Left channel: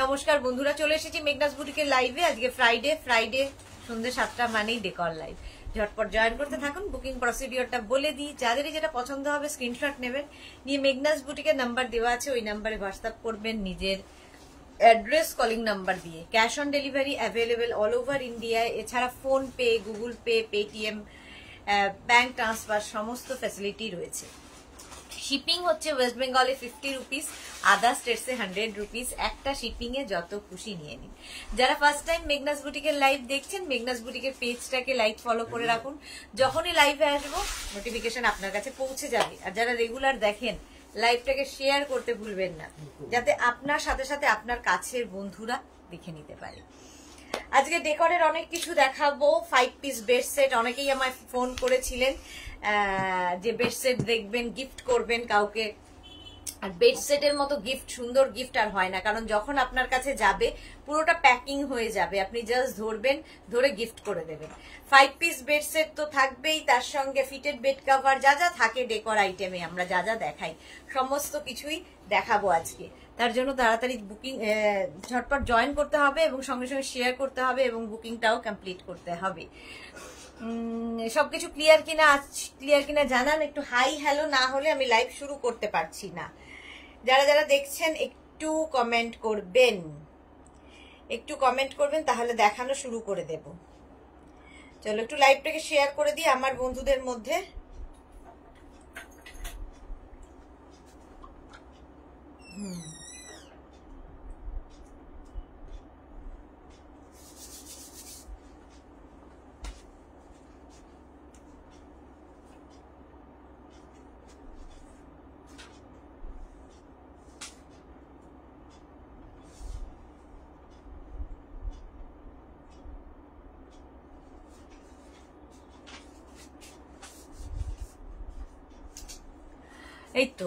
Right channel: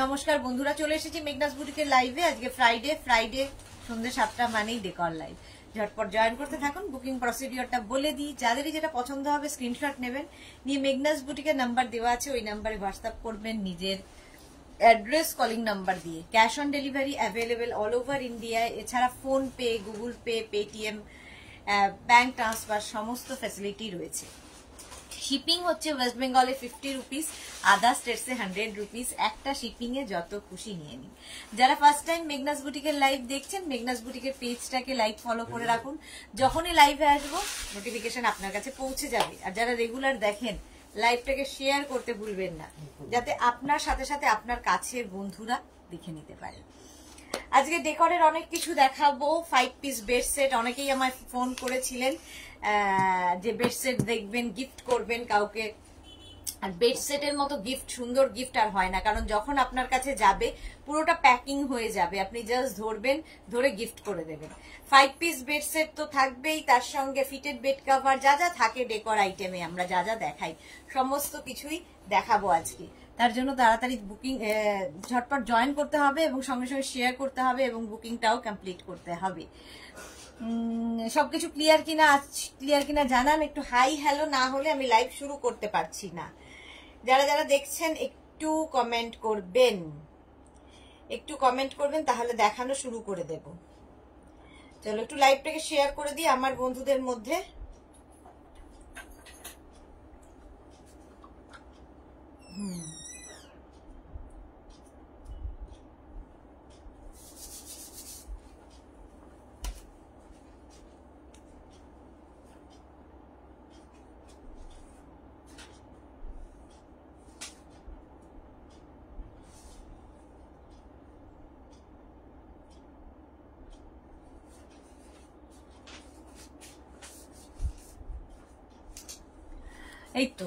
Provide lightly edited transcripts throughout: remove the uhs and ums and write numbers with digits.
নমস্কার বন্ধুরা, চলে এসেছি মেঘনাস বুটিকের লাইভে। আজকে ফ্রাইডে সন্ধ্যে 7টা মানেই ডেকর লাইভ। ঝটপট জয়েন করতে থাকুন। বুকিং প্রসিডিওরটা বলে দিই, যাদেরই যেটা পছন্দ হবে স্ক্রিনশট নেবেন, নিয়ে মেঘনাস বুটিকের নাম্বার দেওয়া আছে, ওই নাম্বারে হোয়াটসঅ্যাপ করবেন নিজের অ্যাড্রেস কলিং নাম্বার দিয়ে। Cash on delivery available all over ইন্ডিয়ায়। এছাড়া phone pay, Google pay, Paytm, bank transfer সমস্ত ফ্যাসিলিটি রয়েছে। শিপিং হচ্ছে ওয়েস্ট বেঙ্গলে 50 রুপিস, আদার স্টেটসে 100 রুপিস। একটা শিপিং এ যত খুশি নিয়ে নিন। যারা ফার্স্ট টাইম মেঘনাস বুটিকের লাইভ দেখছেন, মেঘনাস বুটিকের পেজটাকে লাইক ফলো করে রাখুন। যখনই লাইভে আসবো নোটিফিকেশন আপনার কাছে পৌঁছে যাবে। আর যারা রেগুলার দেখেন, লাইভটাকে শেয়ার করতে ভুলবেন না, যাতে আপনার সাথে সাথে আপনার কাছের বন্ধুরা দেখে নিতে পারে। আজকে ডেকরের অনেক কিছু দেখাবো। 5 পিস বেড সেট, অনেকেই আমায় ফোন করেছিলেন যে বেড সেট দেখবেন, গিফট করবেন কাউকে। আর বেড সেটের মতো গিফট, সুন্দর গিফট আর হয় না, কারণ যখন আপনার কাছে যাবে পুরোটা প্যাকিং হয়ে যাবে, আপনি জাস্ট ধরবেন, ধরে গিফট করে দেবেন। 5 পিস বেড সেট তো থাকবেই, তার সঙ্গে ফিটেড বেড কভার, যা যা থাকে ডেকর আইটেমে আমরা যা যা দেখাই সমস্ত কিছুই দেখাবো আজকে। তার জন্য তাড়াতাড়ি বুকিং ঝটপট জয়েন করতে হবে এবং সঙ্গে সঙ্গে শেয়ার করতে হবে এবং বুকিংটাও কমপ্লিট করতে হবে। সবকিছু ক্লিয়ার কিনা জানান। একটু হাই হ্যালো না হলে আমি লাইভ শুরু করতে পারছি না। যারা যারা দেখছেন একটু কমেন্ট করবেন, তাহলে দেখানো শুরু করে দেব। চলো একটু লাইভটাকে শেয়ার করে দিই আমার বন্ধুদের মধ্যে। এই তো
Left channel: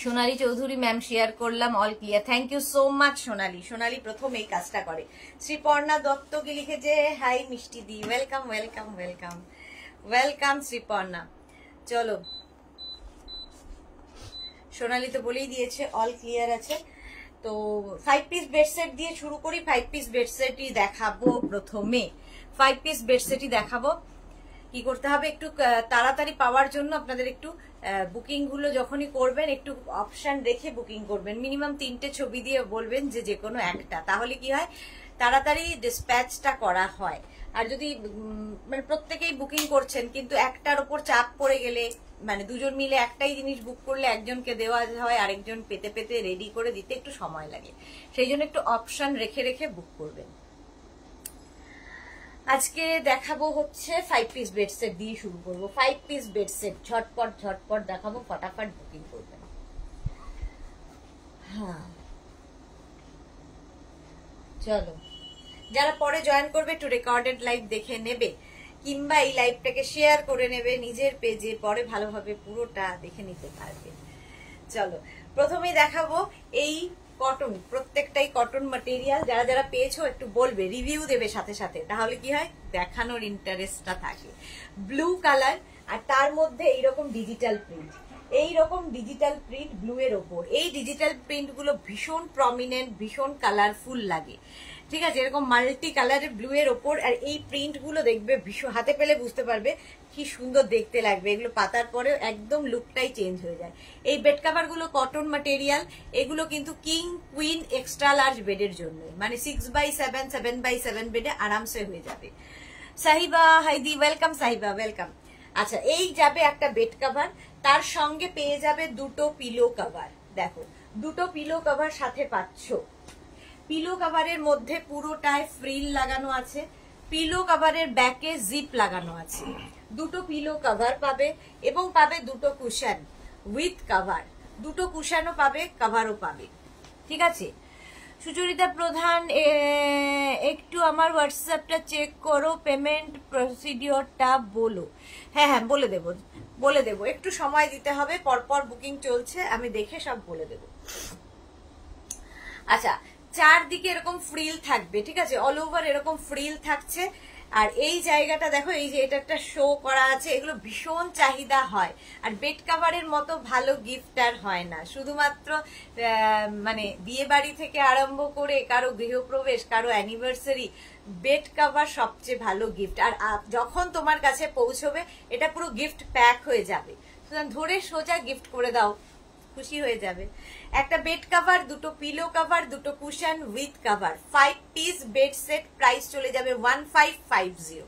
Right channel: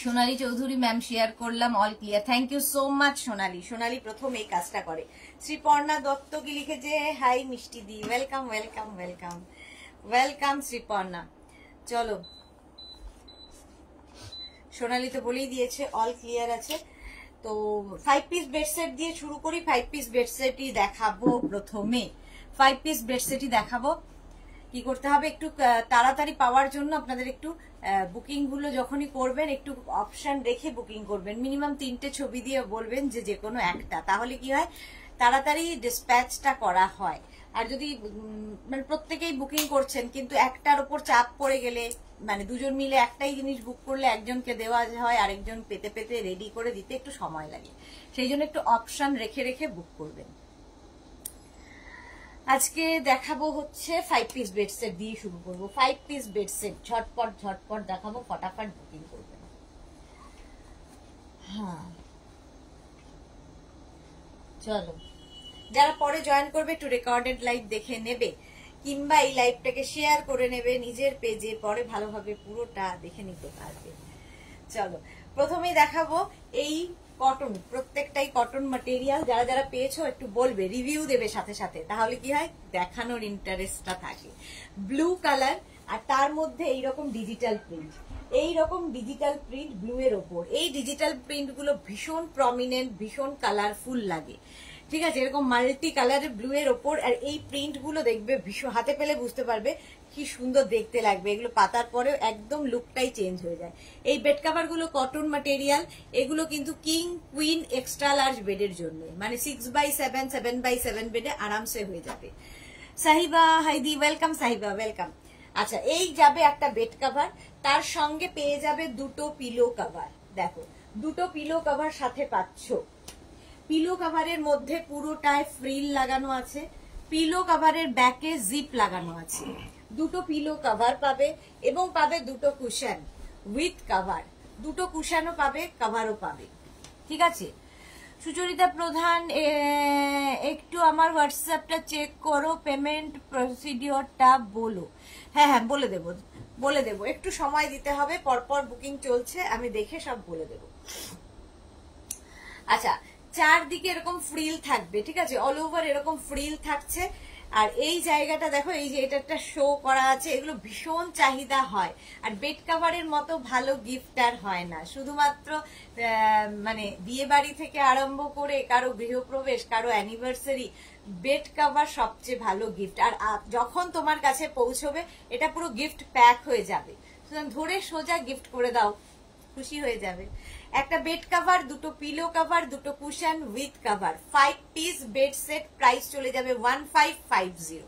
সোনালী চৌধুরী ম্যাম শেয়ার করলাম, all clear. Thank you so much Sonali. Sonali প্রথম এই কাজটা করে। শ্রীপর্ণা দত্ত কি লিখেছে, হাই মিষ্টি দি, welcome welcome welcome welcome Sreeparna. চলো, সোনালী তো বলেই দিয়েছে অল ক্লিয়ার আছে। তো 5 পিস বেড সেট দিয়ে শুরু করি। 5 পিস বেড সেটই দেখাবো প্রথমে। 5 পিস বেড সেটই দেখাবো। কি করতে হবে, একটু তাড়াতাড়ি পাওয়ার জন্য আপনাদের একটু বুকিং গুলো যখনই করবেন একটু অপশন রেখে বুকিং করবেন। মিনিমাম 3টে ছবি দিয়ে বলবেন যে কোনো একটা, তাহলে কি হয় তাড়াতাড়ি ডিসপ্যাচটা করা হয়। আর যদি মানে প্রত্যেকেই বুকিং করছেন কিন্তু একটার উপর চাপ পড়ে গেলে, মানে দুজন মিলে একটাই জিনিস বুক করলে একজনকে দেওয়া হয়, আরেকজন পেতে পেতে রেডি করে দিতে একটু সময় লাগে। সেই জন্য একটু অপশন রেখে রেখে বুক করবেন। আজকে দেখাবো হচ্ছে 5 পিস বেড সেট দিয়ে শুরু করবো। 5 পিস বেড সেট ঝটপট দেখাবো, ফটাফট বুকিং করবেন। হ্যাঁ চলো, যারা পরে জয়েন করবে একটু রেকর্ডেড লাইভ দেখে নেবে, কিংবা এই লাইভটাকে শেয়ার করে নেবে নিজের পেজে, পরে ভালোভাবে পুরোটা দেখে নিতে পারবে। চলো প্রথমে দেখাবো এই কটন, প্রত্যেকটাই কটন ম্যাটেরিয়াল। যারা যারা পেয়েছো একটু বলবে, রিভিউ দেবে সাথে সাথে, তাহলে কি হয় দেখানোর ইন্টারেস্টটা থাকে। ব্লু কালার, আর তার মধ্যে এইরকম ডিজিটাল প্রিন্ট, এইরকম ডিজিটাল প্রিন্ট ব্লু এর ওপর। এই ডিজিটাল প্রিন্ট গুলো ভীষণ প্রমিনেন্ট, ভীষণ কালারফুল লাগে। ঠিক আছে, এরকম মাল্টি কালারের ব্লু এর ওপর, আর এই প্রিন্ট গুলো দেখবে ভীষণ, হাতে পেলে বুঝতে পারবে কি সুন্দর দেখতে লাগবে। এগুলো পাতার পরে একদম লুকটাই চেঞ্জ হয়ে যায়। এই বেড কাভার গুলো কটন ম্যাটেরিয়াল, এগুলো কিন্তু কিং কুইন এক্সট্রা লার্জ বেডের জন্য, মানে 6x7 7x7 বেডে আরামসে হয়ে যাবে। সাহিবা হাইদি, ওয়েলকাম সাহিবা, ওয়েলকাম। আচ্ছা, এই যাবে একটা বেড কাভার, তার সঙ্গে পেয়ে যাবে দুটো পিলো কাভার। দেখো, দুটো পিলো কাভার সাথে পাচ্ছ। পিলো কাভারের মধ্যে পুরোটায় ফ্রিল লাগানো আছে, পিলো কাভারের ব্যাকে জিপ লাগানো আছে। দুটো পিলো কাভার পাবে এবং পাবে দুটো কুশন উইথ কাভার। দুটো কুশনও পাবে, কাভারও পাবে। ঠিক আছে, সুচরিতা প্রধান, একটু আমার হোয়াটসঅ্যাপটা চেক করো, পেমেন্ট প্রসিডিওরটা বলো। হ্যাঁ বলে দেবো, একটু সময় দিতে হবে, পরপর বুকিং চলছে, আমি দেখে সব বলে দেব। আচ্ছা, চারদিকে এরকম ফ্রিল থাকবে, ঠিক আছে, অল ওভার এরকম ফ্রিল থাকছে। আর এই জায়গাটা দেখো, এই যে এটা একটা শো করা আছে, এগুলো ভীষণ চাহিদা হয়। আর বেড কাভারের মতো ভালো গিফট আর হয় না, শুধুমাত্র মানে বিয়ে বাড়ি থেকে আরম্ভ করে কারো গৃহপ্রবেশ, কারো অ্যানিভার্সারি, বেড কাভার সবচেয়ে ভালো গিফট। আর যখন তোমার কাছে পৌঁছবে এটা পুরো গিফট প্যাক হয়ে যাবে, ধরে সোজা গিফট করে দাও, খুশি হয়ে যাবে। একটা বেড কাভার, দুটো পিলো কাভার, দুটো cushion with cover, 5 piece bed set, price চলে যাবে 1550।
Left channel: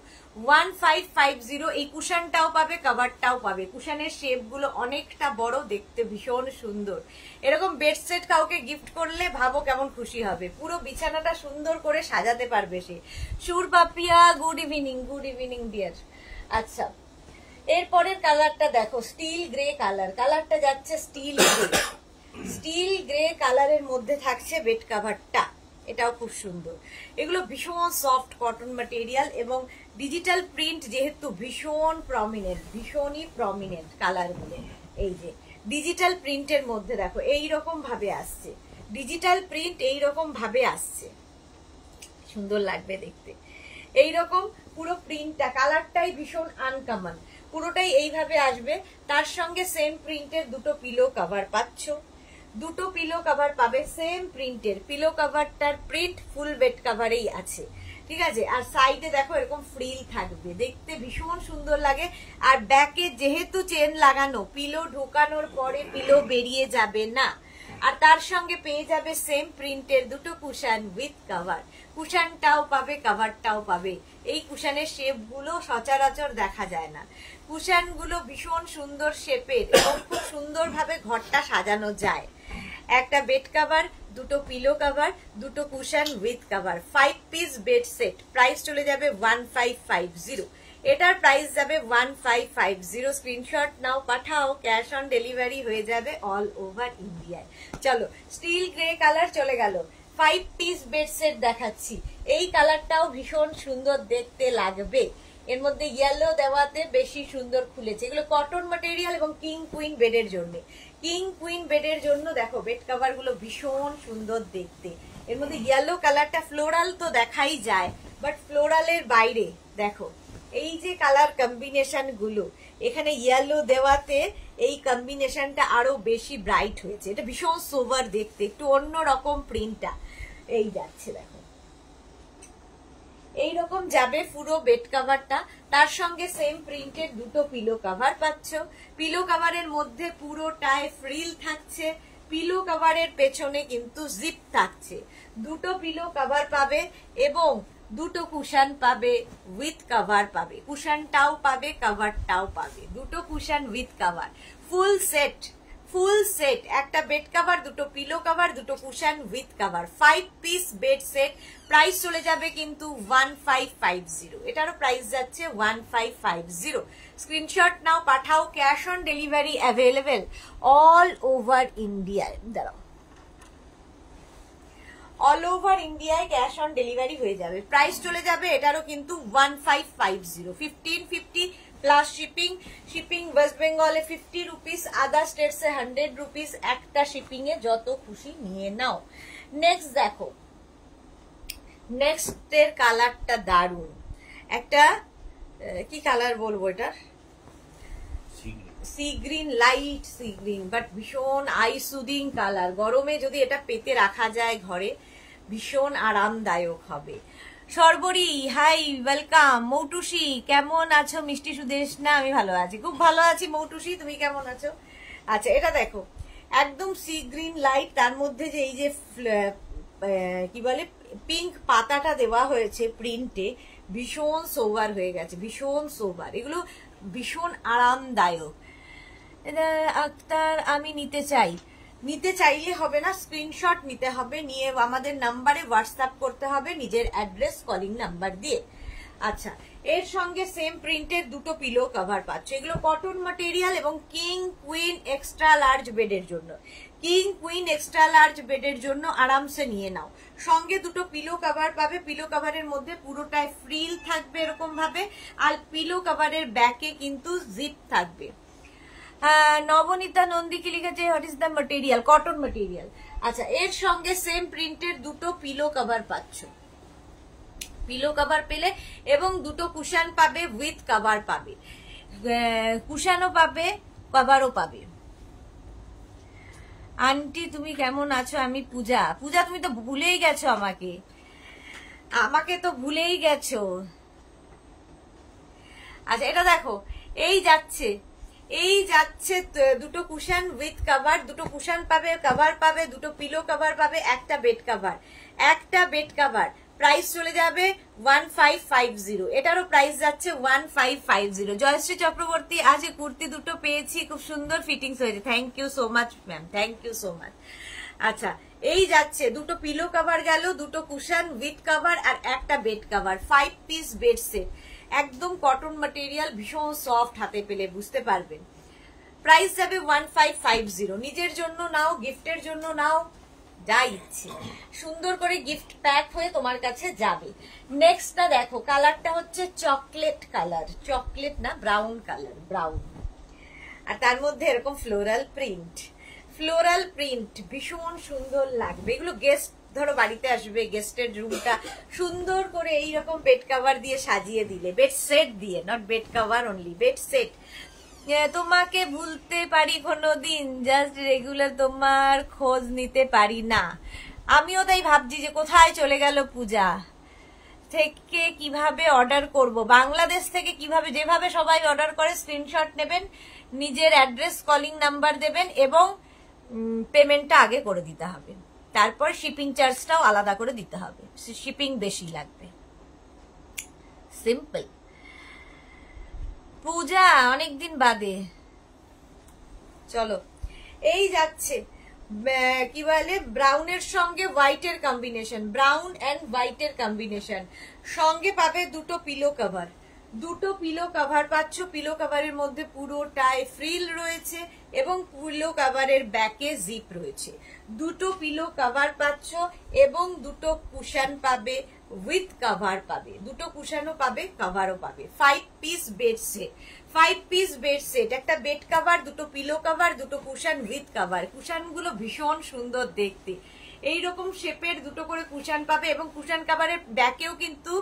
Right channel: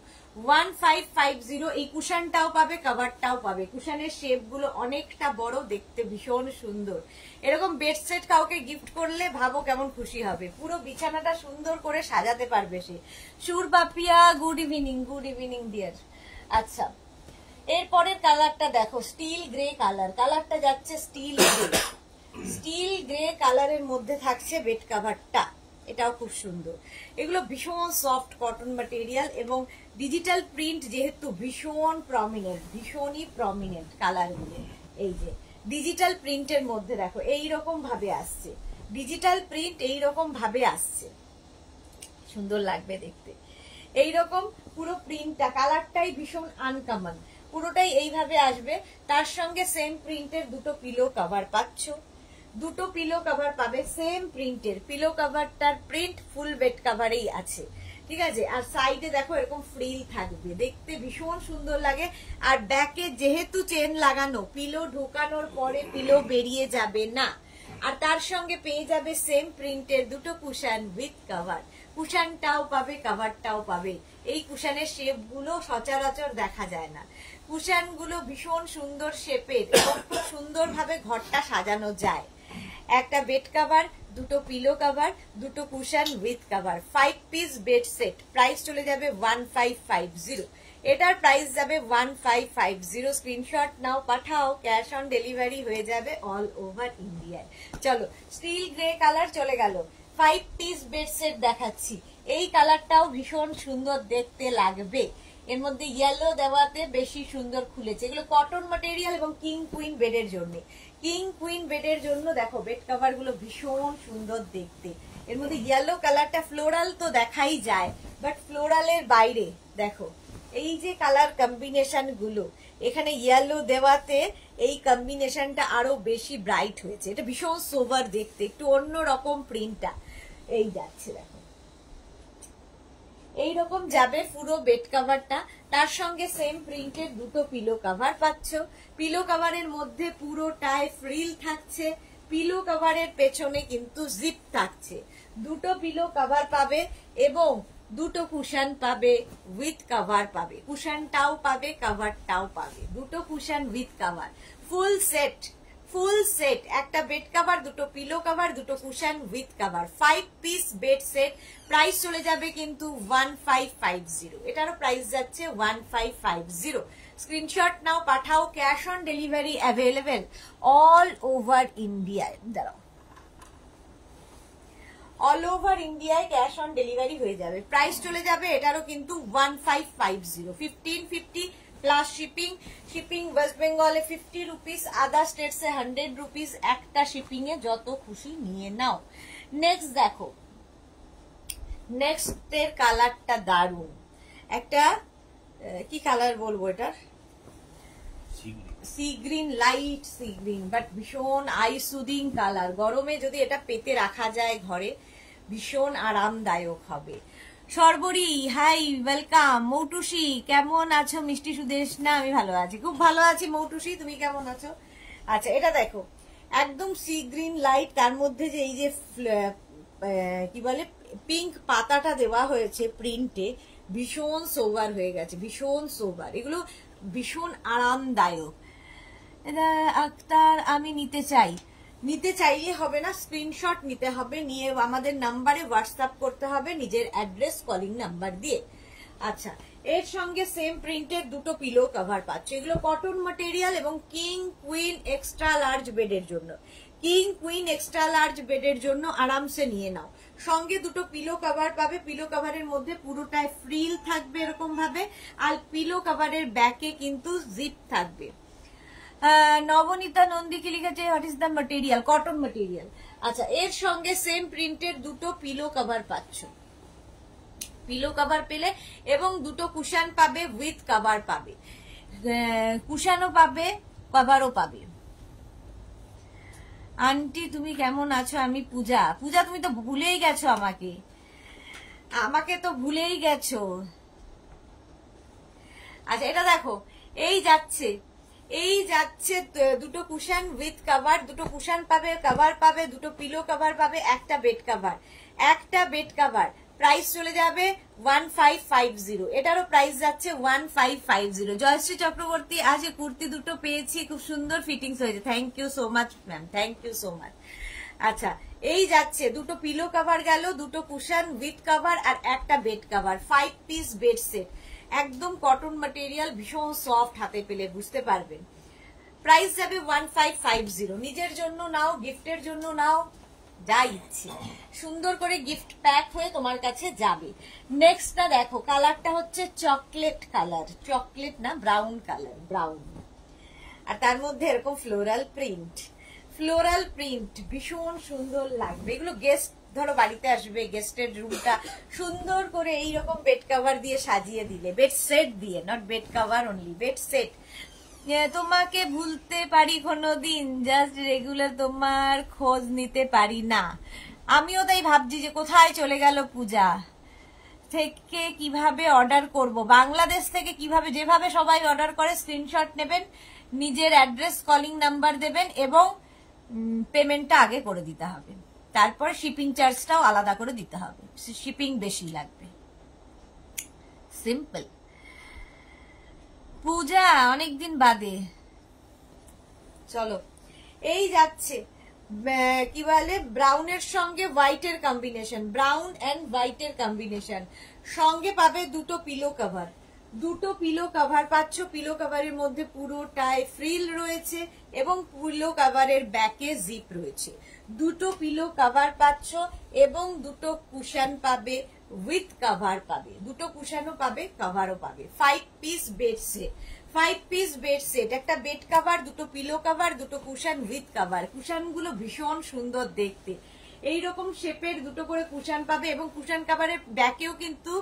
1550। এই কুশনটাও পাবে, কাভারটাও পাবে। কুশনের শেপ গুলো অনেকটা বড়, দেখতে ভীষণ সুন্দর। এরকম বেড সেট কাউকে গিফট করলে ভাবো কেমন খুশি হবে, পুরো বিছানাটা সুন্দর করে সাজাতে পারবে সে। Sur Bapiya, good evening. Good evening dear. আচ্ছা, এরপরের কালারটা দেখো, স্টিল গ্রে কালার। কালারটা যাচ্ছে স্টিল গ্রে। স্টিল গ্রে কালারের মধ্যে থাকছে বেড কাভারটা, এটাও খুব সুন্দর। এগুলো ভীষণ সফট কটন ম্যাটেরিয়াল এবং ডিজিটাল প্রিন্ট যেহেতু ভীষণ প্রমিনেন্ট, ভীষণই প্রমিনেন্ট কালারগুলো। এই যে ডিজিটাল প্রিন্টের মধ্যে দেখো এইরকম ভাবে আসছে, ডিজিটাল প্রিন্ট এইরকম ভাবে আসছে, সুন্দর লাগবে দেখতে। এইরকম পুরো প্রিন্টটা, কালারটাই ভীষণ আনকমন, পুরোটাই এইভাবে আসবে। তার সঙ্গে সেম প্রিন্টের দুটো পিলো কভার পাচ্ছ, দুটো পিলো কভার পাবে সেম প্রিন্টের। পিলো কভারটার প্রিন্ট ফুল বেড কভারেই আছে, ঠিক আছে। আর সাইডে দেখো এরকম ফ্রিল থাকবে, দেখতে ভীষণ সুন্দর লাগে। আর ব্যাকে যেহেতু চেন লাগানো, পিলো ঢোকানোর পরে পিলো বেরিয়ে যাবে না। আর তার সঙ্গে পেয়ে যাবে সেম প্রিন্টের দুটো কুশন উইথ কভার। কুশনটাও পাবে, কভারটাও পাবে। এই কুশনের শেপ গুলো সচরাচর দেখা যায় না। কুশন গুলো ভীষণ সুন্দর শেপের এবং খুব সুন্দর ভাবে ঘরটা সাজানো যায়। একটা বেড কভার, দুটো পিলো কভার, দুটো cushion with cover, 5 piece bed set, price চলে যাবে 1550। এটার প্রাইস যাবে 1550। স্ক্রিনশট নাও, পাঠাও, ক্যাশ অন ডেলিভারি হয়ে যাবে অল ওভার ইন্ডিয়ায়। চলো, স্টিল গ্রে কালার চলে গেল। 5 পিস বেড সেট দেখাচ্ছি, এই কালারটাও ভীষণ সুন্দর দেখতে লাগবে। এর মধ্যে ইয়েলো দেওয়াতে বেশি সুন্দর খুলেছে। এগুলো কটন ম্যাটেরিয়াল এবং কিং কুইন বেডের জন্য। কিং কুইন বেডের জন্য দেখো বেড কভার গুলো ভীষণ সুন্দর দেখতে। এর মধ্যে ইয়েলো কালারটা ফ্লোরাল তো দেখাই যায়, বাট ফ্লোরালের বাইরে দেখো এই যে কালার কম্বিনেশন গুলো, এখানে ইয়েলো দেওয়াতে এই কম্বিনেশনটা আরো বেশি ব্রাইট হয়েছে। এটা ভীষণ সোবার দেখতে, একটু অন্যরকম প্রিন্টটা এই যাচ্ছে দেখো, এইরকম যাবে পুরো বেড কভারটা। তার সঙ্গে সেম প্রিন্টের দুটো পিলো কভার পাচ্ছ। পিলো কভারের মধ্যে পুরোটায় ফ্রিল থাকছে, পিলো কভারের পেছনে কিন্তু জিপ থাকছে। দুটো পিলো কভার পাবে এবং দুটো কুশন পাবে উইথ কভার পাবে। কুশনটাও পাবে, কভারটাও পাবে, দুটো cushion with cover. Full set, full set, একটা বেড কভার, দুটো পিলো কভার, দুটো cushion with cover, 5 piece bed set, price চলে যাবে কিন্তু 1550। এটারও প্রাইস যাচ্ছে 1550। স্ক্রিনশট নাও, পাঠাও, cash on delivery available all over ইন্ডিয়ায়। দাঁড়াও, অল ওভার ইন্ডিয়ায় ক্যাশ অন ডেলিভারি হয়ে যাবে। প্রাইস চলে যাবে এটারও কিন্তু 1550। 1550 প্লাস শিপিং। শিপিং ওয়েস্ট বেঙ্গলে 50 রুপিস, আদার স্টেটসে 100 রুপিস। একটা শিপিং এ যত খুশি নিয়ে নাও। নেক্সট দেখো, নেক্সট এর কালারটা দারুন। একটা কি কালার বলবো, এটা sea green, light sea green, but ভীষণ আই সুদিং কালার। গরমে যদি এটা পেতে রাখা যায় ঘরে, ভীষণ আরামদায়ক হবে। সর্বরী, হাই, ওয়েলকাম। মৌটুসি, কেমন আছো? মিষ্টি সুদেশ না, আমি ভালো আছি, খুব ভালো আছি। মৌটুসি, তুমি কেমন আছো? আচ্ছা, এটা দেখো একদম সি গ্রিন লাইট, তার মধ্যে যে এই যে কি বলে পিঙ্ক পাতাটা দেওয়া হয়েছে প্রিন্টে, ভীষণ সোবার হয়ে গেছে, ভীষণ সোবার। এগুলো ভীষণ আরামদায়ক। আক্তার, আমি নিতে চাই। নিতে চাইলে হবে না, স্ক্রিনশট নিতে হবে, নিয়ে আমাদের নাম্বারে হোয়াটসঅ্যাপ করতে হবে নিজের অ্যাড্রেস কলিং নাম্বার দিয়ে। আচ্ছা, এর সঙ্গে সেম প্রিন্টের দুটো পিলো কভার পাচ্ছে। এগুলো কটন ম্যাটেরিয়াল এবং কিং কুইন এক্সট্রা লার্জ বেডের জন্য। কিং কুইন এক্সট্রা লার্জ বেডের জন্য আরামসে নিয়ে নাও। সঙ্গে দুটো পিলো কভার পাবে। পিলো কভারের মধ্যে পুরোটায় ফ্রিল থাকবে এরকম ভাবে, আর পিলো কভারের ব্যাকে কিন্তু জিপ থাকবে। নবনীতা নন্দী কি লিখেছে, what is the material? Cotton material. আচ্ছা, এর সঙ্গে সেম প্রিন্টের দুটো পিলো কভার পাচ্ছ। পিলো কভার পেলে এবং দুটো কুশান পাবে, উইথ কভার পাবে, কুশানও পাবে, কভারও পাবে। আন্টি তুমি কেমন আছো? আমি পূজা। পূজা তুমি তো ভুলেই গেছো আমাকে, আমাকে তো ভুলেই গেছো। আচ্ছা এটা দেখো, এই যাচ্ছে দুটো কুশন উইথ কভার, দুটো কুশন পাবে, কভার পাবে, দুটো পিলো কভার পাবে, একটা বেড কভার, প্রাইস চলে যাবে 1550। এটারও প্রাইস যাচ্ছে 1550। জয়শ্রী চক্রবর্তী, আজ কুর্তি দুটো পেয়েছি, খুব সুন্দর ফিটিংস হয়েছে, thank you so much ma'am, thank you so much. আচ্ছা এই যাচ্ছে দুটো পিলো কভার গেল, দুটো কুশন উইথ কভার আর একটা bed cover, 5 piece bed set, একদম কটন ম্যাটেরিয়াল, ভীষণ সফট, হাতে পেলে বুঝতে পারবেন। প্রাইস যাবে 1550। নিজের জন্য নাও, গিফটের জন্য নাও, যা ইচ্ছে, সুন্দর করে গিফট প্যাক হয়ে তোমার কাছে যাবে। নেক্সটটা দেখো, কালারটা হচ্ছে চকলেট কালার, চকলেট না ব্রাউন কালার, ব্রাউন, আর তার মধ্যে এরকম ফ্লোরাল প্রিন্ট, ভীষণ সুন্দর লাগবে। এগুলো গেস্ট ধরো বাড়িতে আসবে, গেস্টের রুমটা সুন্দর করে এইরকম বেড কভার দিয়ে সাজিয়ে দিলে, বেড সেট দিয়ে, not bed cover only, bed set. তোমাকে ভুলতে পারি কোনোদিন, জাস্ট রেগুলার তোমার খোঁজ নিতে পারি না। আমিও তাই ভাবছি যে কোথায় চলে গেল পূজা। থেকে কিভাবে অর্ডার করব, বাংলাদেশ থেকে কিভাবে, যেভাবে সবাই অর্ডার করে স্ক্রিনশট নেবেন, নিজের অ্যাড্রেস, কলিং নাম্বার দেবেন এবং পেমেন্টটা আগে করে দিতে হবে, তারপর শিপিং চার্জটাও আলাদা করে দিতে হবে, শিপিং বেশি লাগবে, সিম্পল। পূজা অনেকদিন বাদে, চলো এই যাচ্ছে কি বলে ব্রাউনের সঙ্গে হোয়াইটের কম্বিনেশন, ব্রাউন এন্ড হোয়াইটের কম্বিনেশন, সঙ্গে পাবে দুটো পিলো কভার, দুটো পিলো কভার পাচ্ছ, পিলো কভারের মধ্যে পুরোটাই ফ্রিল রয়েছে এবং পিলো কভারের ব্যাকে জিপ রয়েছে, দুটো পিলো কভার পাচ্ছ এবং দুটো কুশন পাবে, উইথ কভার পাবে, দুটো কুশনও পাবে, কভারও পাবে, 5 piece bed set, 5 piece bed set, একটা বেড কভার, দুটো পিলো কভার, দুটো কুশন উইথ কভার। কুশন গুলো ভীষণ সুন্দর দেখতে, এইরকম শেপের দুটো করে কুশন পাবে এবং কুশন কভারের ব্যাকেও কিন্তু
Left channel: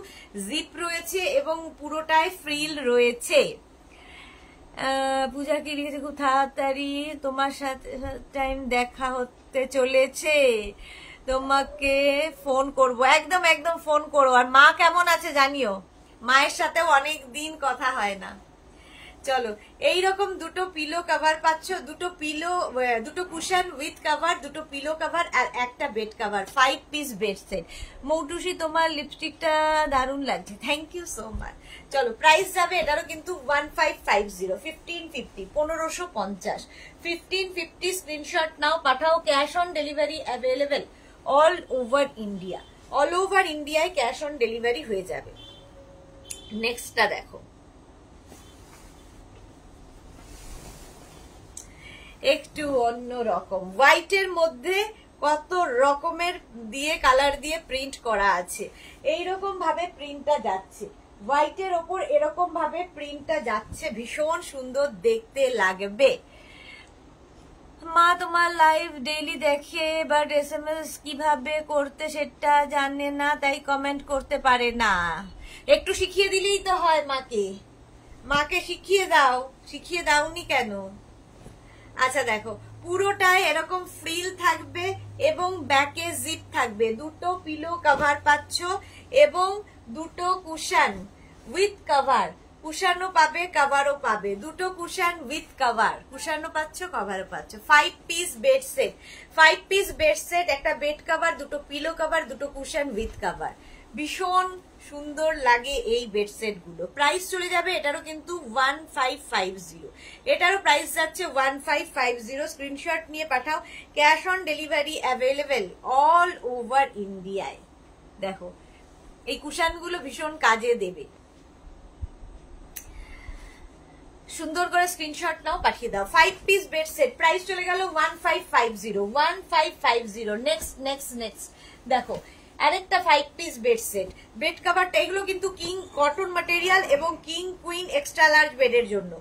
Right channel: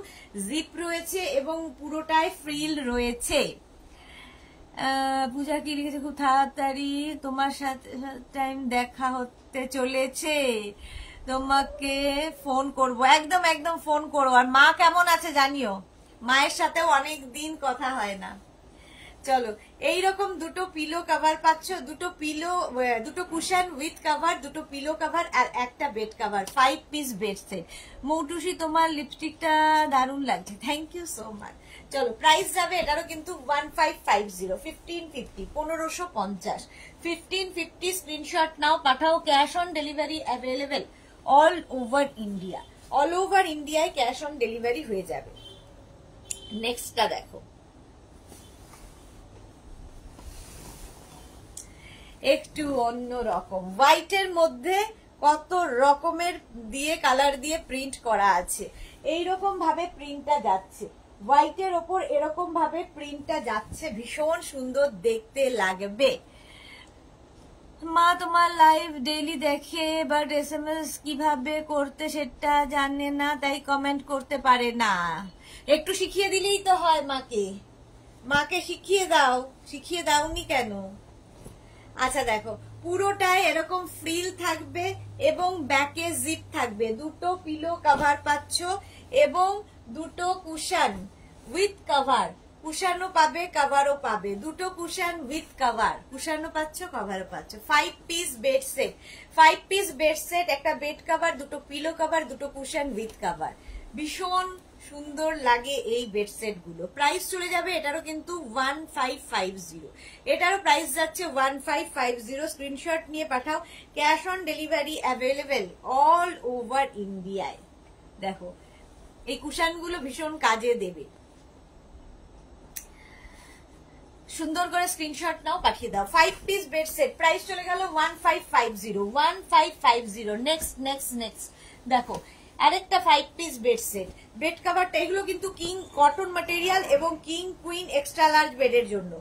জিপ রয়েছে এবং পুরোটাই ফ্রিল রয়েছে। পূজা কি লিখেছে, খুব তাড়াতাড়ি তোমার সাথে টাইম দেখা হতে চলেছে, তোমাকে ফোন করব, একদম একদম ফোন করো। আর মা কেমন আছে জানিও, মায়ের সাথেও অনেক দিন কথা হয় না। চলো এইরকম দুটো পিলো কভার পাচ্ছ, দুটো কুশন উইথ কভার, দুটো পিলো কভার আর একটা bed cover, 5 piece bed set. Moutushi তোমার লিপস্টিকটা দারুণ লাগছে, থ্যাংক ইউ সো মাচ। চলো প্রাইস যাবে এটারও কিন্তু 1550, 1550, 1550, 1550। স্ক্রিনশট নাও, পাঠাও, cash on delivery available all over India, all over ইন্ডিয়ায় ক্যাশ অন ডেলিভারি হয়ে যাবে। নেক্সটটা দেখো, একটু অন্য রকম, হোয়াইটের মধ্যে কত রকমের দিয়ে কালার দিয়ে প্রিন্ট করা আছে, এইরকম ভাবে প্রিন্টটা যাচ্ছে, হোয়াইটের ওপর এরকম ভাবে প্রিন্টটা যাচ্ছে, ভীষণ সুন্দর দেখতে লাগবে। মা তোমার লাইভ ডেইলি দেখে, বাট SMS কিভাবে করতে সেটা জানে না, তাই কমেন্ট করতে পারে না। একটু শিখিয়ে দিলেই তো হয় মাকে শিখিয়ে দাও, শিখিয়ে দাওনি কেন? আচ্ছা দেখো, পুরোটাই এরকম ফ্রিল থাকবে এবং ব্যাকে জিপ থাকবে, দুটো পিলো কভার পাচ্ছ এবং দুটো কুশন উইথ কভার, কুশনও পাবে, কভারও পাবে, দুটো কুশন উইথ কভার, কুশনও পাচ্ছ, কভারও পাচ্ছ, 5 piece bed set, 5 piece bed set, একটা বেড কভার, দুটো পিলো কভার, দুটো কুশন উইথ কভার, ভীষণ সুন্দর লাগে এই বেডসেট গুলো। প্রাইস চলে যাবে এটারও কিন্তু 1550, এটারও প্রাইস যাচ্ছে 1550। স্ক্রিনশট নিয়ে পাঠাও, cash on delivery available all over ইন্ডিয়ায়। দেখো এই কুশন গুলো ভীষণ কাজে দেবে, সুন্দর করে স্ক্রিনশট নাও, পাঠিয়ে দাও। 5 পিস বেড সেট, প্রাইস চলে গেল 1550, 1550। নেক্সট দেখো, আরেকটা 5 পিস বেড সেট। বেড কভারটা এগুলো কিন্তু কিং কটন ম্যাটেরিয়াল এবং কিং কুইন এক্সট্রা লার্জ বেডের জন্য,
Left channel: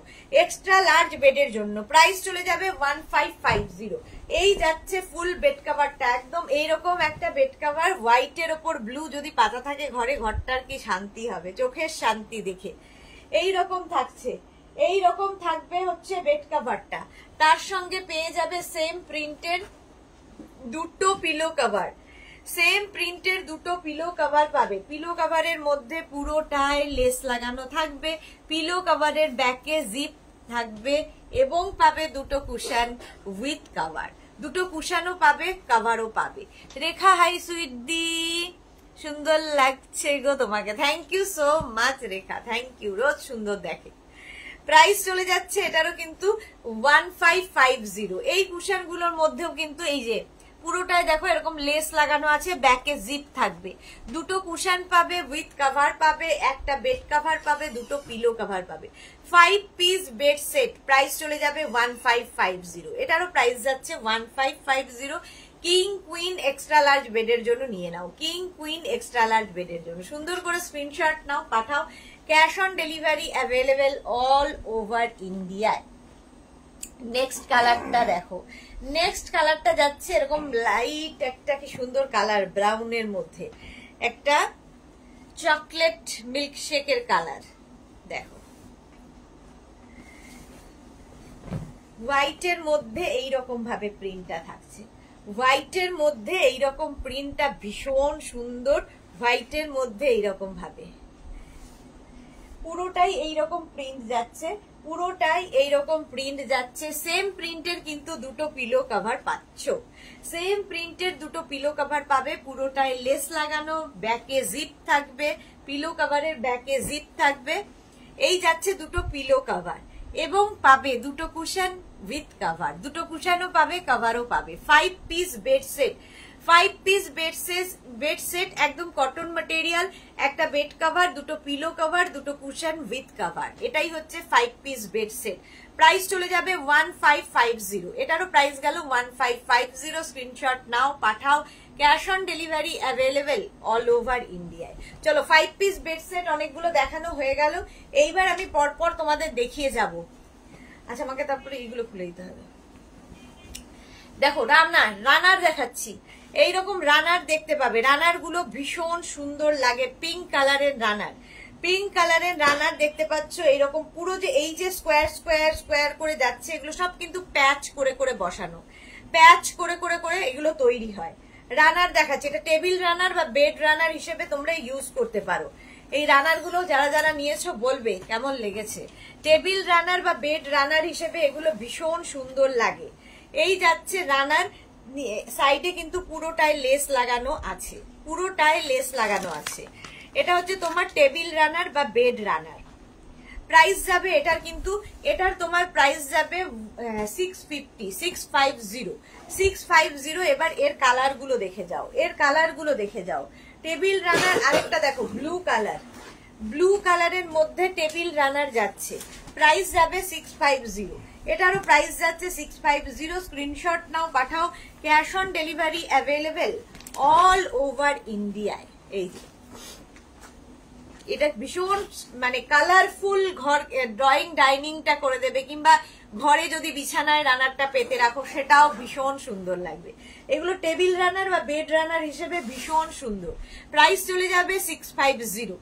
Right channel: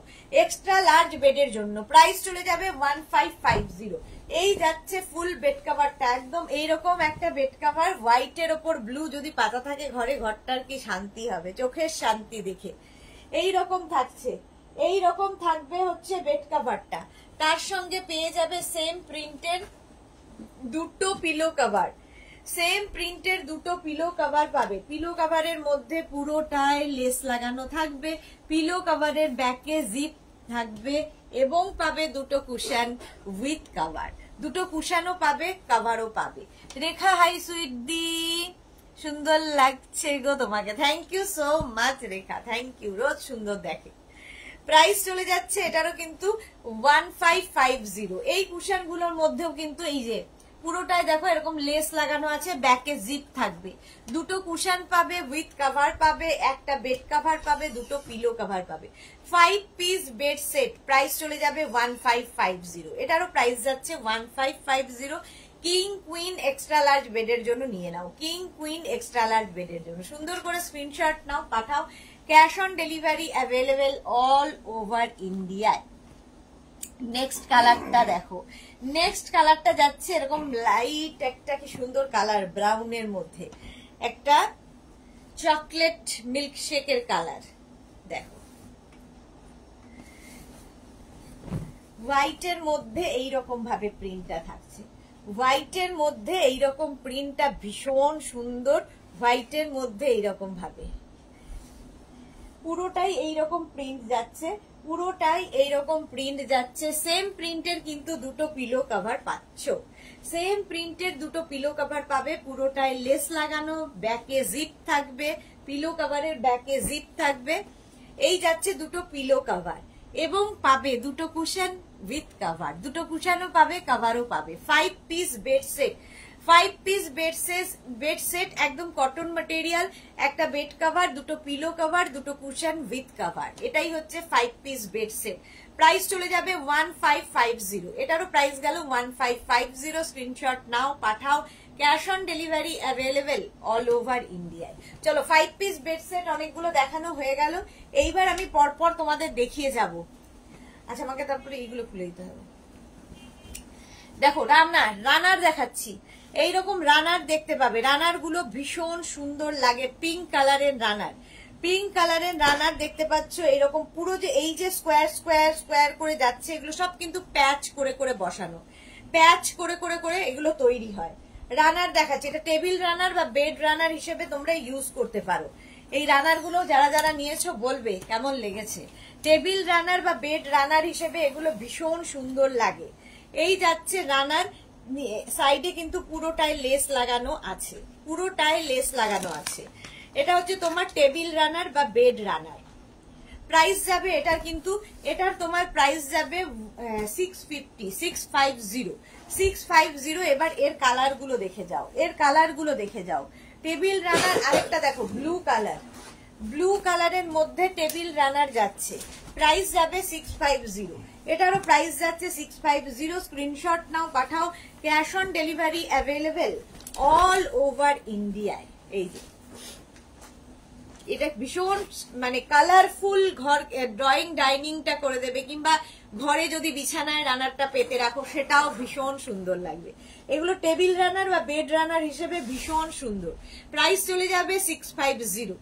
এক্সট্রা লার্জ বেডের জন্য। প্রাইস চলে যাবে 1550। এই যাচ্ছে ফুল বেড কভারটা, একদম এইরকম একটা বেড কভার, হোয়াইটের ওপর ব্লু যদি পাতা থাকে ঘরে, ঘরটার কি শান্তি হবে, চোখের শান্তি দেখে। এই রকম থাকছে, এই রকম থাকবে হচ্ছে বেড কভারটা। তার সঙ্গে পেয়ে যাবে সেম প্রিন্টের দুটো পিলো কভার, সেম প্রিন্টের দুটো পিলো কভার পাবে। পিলো কভারের মধ্যে পুরোটায় লেস লাগানো থাকবে, পিলো কভারের ব্যাকে জিপ থাকবে এবং পাবে দুটো কুশন উইথ কভার, দুটো কুশনও পাবে, কভারও পাবে। রেখা হাই সুইট দি, সুন্দর লাগছে গো তোমাকে, thank you so much Rekha, thank you, রোজ সুন্দর দেখে। প্রাইস চলে যাচ্ছে এটারও কিন্তু 1550। এই কুশন গুলোর মধ্যেও কিন্তু এই যে পুরোটায় দেখো এরকম লেস লাগানো আছে, ব্যাকে জিপ থাকবে, দুটো কুশন পাবে উইথ কভার পাবে, একটা বেড কভার পাবে, দুটো পিলো কভার পাবে। 5 পিস বেড সেট, প্রাইস চলে যাবে 1550। এটারও প্রাইস যাচ্ছে 1550। কিং কুইন এক্সট্রা লার্জ বেডের জন্য নিয়ে নাও, কিং কুইন এক্সট্রা লার্জ বেডের জন্য সুন্দর করে স্ক্রিনশট নাও, পাঠাও। Cash on delivery available all over ইন্ডিয়ায়। নেক্সট কালারটা দেখো, নেক্সট কালারটা যাচ্ছে এরকম লাইট একটা কি সুন্দর কালার, ব্রাউনের মধ্যে একটা চকলেট মিল্কশেকের কালার। দেখো হোয়াইটের মধ্যে এইরকম ভাবে প্রিন্টটা থাকছে, হোয়াইটের মধ্যে এইরকম প্রিন্টটা ভীষণ সুন্দর, হোয়াইটের মধ্যে এইরকম ভাবে পুরোটাই এইরকম প্রিন্ট যাচ্ছে, পুরোটাই এইরকম প্রিন্ট যাচ্ছে। সেম প্রিন্টের কিন্তু দুটো পিলো কভার পাচ্ছ, সেম প্রিন্টের দুটো পিলো কভার পাবে, পুরোটাই লেস লাগানো, ব্যাকে জিপ থাকবে, পিলো কভারের ব্যাকে জিপ থাকবে। এই যাচ্ছে দুটো পিলো কভার এবং পাবে দুটো কুশন উইথ কভার, দুটো কুশনও পাবে, কভারও পাবে। 5 piece bed set, 5 piece bed set একদম কটন ম্যাটেরিয়াল, একটা বেড কভার, দুটো পিলো কভার, দুটো কুশন উইথ কভার, এটাই হচ্ছে 5 পিস বেড সেট। প্রাইস চলে যাবে 1550। এটারও প্রাইস গেল 1550। স্ক্রিনশট নাও, পাঠাও। Cash on delivery available all over ইন্ডিয়ায়। চলো 5 পিস বেড সেট অনেকগুলো দেখানো হয়ে গেল, এইবার আমি পরপর তোমাদের দেখিয়ে যাব। আচ্ছা আমাকে তারপরে এইগুলো খুলে দিতে হবে। দেখো রানার দেখাচ্ছি, এইরকম রানার দেখতে পাবে, রানার গুলো ভীষণ সুন্দর লাগে, পিঙ্ক কালারের রানার, পিঙ্ক কালারের রানার দেখতে পাচ্ছ। এইরকম পুরো যে এই যে স্কোয়ার স্কোয়ার স্কোয়ার করে যাচ্ছে, এগুলো সব কিন্তু প্যাচ করে করে বসানো, প্যাচ করে করে করে এগুলো তৈরি হয়। রানার দেখাচ্ছে, এটা টেবিল রানার বা বেড রানার হিসেবে তোমরা ইউজ করতে পারো। এই রানার গুলো যারা যারা নিয়েছো বলবে কেমন লেগেছে। টেবিল রানার বা বেড রানার হিসেবে এগুলো ভীষণ সুন্দর লাগে। এই যাচ্ছে রানার, সাইডে কিন্তু পুরোটাই লেস লাগানো আছে, পুরোটাই লেস লাগানো আছে। এটা হচ্ছে তোমার টেবিল রানার বা বেড রানার। প্রাইস যাবে এটার কিন্তু, এটার তোমার প্রাইস যাবে 650। এবার এর কালার গুলো দেখে যাও, এর কালার গুলো দেখে যাও। টেবিল রানার আরেকটা দেখো ব্লু কালার, ব্লু কালারের মধ্যে টেবিল রানার যাচ্ছে, প্রাইস যাবে 650। এটারও প্রাইস যাচ্ছে 650। স্ক্রিনশট নাও, পাঠাও। Cash on delivery available all over ইন্ডিয়ায়। এই যে এটা ভীষণ মানে কালারফুল, ঘর ড্রয়িং ডাইনিংটা করে দেবে, কিংবা ঘরে যদি বিছানায় রানারটা পেতে রাখো সেটাও ভীষণ সুন্দর লাগবে। এগুলো টেবিল রানার বা বেড রানার হিসেবে ভীষণ সুন্দর। প্রাইস চলে যাবে 650,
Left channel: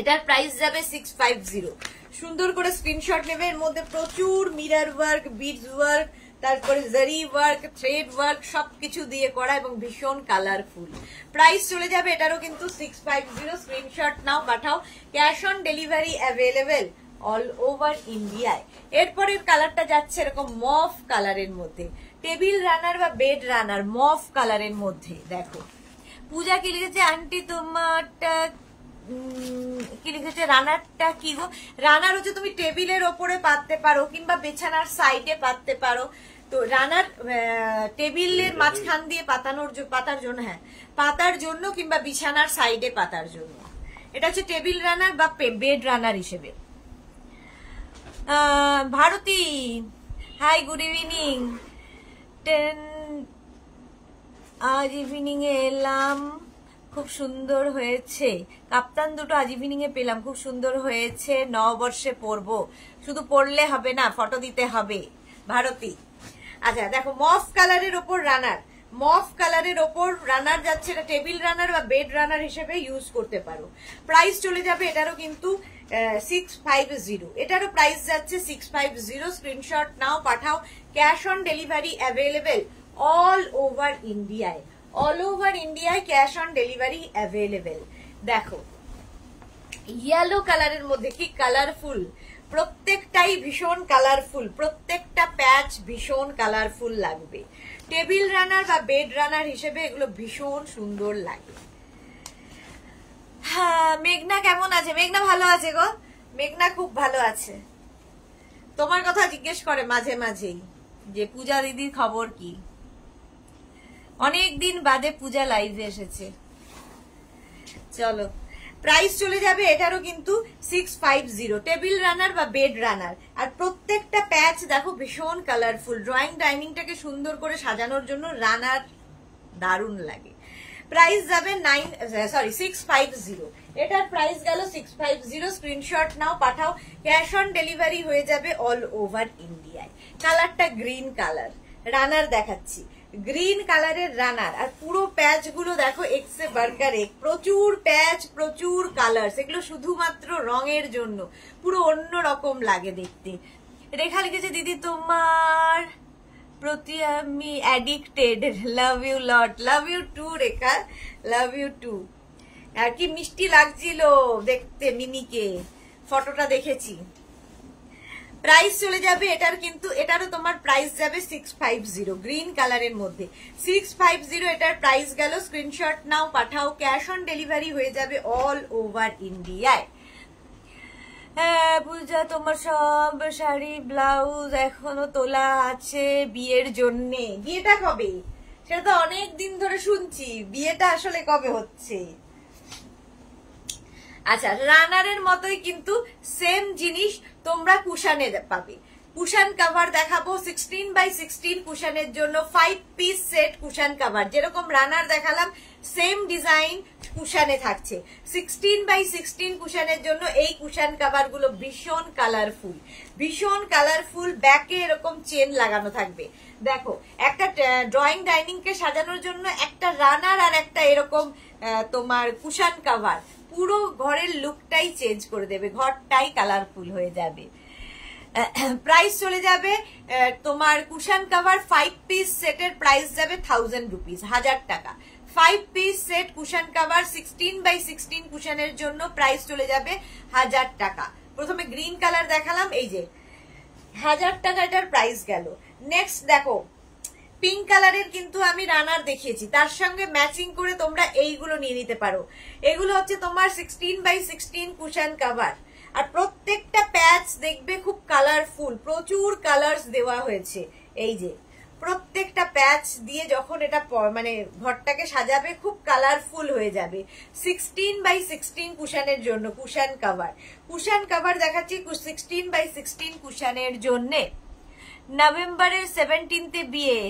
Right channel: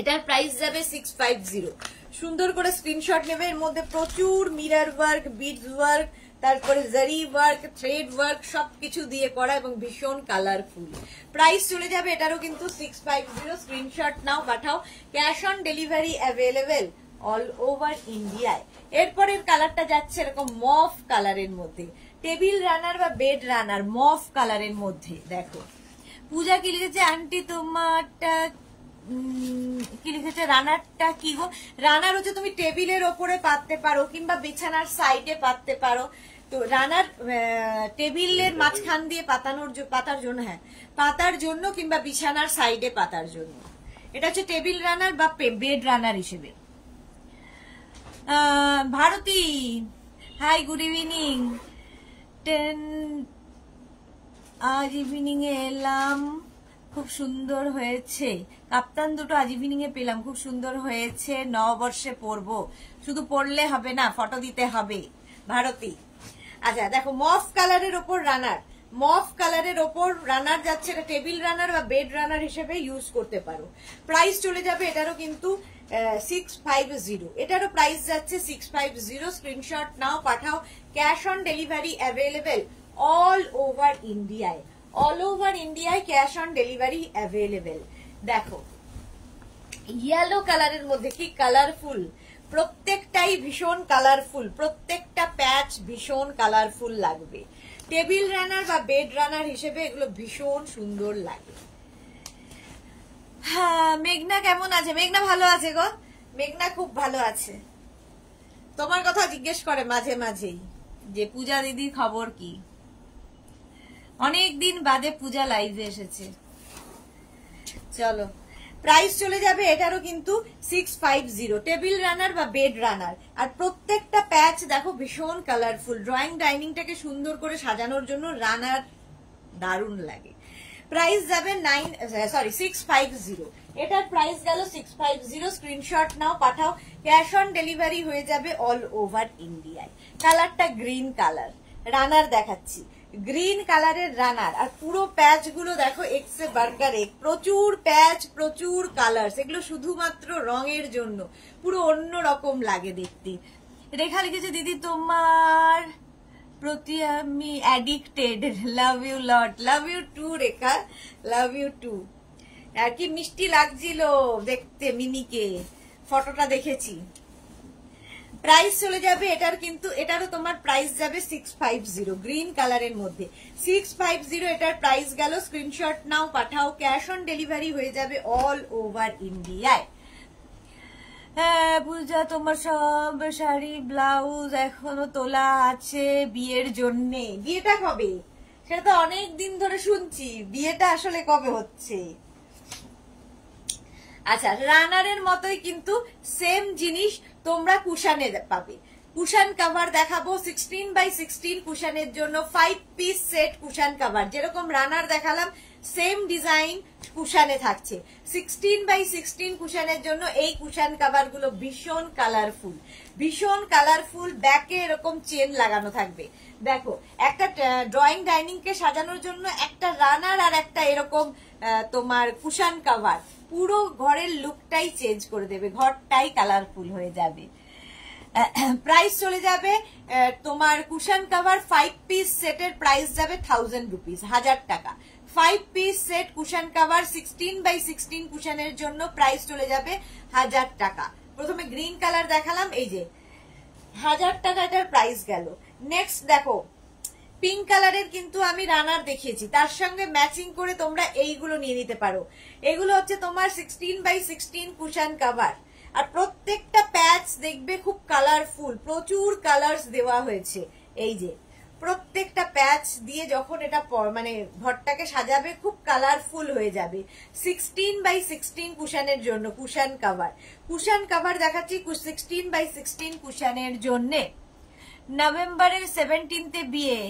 এটার প্রাইস যাবে 650। সুন্দর করে স্ক্রিনশট নেবে, এর মধ্যে প্রচুর মিরর ওয়ার্ক, বিডস ওয়ার্ক, তারপরে জারি ওয়ার্ক, থ্রেড ওয়ার্ক সবকিছু দিয়ে করা এবং ভীষণ কালারফুল। প্রাইস চলে যাবে এটারও কিন্তু 650। স্ক্রিনশট নাও, পাঠাও। Cash on delivery available all over ইন্ডিয়ায়। এরপরের কালারটা যাচ্ছে এরকম মফ কালারের মধ্যে, টেবিল রানার বা বেড রানার মফ কালারের মধ্যে। দেখো পূজা কি লিখেছে, আন্টি তোমারটা কি লিখেছে, রানারটা কি গো? রানার হচ্ছে তুমি টেবিলের ওপরে পাততে পারো কিংবা বিছানার সাইডে পাততে পারো। তো রানার টেবিলের মাঝখান দিয়ে পাতার জন্য, হ্যাঁ পাতার জন্য, কিংবা বিছানার সাইডে পাতার জন্য। এটা হচ্ছে টেবিল রানার বা বেড রানার হিসেবে। Bharati hi, good evening. আজ ইভিনিং এ এলাম, খুব সুন্দর হয়েছে। কাপ্তান দুটো আজ ইভিনিং এ পেলাম, খুব সুন্দর হয়েছে, নববর্ষে পরবো। শুধু পরলে হবে না, ফটো দিতে হবে। ভারতী। আচ্ছা দেখো, মফ কালারের ওপর রানার, মফ কালারের ওপর রানার যাচ্ছে। এটা টেবিল রানার বা বেড রানার হিসেবে ইউজ করতে পারো। প্রাইস চলে যাবে এটারও কিন্তু 650, এটারও প্রাইস যাচ্ছে 650। স্ক্রিনশট নাও, পাঠাও। Cash on delivery available all over ইন্ডিয়ায়, অল ওভার ইন্ডিয়ায় ক্যাশ অন ডেলিভারি অ্যাভেলেবেল। দেখো ইয়েলো কালারের মধ্যে কি কালারফুল, প্রত্যেকটাই ভীষণ কালারফুল, প্রত্যেকটা প্যাচ ভীষণ কালারফুল লাগবে। টেবিল রানার বা বেড রানার হিসেবে এগুলো ভীষণ সুন্দর লাগে। হ্যাঁ, মেঘনা কেমন আছে? মেঘনা ভালো আছে গো, মেঘনা খুব ভালো আছে। তোমার কথা জিজ্ঞেস করে মাঝে মাঝেই যে পূজা দিদির খবর কি। অনেকদিন বাদে পূজা লাইভে এসেছে। চলো, প্রাইস চলে যাবে এটারও কিন্তু 650, টেবিল রানার বা বেড রানার। আর প্রত্যেকটা প্যাচ দেখো ভীষণ কালারফুল। ড্রয়িং ডাইনিংটাকে সুন্দর করে সাজানোর জন্য রানার দারুণ লাগে। প্রাইস যাবে 650, এটার প্রাইস গেল 650। স্ক্রিনশট নাও, পাঠাও। ক্যাশ অন ডেলিভারি হয়ে যাবে অল ওভার ইন্ডিয়ায়। কালারটা গ্রিন কালার, রানার দেখাচ্ছি, গ্রিন কালারের রানার। আর পুরো প্যাচ গুলো দেখো এক্সে বার্গার এক, প্রচুর প্যাচ, প্রচুর কালার। এগুলো শুধুমাত্র রঙের জন্য, পুরো অন্য রকম লাগে দেখতে। রেখা লিখেছে, দিদি তোমার প্রতি আমি addicted, love you lot. Love you too Rekha, love you too. আর কি মিষ্টি লাগছিল দেখতে মিমিকে, ফটোটা দেখেছি। প্রাইস চলে যাবে এটার কিন্তু, এটারও তোমার প্রাইস যাবে 650, গ্রিন কালারের মধ্যে 650 এটার প্রাইস গেল। স্ক্রিনশট নাও, পাঠাও। ক্যাশ অন ডেলিভারি হয়ে যাবে অল ওভার ইন্ডিয়ায়। হ্যাঁ পূজা, তোমার সব শাড়ি ব্লাউজ এখনো তোলা আছে বিয়ের জন্যে। বিয়েটা কবে? সেটা তো অনেক দিন ধরে শুনছি, বিয়েটা আসলে কবে হচ্ছে? আচ্ছা, রানারের মতোই কিন্তু সেম জিনিস তোমরা কুশানে পাবে। কুশান কভার দেখাবো 16x16 কুশানের জন্য 5 পিস সেট কুশান কভার। যেরকম রানার দেখালাম সেম ডিজাইন কুশানে থাকছে। 16x16 কুশানের জন্য এই কুশান কভার গুলো ভীষণ কালারফুল, ভীষণ কালারফুল। ব্যাকে এরকম চেন লাগানো থাকবে। দেখো, একটা ড্রয়িং ডাইনিং কে সাজানোর জন্য একটা রানার আর একটা এরকম তোমার কুশান কভার পুরো ঘরের লুকটাই চেঞ্জ করে দেবে, ঘরটাই কালারফুল হয়ে যাবে। প্রাইস চলে যাবে তোমার কুশান কভার 5 পিস সেটের প্রাইস যাবে 1000 রুপিস, 1000 টাকা। 5 পিস সেট কুশান কভার 16x16 কুশানের জন্য প্রাইস চলে যাবে 1000 টাকা। প্রথমে গ্রিন কালার দেখালাম, এই যে 1000 টাকা এটার প্রাইস গেল। নেক্সট দেখো, পিঙ্ক কালারের কিন্তু আমি রানার দেখিয়েছি, তার সঙ্গে ম্যাচিং করে তোমরা এইগুলো নিয়ে নিতে পারো। এগুলো হচ্ছে তোমার 16x16 কুশান কভার। আর প্রত্যেকটা প্যাচ দেখবে খুব কালারফুল, প্রচুর কালার্স দেওয়া হয়েছে। এই যে প্রত্যেকটা প্যাচ দিয়ে যখন এটা মানে ঘরটাকে সাজাবে খুব কালারফুল হয়ে যাবে। 16x16 কুশানের জন্য কুশান কভার, কুশান কভার দেখাচ্ছি 16x16 কুশানের জন্য। নভেম্বরের 17 বিয়ে,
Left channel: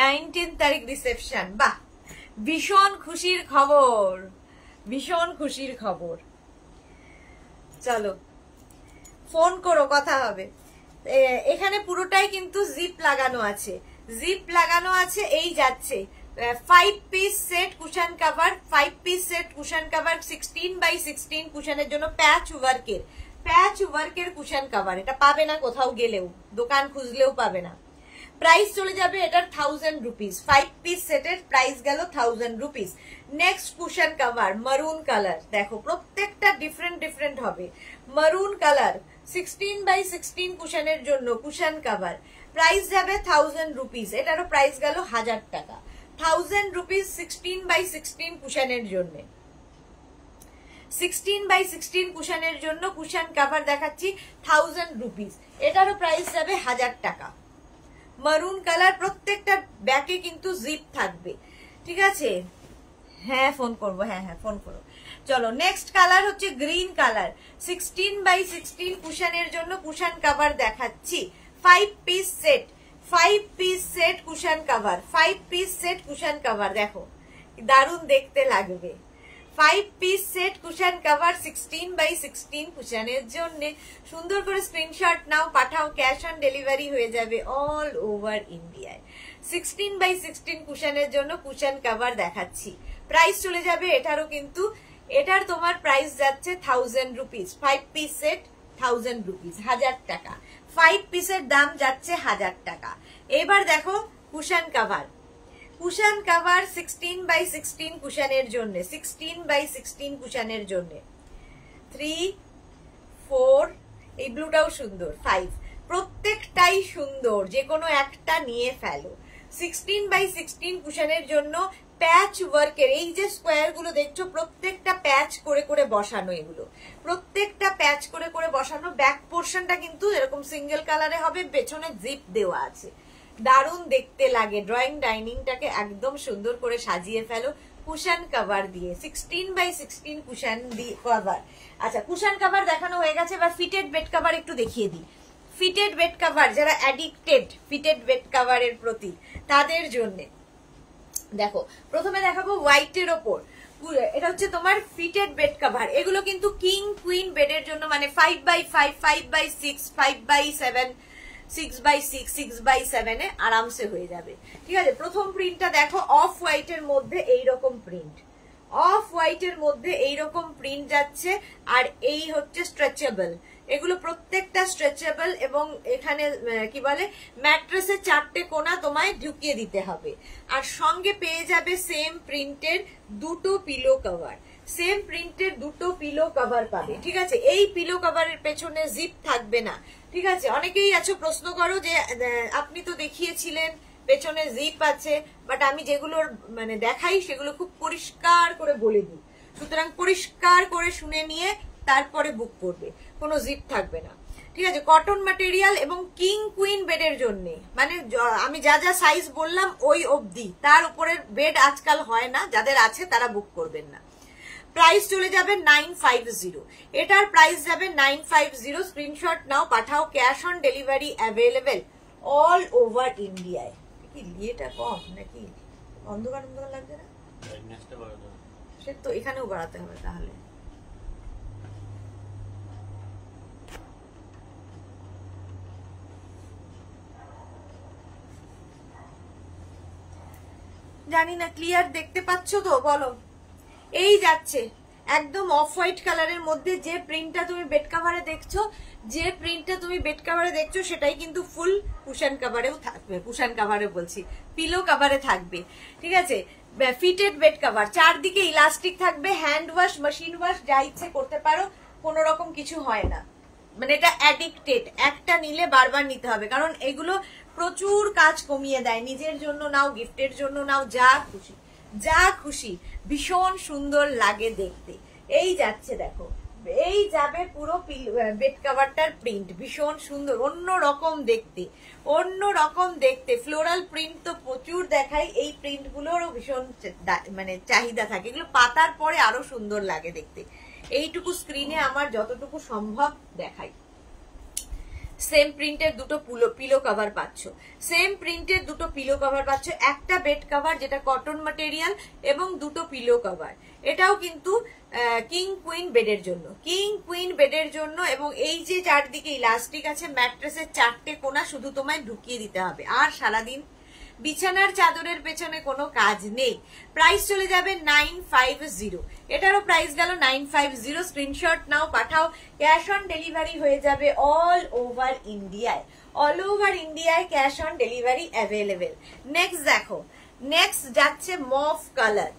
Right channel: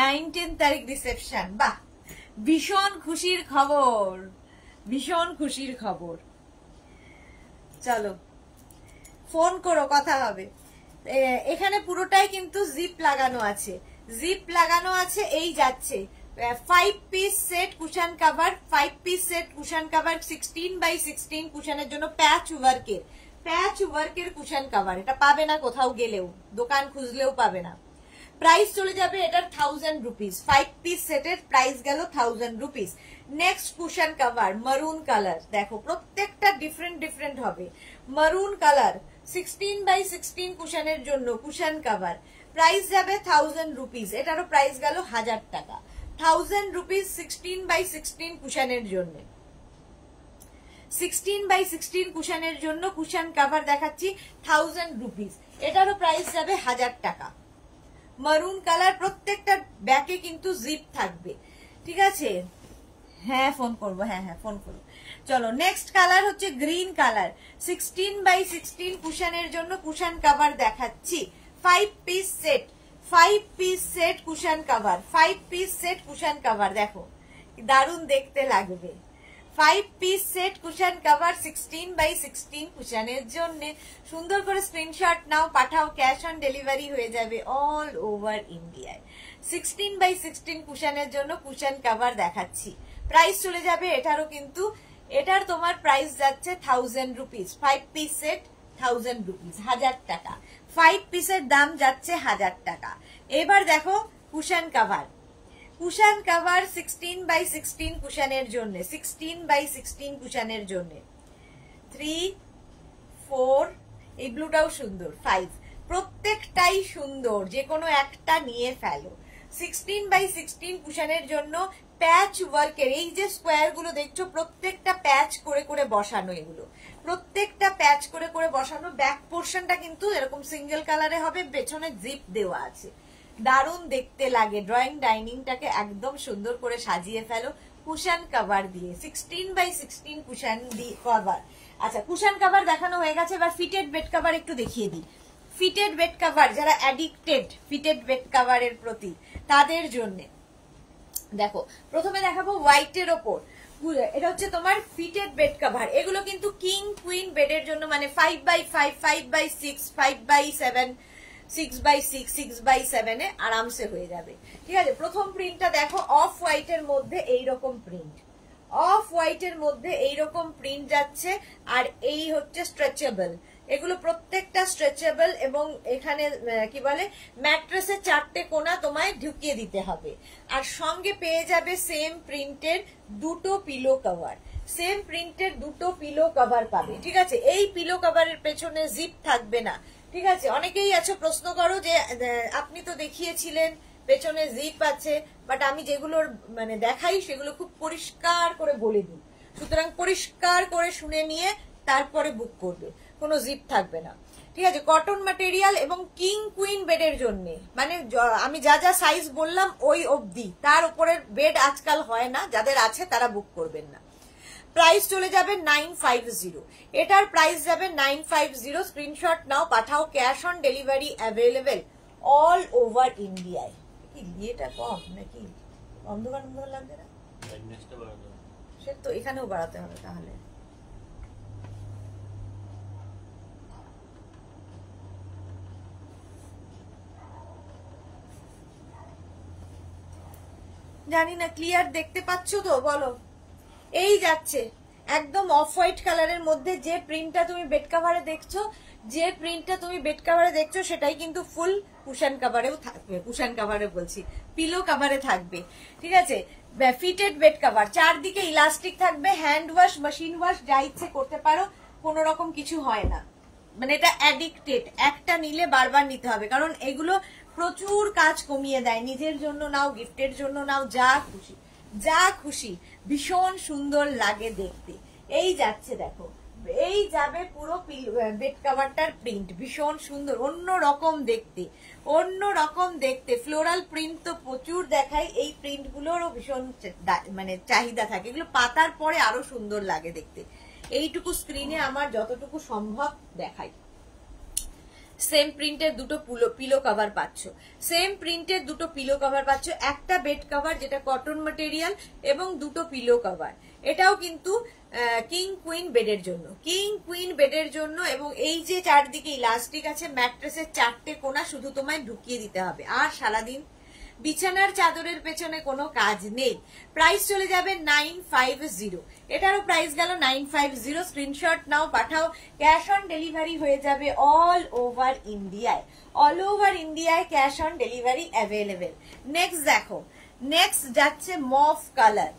19 তারিখ রিসেপশন। বাহ, ভীষণ খুশির খবর, ভীষণ খুশির খবর। চলো ফোন করো, কথা হবে। এখানে পুরোটাই কিন্তু জিপ লাগানো আছে, জিপ লাগানো আছে। এই যাচ্ছে 5 পিস সেট কুশান কভার, 5 পিস সেট কুশান কভার 16x16 কুশানের জন্য প্যাচ ওয়ার্কের, প্যাচ ওয়ার্কের কুশান কভার। এটা পাবে না কোথাও গেলেও, দোকান খুঁজলেও পাবে না। প্রাইস চলে যাবে এটার 1000 রুপিস। 5 পিস সেটের প্রাইস গেল 1000 রুপিস। নেক্সট কুশান কভার মারুন কালার, দেখো প্রত্যেকটা ডিফারেন্ট ডিফারেন্ট হবে। মারুন কালার 16x16 কুশানের জন্য কুশান কভার প্রাইস যাবে 1000 রুপিস। এটারও প্রাইস গেল 1000 টাকা। 1000 রুপিস 16x16 কুশানের জন্য। 16x16 কুশানের জন্য কুশান কভার দেখাচ্ছি 1000 রুপিস। এটারও প্রাইস যাবে 1000 টাকা। মারুন কালার, প্রত্যেকটা ব্যাকে কিন্তু জিপ থাকবে, ঠিক আছে? হ্যাঁ ফোন করবো, হ্যাঁ হ্যাঁ ফোন করো। চলো নেক্সট কালার হচ্ছে গ্রিন কালার। 16x16 কুশানের জন্য কুশান কভার দেখাচ্ছি 5 পিস সেট, 5 পিস সেট কুশান কভার, 5 পিস সেট কুশান কভার। দেখো দারুণ দেখতে লাগবে। 5 piece set cushion cover 16x16 কুশনের জন্য। সুন্দর করে স্ক্রিনশট নাও, পাঠাও, ক্যাশ অন ডেলিভারি হয়ে যাবে অল ওভার ইন্ডিয়ায়। 16x16 কুশনের জন্য কুশন কভার দেখাচ্ছি। প্রাইস চলে যাবে এটারও, কিন্তু এটার তোমার প্রাইস যাচ্ছে 1000 রুপিস। 5 পিস সেট 1000 রুপিস, 1000 টাকা। 5 পিসের দাম যাচ্ছে 1000 টাকা। এবার দেখো cushion cover. Cushion cover 16x16 কুশনের জন্য, 16x16 কুশনের জন্য 3, 4, এই ব্লুটাও সুন্দর, 5, প্রত্যেকটাই সুন্দর, যে কোনো একটা নিয়ে ফেলো। 16x16 কুশনের জন্য প্যাচ ওয়ার্কের এই যে স্কোয়ার গুলো দেখছো, প্রত্যেকটা প্যাচ করে করে বসানো, এগুলো প্রত্যেকটা প্যাচ করে করে বসানো। ব্যাক পোর্শনটা কিন্তু এরকম সিঙ্গেল কালারে হবে, পেছনে জিপ দেওয়া আছে, দারুণ দেখতে লাগে। ড্রয়িং ডাইনিংটাকে একদম সুন্দর করে সাজিয়ে ফেলো কুশন কভার দিয়ে। 16x16 cushion cover. আচ্ছা, কুশন কভার দেখানো হয়ে গেছে, এবার ফিটেড বেড কভার একটু দেখিয়ে দিই। ফিটেড বেড কভার যারা অ্যাডিক্টেড ফিটেড বেড কভারের প্রতি, তাদের জন্য দেখো প্রথমে দেখাবো হোয়াইটের ওপর। এটা হচ্ছে তোমার ফিটেড বেড কভার। এগুলো কিন্তু কিং কুইন বেডের জন্য, মানে 5x5, 5x6, 5x7, 6x6, 6x7 এ আরামসে হয়ে যাবে। ঠিক আছে, প্রথম প্রিন্টটা দেখো, অফ হোয়াইটের মধ্যে এইরকম প্রিন্ট, অফ হোয়াইটের মধ্যে এইরকম প্রিন্ট যাচ্ছে, আর এই হচ্ছে স্ট্রেচেবল। এগুলো প্রত্যেকটা স্ট্রেচেবল, এবং এখানে কি বলে ম্যাট্রেসের 4টে কোণা তোমায় ঢুকিয়ে দিতে হবে। আর সঙ্গে পেয়ে যাবে সেম প্রিন্টের 2টো পিলো কভার, সেম প্রিন্টের 2টো পিলো কভার পাবে। ঠিক আছে, এই পিলো কভারের পেছনে জিপ থাকবে না। ঠিক আছে, অনেকেই আছো প্রশ্ন করো যে আপনি তো দেখিয়েছিলেন পেছনে জিপ আছে, বাট আমি যেগুলোর মানে দেখাই সেগুলো খুব পরিষ্কার করে বলে দিই। সুতরাং পরিষ্কার করে শুনে নিয়ে তারপরে বুক করবে, কোনো জিপ থাকবে না। ঠিক আছে, কটন ম্যাটেরিয়াল এবং কিং কুইন বেডের জন্য, মানে আমি যা যা সাইজ বললাম ওই অবধি, তার উপরের বেড আজকাল হয় না, যাদের আছে তারা বুক করবেন না। প্রাইস চলে যাবে 950, এটার প্রাইস যাবে 950। স্ক্রিনশট নাও, পাঠাও, cash on delivery available all over ইন্ডিয়ায়। কি ইয়েটা কম নাকি? অন্ধকার অন্ধকার লাগবে না? সে তো এখানেও বাড়াতে হবে তাহলে। জানি না ক্লিয়ার দেখতে পাচ্ছ তো, বলো। এই যাচ্ছে একদম অফ হোয়াইট কালারের মধ্যে যে প্রিন্টটা তুমি বেড কাভারে দেখছো, যে প্রিন্টটা তুমি বেড কাভারে দেখছো সেটাই কিন্তু ফুল কুশন কাভারেও থাকবে। কুশন কাভারে বলছি, পিলো কাভারে থাকবে। ঠিক আছে, ফিটেড বেড কাভার, চারদিকে ইলাস্টিক থাকবে, হ্যান্ড ওয়াশ, মেশিন ওয়াশ যা ইচ্ছে করতে পারো, কোন রকম কিছু হয় না। মানে এটা অ্যাডিক্টেড, একটা নিলে বারবার নিতে হবে, কারণ এগুলো প্রচুর কাজ কমিয়ে দেয়। নিজের জন্য নাও, গিফটের জন্য নাও, যা খুশি যা খুশি, ভীষণ সুন্দর লাগে দেখতে। এই যাচ্ছে দেখো, এই যাবে পুরো বেড কাভারটার প্রিন্ট, ভীষণ সুন্দর, অন্য রকম দেখতে, অন্য রকম দেখতে। ফ্লোরাল প্রিন্ট তো প্রচুর দেখাই, এই প্রিন্ট গুলোরও ভীষণ মানে চাহিদা থাকে, এগুলো পাতার পরে আরো সুন্দর লাগে দেখতে। এইটুকু স্ক্রিনে আমার যতটুকু সম্ভব দেখাই। সেম প্রিন্টের 2টো পিলো কভার পাচ্ছ, সেম প্রিন্টের 2টো পিলো কভার পাচ্ছ, একটা বেড কভার যেটা কটন ম্যাটেরিয়াল এবং 2টো পিলো কভার। এটাও কিন্তু কিং কুইন বেডের জন্য, কিং কুইন বেডের জন্য। এবং এই যে চারদিকে ইলাস্টিক আছে, ম্যাট্রেসের 4টে কোণা শুধু তোমায় ঢুকিয়ে দিতে হবে, আর সারাদিন বিছানার চাদরের পেছনে কোনো কাজ নেই। প্রাইস চলে যাবে 950, এটারও প্রাইস গেল 950। স্ক্রিনশট নাও, পাঠাও, ক্যাশ অন ডেলিভারি হয়ে যাবে অল ওভার ইন্ডিয়ায়, অল ওভার ইন্ডিয়ায় cash on delivery available. Next দেখো, নেক্সট যাচ্ছে মফ কালার।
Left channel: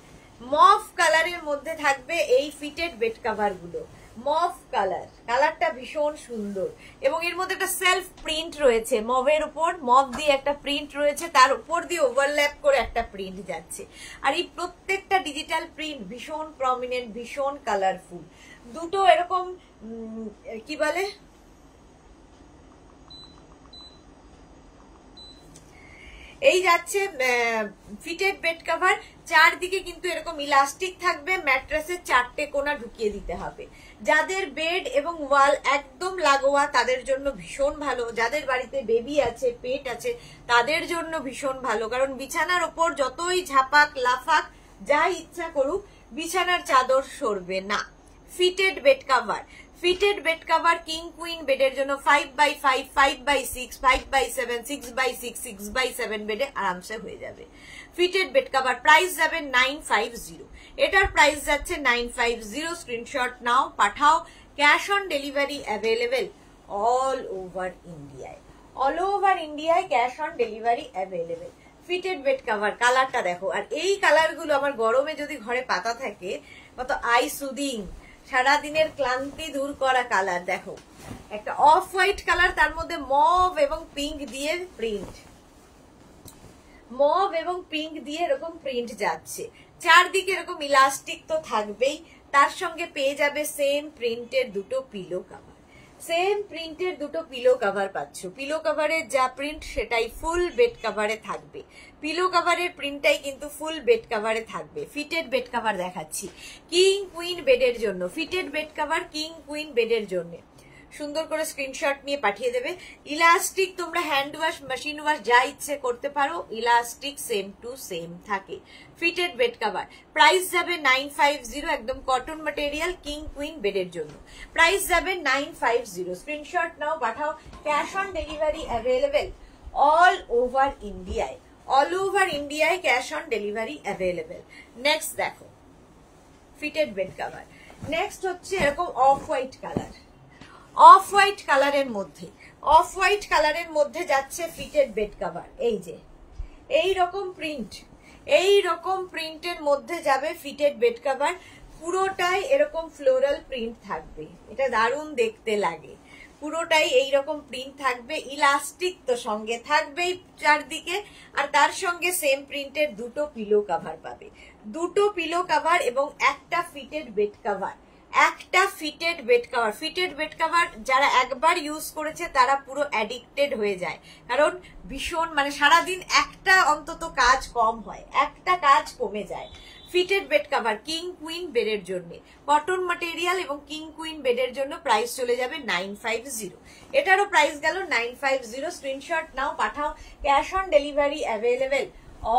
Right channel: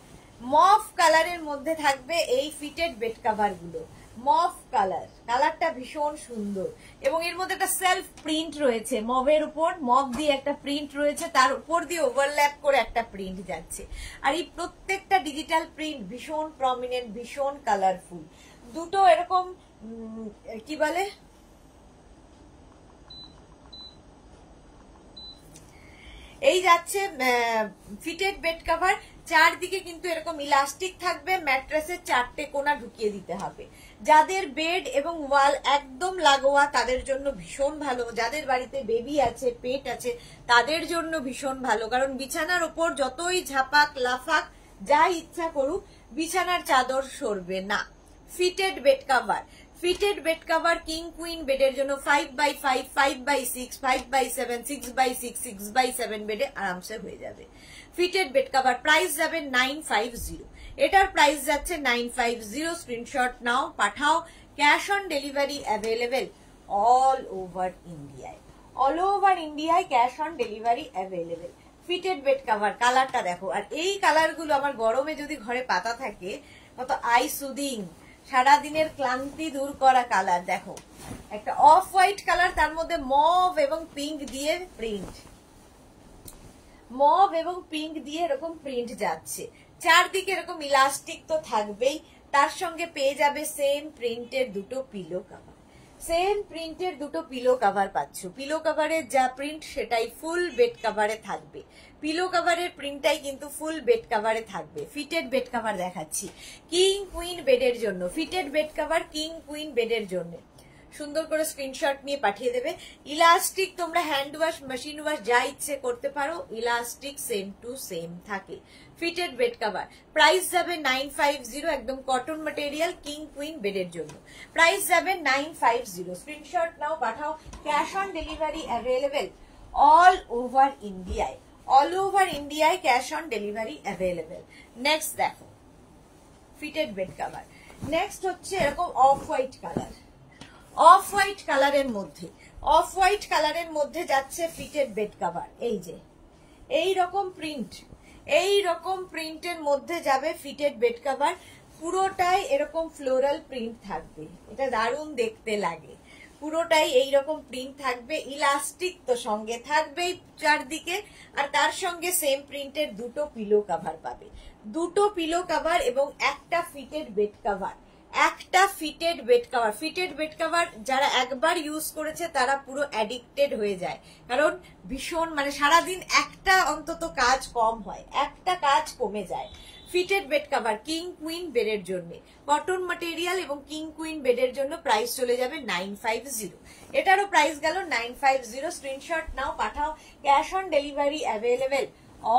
মফ কালারের মধ্যে থাকবে এই ফিটেড বেড কাভার গুলো, মফ কালার, কালারটা ভীষণ সুন্দর, এবং এর মধ্যে একটা সেলফ প্রিন্ট রয়েছে, মভের উপর মভ দিয়ে একটা প্রিন্ট রয়েছে, তার উপর দিয়ে ওভারল্যাপ করে একটা প্রিন্ট যাচ্ছে। আর এই প্রত্যেকটা ডিজিটাল প্রিন্ট ভীষণ প্রমিনেন্ট, ভীষণ কালারফুল। 2টো এরকম কি বলে এই যাচ্ছে ফিটেড বেড কভার, চারদিকে কিন্তু এরকম ইলাস্টিক থাকবে, ম্যাট্রেসের 4টে কোণা ঢুকিয়ে দিতে হবে। যাদের বেড এবং ওয়াল একদম লাগোয়া তাদের জন্য ভীষণ ভালো, যাদের বাড়িতে বেবি আছে, পেট আছে, তাদের জন্য ভীষণ ভালো, কারণ বিছানার ওপর যতই ঝাপাক লাফাক যা ইচ্ছা করুক, বিছানার চাদর সরবে না। Fitted bed cover, fitted bed cover king queen বেডের জন্য 5x5, 5x6, 5x7, 6x6, 6x7 বেডে আরামসে হয়ে যাবে। ফিটেড বেড কাভার প্রাইস যাবে 950, এটার প্রাইস যাচ্ছে 950। স্ক্রিনশট নাও, পাঠাও। Cash on delivery available all over ইন্ডিয়ায়, অল ওভার ইন্ডিয়ায় cash on delivery available. Fitted bed cover কালারটা দেখো, আর এই কালারগুলো আমার গরমে যদি ঘরে পাতা থাকে কত আই সুদিং, সারাদিনের ক্লান্তি দূর করা কালার। দেখো একটা অফ হোয়াইট কালার, তার মধ্যে মভ এবং পিঙ্ক দিয়ে প্রিন্ট, মভ এবং পিঙ্ক দিয়ে এরকম প্রিন্ট যাচ্ছে। চারদিকে এরকম ইলাস্টিক তো থাকবেই, তার সঙ্গে পেয়ে যাবে সেম প্রিন্টের দুটো পিলো কাভার, সেম প্রিন্টের দুটো পিলো কাভার পাচ্ছ। পিলো কাভারের যা প্রিন্ট সেটাই ফুল বেড কাভারে থাকবে, পিলো কাভারের প্রিন্টটাই কিন্তু ফুল বেড কাভারে থাকবে। ফিটেড বেড কাভার দেখাচ্ছি কিং কুইন বেডের জন্য, fitted bed cover king queen বেডের জন্য। সুন্দর করে স্ক্রিনশট নিয়ে পাঠিয়ে দেবে। ইলাস্টিক তোমরা হ্যান্ড ওয়াশ, মেশিন ওয়াশ যা ইচ্ছে করতে পারো, ইলাস্টিক সেম টু সেম থাকে। ফিটেড বেড কাভার প্রাইস যাবে 950, একদম কটন ম্যাটেরিয়াল কিং কুইন বেডের জন্য প্রাইস যাবে 950। স্ক্রিনশট নাও, পাঠাও। Cash on delivery available all over ইন্ডিয়ায়, অল ওভার ইন্ডিয়ায় cash on delivery available. Next দেখো ফিটেড বেড কাভার, নেক্সট হচ্ছে এরকম of white colour, off white কালারের মধ্যে, অফ হোয়াইট কালারের মধ্যে যাচ্ছে ফিটেড বেড কাভার। এই যে এই রকম প্রিন্ট, এই রকম প্রিন্টের মধ্যে যাবে ফিটেড বেড কাভার। পুরোটাই এরকম ফ্লোরাল প্রিন্ট থাকবে, এটা দারুণ দেখতে লাগে। পুরোটাই এইরকম প্রিন্ট থাকবে, ইলাস্টিক তো সঙ্গে থাকবেই চারদিকে, আর তার সঙ্গে সেম প্রিন্টের দুটো পিলো কাভার পাবে, দুটো পিলো কাভার এবং একটা ফিটেড বেড কাভার, একটা fitted bed cover. Fitted bed cover যারা একবার ইউজ করেছে তারা পুরো অ্যাডিক্টেড হয়ে যায়, কারণ ভীষণ মানে সারাদিন একটা অন্তত কাজ কম হয়, একটা কাজ কমে যায়। Fitted bed cover king queen বেডের জন্য, কটন ম্যাটেরিয়াল এবং কিং কুইন বেডের জন্য প্রাইস চলে যাবে 950। এটারও প্রাইস গেল 950। স্ক্রিনশট নাও, পাঠাও। Cash on delivery available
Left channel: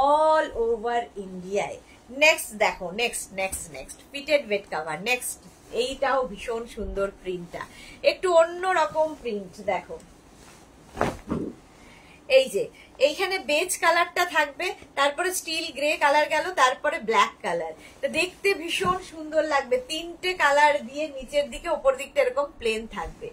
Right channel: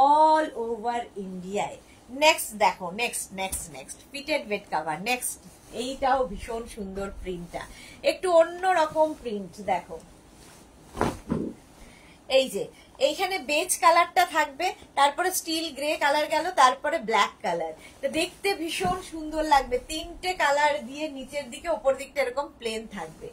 all over ইন্ডিয়ায়। নেক্সট দেখো, next next next fitted bed cover. Next এইটাও ভীষণ সুন্দর প্রিন্টটা, একটু অন্যরকম প্রিন্ট দেখো। এই যে এইখানে বেজ কালারটা থাকবে, তারপরে স্টিল গ্রে কালার গেল, তারপরে ব্ল্যাক কালার। তো দেখতে ভীষণ সুন্দর লাগবে, তিনটে কালার দিয়ে নিচের দিকে ওপর দিকটা এরকম প্লেন থাকবে,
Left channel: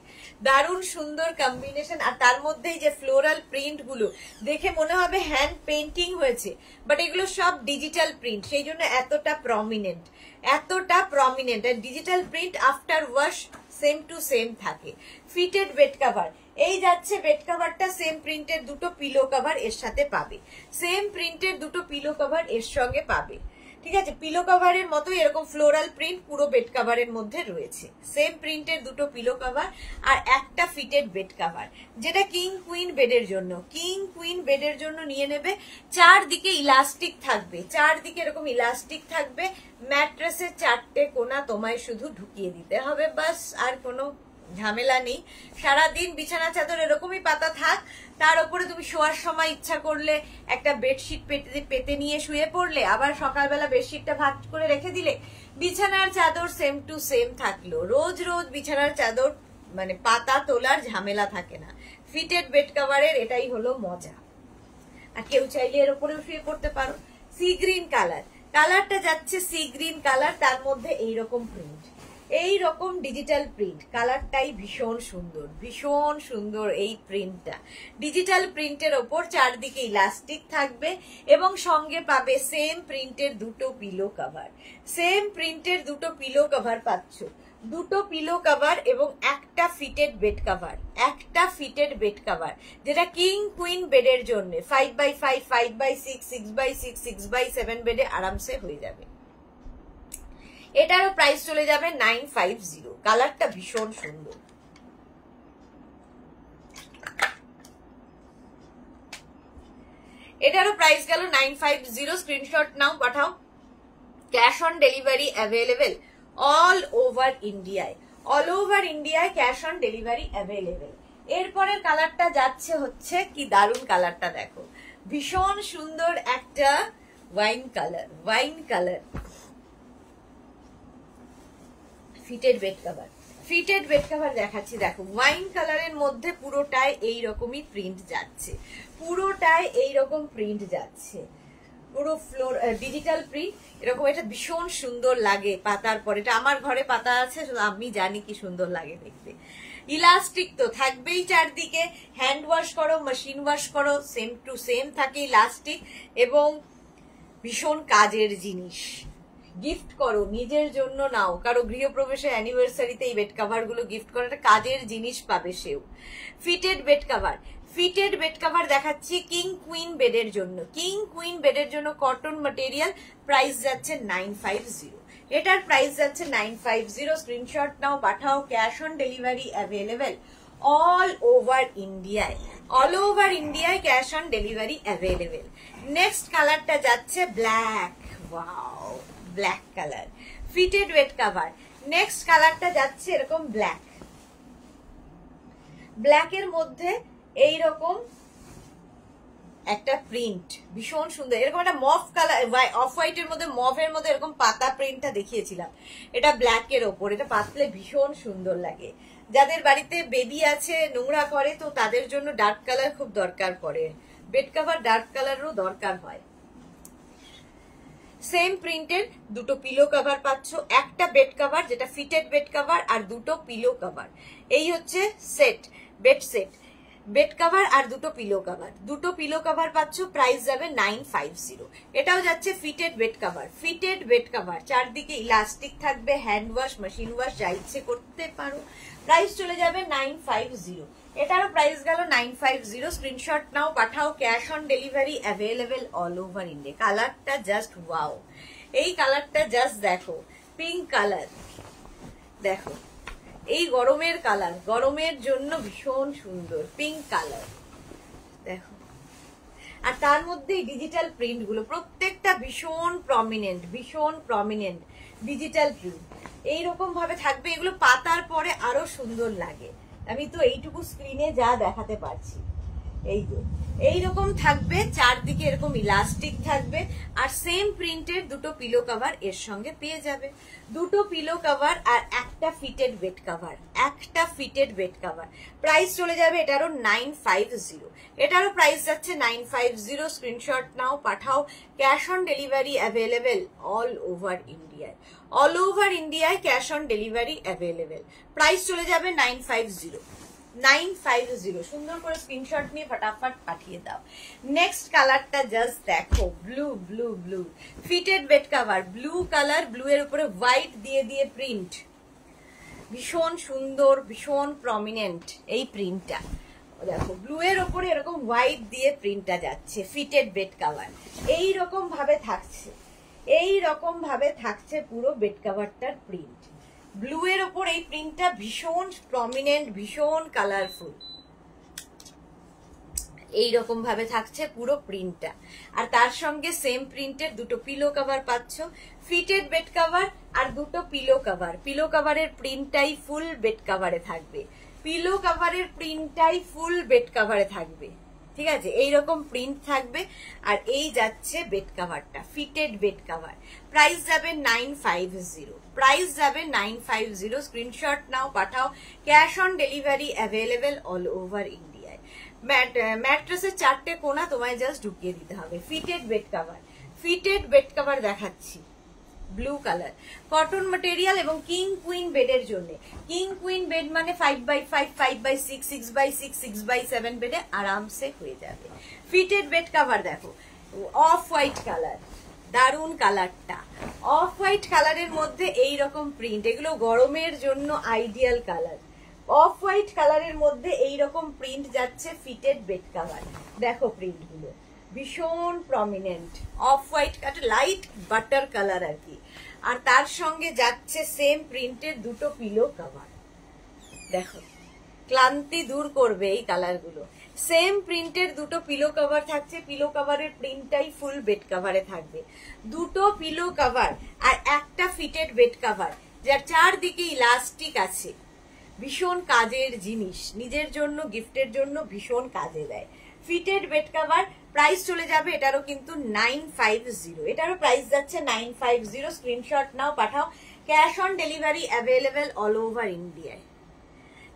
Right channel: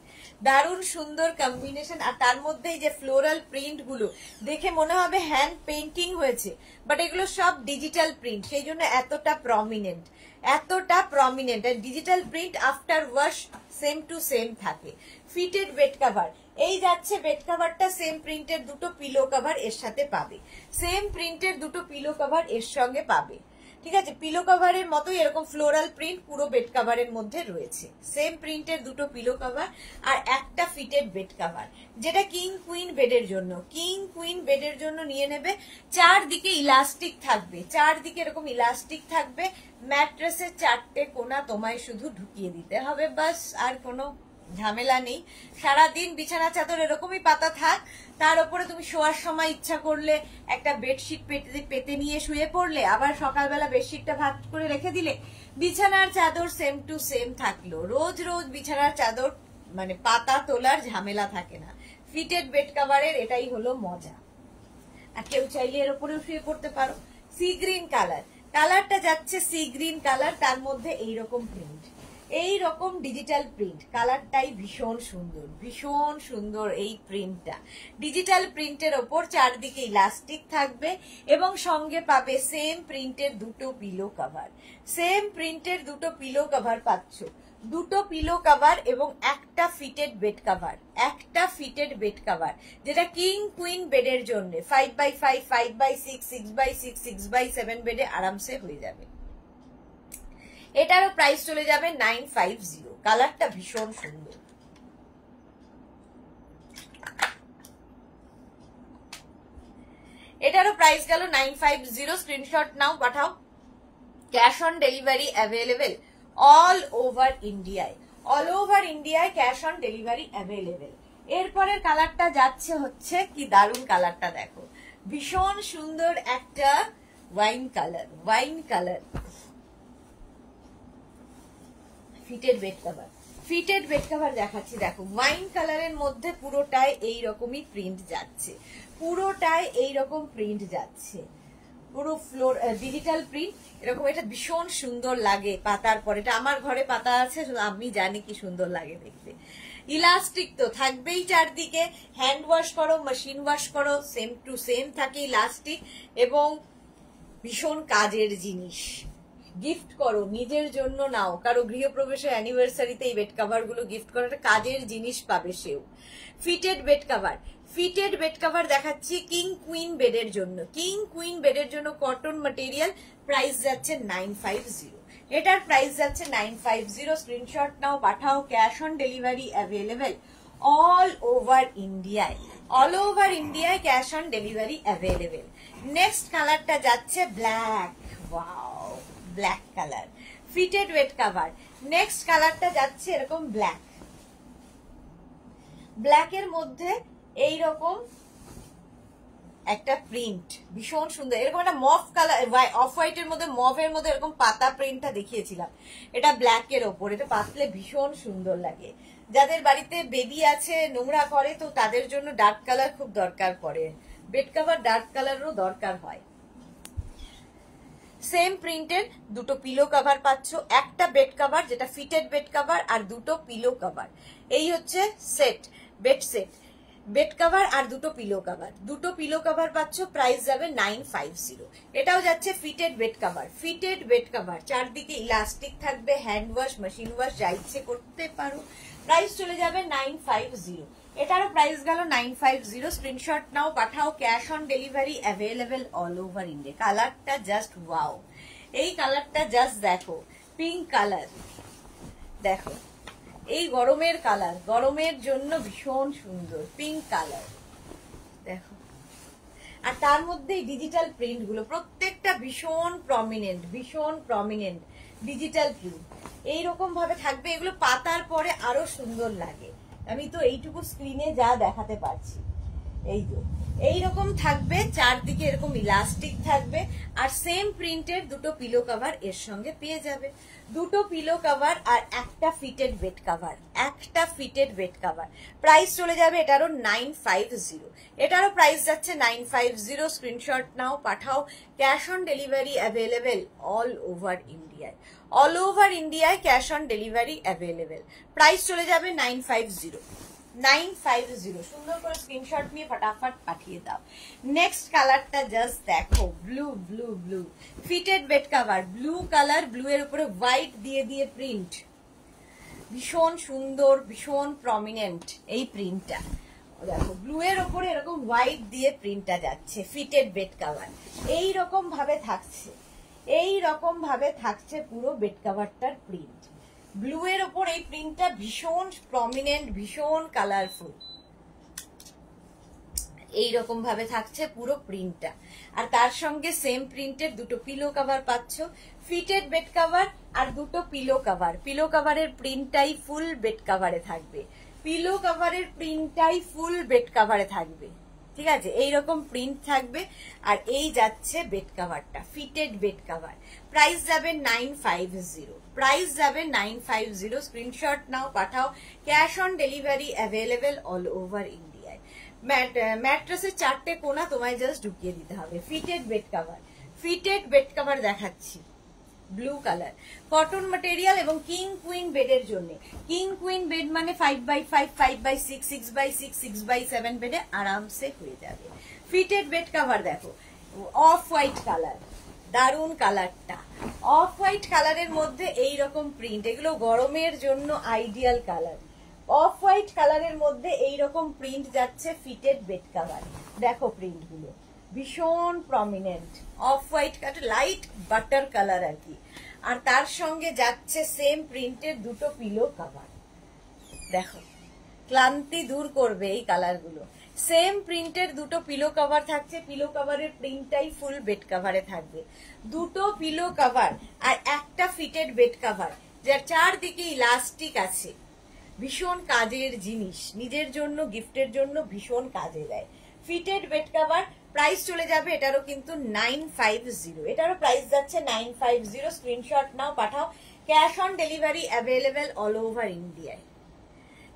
দারুণ সুন্দর কম্বিনেশন। আর তার মধ্যে যে ফ্লোরাল প্রিন্ট গুলো দেখে মনে হবে হ্যান্ড পেন্টিং হয়েছে, বাট এগুলো সব ডিজিটাল প্রিন্ট, সেই জন্য এতটা প্রমিনেন্ট, এতটা প্রমিনেন্ট। আর digital print after wash same to same থাকে। ফিটেড বেড কাভার, এই যাচ্ছে বেড কাভারটা, সেম প্রিন্টের দুটো পিলো কাভার এর সাথে পাবে, সেম প্রিন্টের দুটো পিলো কাভার এর সঙ্গে পাবে। ঠিক আছে, পিলো কাভারের মতোই এরকম ফ্লোরাল প্রিন্ট পুরো বেড কাভারের মধ্যে রয়েছে, সেম প্রিন্টের দুটো পিলো কাভার আর একটা ফিটেড বেড কাভার, যেটা কিং কুইন বেডের জন্য। কিং কুইন বেডের জন্য নিয়ে নেবে। চারদিকে ইলাস্টিক থাকবে, চারদিকে এরকম ইলাস্টিক থাকবে। ম্যাট্রেসের চারটে কোনা তোমায় শুধু ঢুকিয়ে দিতে হবে, বাস, আর কোনো ঝামেলা নেই। সারাদিন বিছানা চাদর এরকমই পাতা থাক, তার উপরে তুমি শোয়ার সময় ইচ্ছা করলে একটা বেডশিট পেতে নিয়ে শুয়ে পড়লে, আবার সকালবেলা বেডশিটটা ভাগ করে রেখে দিলে, বিছানার চাদর সেম টু সেম থাকলো। রোজ রোজ বিছানার চাদর মানে পাতা তোলার ঝামেলা থাকে না। ফিটেড বেড কাভারের এটাই হলো মজা। আর কেউ চাইলে এর উপরেও শুয়ে পড়তে পারো। সি গ্রিন কালার, কালারটা যাচ্ছে সি গ্রিন কালার, তার মধ্যে এইরকম প্রিন্ট, এই রকম ডিজিটাল প্রিন্ট। কালারটাই ভীষণ সুন্দর, ভীষণ সুন্দর এই প্রিন্টটা। ডিজিটাল প্রিন্টের ওপর চারদিকে ইলাস্টিক থাকবে এবং সঙ্গে পাবে সেম প্রিন্টের দুটো পিলো কাভার, সেম প্রিন্টের দুটো পিলো কাভার পাচ্ছ, দুটো পিলো কাভার এবং একটা ফিটেড বেড কাভার, একটা ফিটেড বেড কাভার, যেটা কিং কুইন বেডের জন্য 5x5, 5x6, 6x6, 6x7 বেডে আরামসে হয়ে যাবে। এটারও প্রাইস চলে যাবে 950। কালারটা ভীষণ সুন্দর। এটারও প্রাইস গেল 950। স্ক্রিনশট নাও, পাঠাও। Cash on delivery available all over ইন্ডিয়ায়, অল ওভার ইন্ডিয়ায় ক্যাশ অন ডেলিভারি অ্যাভেলেবেল। এরপরের কালারটা যাচ্ছে হচ্ছে কি দারুণ কালারটা দেখো, ভীষণ সুন্দর একটা wine colour fitted bed cover দেখাচ্ছি। দেখো ওয়াইন কালারের মধ্যে পুরোটায় এইরকমই প্রিন্ট যাচ্ছে, পুরো ফ্লোর ডিজিটাল প্রিন্ট এরকম। এটা ভীষণ সুন্দর লাগে পাতার পর। এটা আমার ঘরে পাতা আছে, আমি জানি কি সুন্দর লাগে দেখতে। ইলাস্টিক তো থাকবেই চারদিকে, হ্যান্ড ওয়াশ করো, মেশিন ওয়াশ করো, সেম টু সেম থাকে ইলাস্টিক, এবং ভীষণ কাজের জিনিস। গিফট করো, নিজের জন্য নাও, কারো গৃহপ্রবেশে অ্যানিভার্সারিতে এই বেড কভার গুলো গিফট করো, একটা কাজের জিনিস পাবে সেও। ফিটেড বেড কভার দেখাচ্ছি কিং কুইন বেডের জন্য কটন ম্যাটেরিয়াল, প্রাইস যাচ্ছে 950। এটার প্রাইস যাচ্ছে 950। স্ক্রিনশট নাও, পাঠাও, cash on delivery available all over ইন্ডিয়ায় cash on delivery available. Next কালারটা যাচ্ছে black, wow black colour, fitted bed cover. Next কালারটা যাচ্ছে এরকম ব্ল্যাকের মধ্যে এইরকম একটা প্রিন্ট, ভীষণ সুন্দর। এরকম একটা মফ কালার, অফ হোয়াইটের মধ্যে, মফের মধ্যে এরকম পাতা প্রিন্টটা দেখিয়েছিলাম, এটা ব্ল্যাকের ওপর। এটা পাতলে ভীষণ সুন্দর লাগে। যাদের বাড়িতে বেবি আছে, নোংরা করে, তো তাদের জন্য ডার্ক কালার খুব দরকার পড়ে। বেড কভার ডার্ক কালারেরও দরকার হয়। সেম প্রিন্টের দুটো পিলো কভার পাচ্ছ, একটা বেড কভার যেটা ফিটেড বেড কভার, আর দুটো পিলো কভার। এই হচ্ছে বেড কভার আর দুটো পিলো কভার পাচ্ছ, প্রাইস যাবে 950। এটাও যাচ্ছে ফিটেড বেড কভার, চারদিকে ইলাস্টিক থাকবে, হ্যান্ড ওয়াশ, মেশিন ওয়াশ যা ইচ্ছে করতে পারো। প্রাইস চলে যাবে 950। এটারও প্রাইস গেল 950। স্ক্রিনশট নাও, পাঠাও, cash on delivery available all over India. কালারটা জাস্ট ওয়াও, এই কালারটা জাস্ট দেখো, পিঙ্ক কালার, দেখো এই গরমের কালার, গরমের জন্য ভীষণ সুন্দর পিঙ্ক কালার, দেখো। আর তার মধ্যে ডিজিটাল প্রিন্ট গুলো প্রত্যেকটা ভীষণ প্রমিনেন্ট ডিজিটাল প্রিন্ট এইরকম ভাবে থাকবে। এগুলো পাতার পরে আরো সুন্দর লাগে। আমি তো এইটুকু স্ক্রিনে যা দেখাতে পারছি, এই যে এইরকম থাকবে, চারদিকে এরকম ইলাস্টিক থাকবে, আর সেম প্রিন্টের দুটো পিলো কভার এর সঙ্গে পেয়ে যাবে। দুটো পিলো কভার আর একটা ফিটেড বেড কভার, প্রাইস চলে যাবে এটারও 950। এটারও প্রাইস যাচ্ছে 950। স্ক্রিনশট নাও, পাঠাও, cash on delivery available all over ইন্ডিয়ায় cash on delivery available. Price চলে যাবে 950। সুন্দর করে স্ক্রিনশট নিয়ে ফটাফট পাঠিয়ে দাও। নেক্সট কালারটা জাস্ট দেখো, blue fitted bed cover, blue colour, blue এর উপরে হোয়াইট দিয়ে প্রিন্ট, ভীষণ সুন্দর, ভীষণ প্রমিনেন্ট এই প্রিন্টটা। দেখো ব্লু এর উপরে এরকম হোয়াইট দিয়ে প্রিন্টটা যাচ্ছে, ফিটেড বেড কভার এইরকম ভাবে থাকছে পুরো বেড কভারটার প্রিন্ট। ব্লু এর ওপর এই প্রিন্টটা ভীষণ প্রমিনেন্ট, ভীষণ কালারফুল, এইরকম ভাবে থাকছে পুরো প্রিন্টটা। আর তার সঙ্গে সেম প্রিন্টের দুটো পিলো কভার পাচ্ছ, ফিটেড বেড কভার আর দুটো পিলো কভারের প্রিন্টটাই ফুল বেড কভারে থাকবে, ঠিক আছে, এইরকম প্রিন্ট থাকবে। আর এই যাচ্ছে বেড কভারটা, ফিটেড বেড কভার, প্রাইস যাবে 950। স্ক্রিনশট নাও, পাঠাও, cash on delivery available all over ইন্ডিয়ায়। ম্যাট্রেসের চারটে কোণা তোমায় জাস্ট ঢুকিয়ে দিতে হবে। ফিটেড বেড কভার দেখাচ্ছি, ব্লু কালার, কটন ম্যাটেরিয়াল এবং কিং কুইন বেডের জন্য। কিং কুইন বেড মানে 5x5, 5x6, 6x6, 6x7 বেডে আরামসে হয়ে যাবে। ফিটেড বেড কভার দেখো, অফ হোয়াইট কালার, দারুন কালারটা, অফ হোয়াইট কালারের মধ্যে এইরকম প্রিন্ট, এগুলো গরমের জন্য আইডিয়াল কালার। অফ হোয়াইট কালারের মধ্যে এইরকম প্রিন্ট যাচ্ছে ফিটেড বেড কভার, দেখো প্রিন্ট গুলো ভীষণ prominent, off white colour, light butter colour আর কি। আর তার সঙ্গে যাচ্ছে সেম প্রিন্টের দুটো পিলো কভার, দেখো ক্লান্তি দূর করবে এই কালারগুলো। সেম প্রিন্টের দুটো পিলো কভার থাকছে, পিলো কভারের প্রিন্টটাই ফুল বেড কভারে থাকবে। দুটো পিলো কভার আর একটা ফিটেড বেড কভার, যার চারদিকে ইলাস্টিক আছে, ভীষণ কাজের জিনিস, নিজের জন্য, গিফটের জন্য ভীষণ কাজে দেয়। ফিটেড বেড কভার প্রাইস চলে যাবে এটারও কিন্তু 950, এটারও প্রাইস যাচ্ছে 950। স্ক্রিনশট নাও, পাঠাও। Cash on delivery available all over ইন্ডিয়ায়।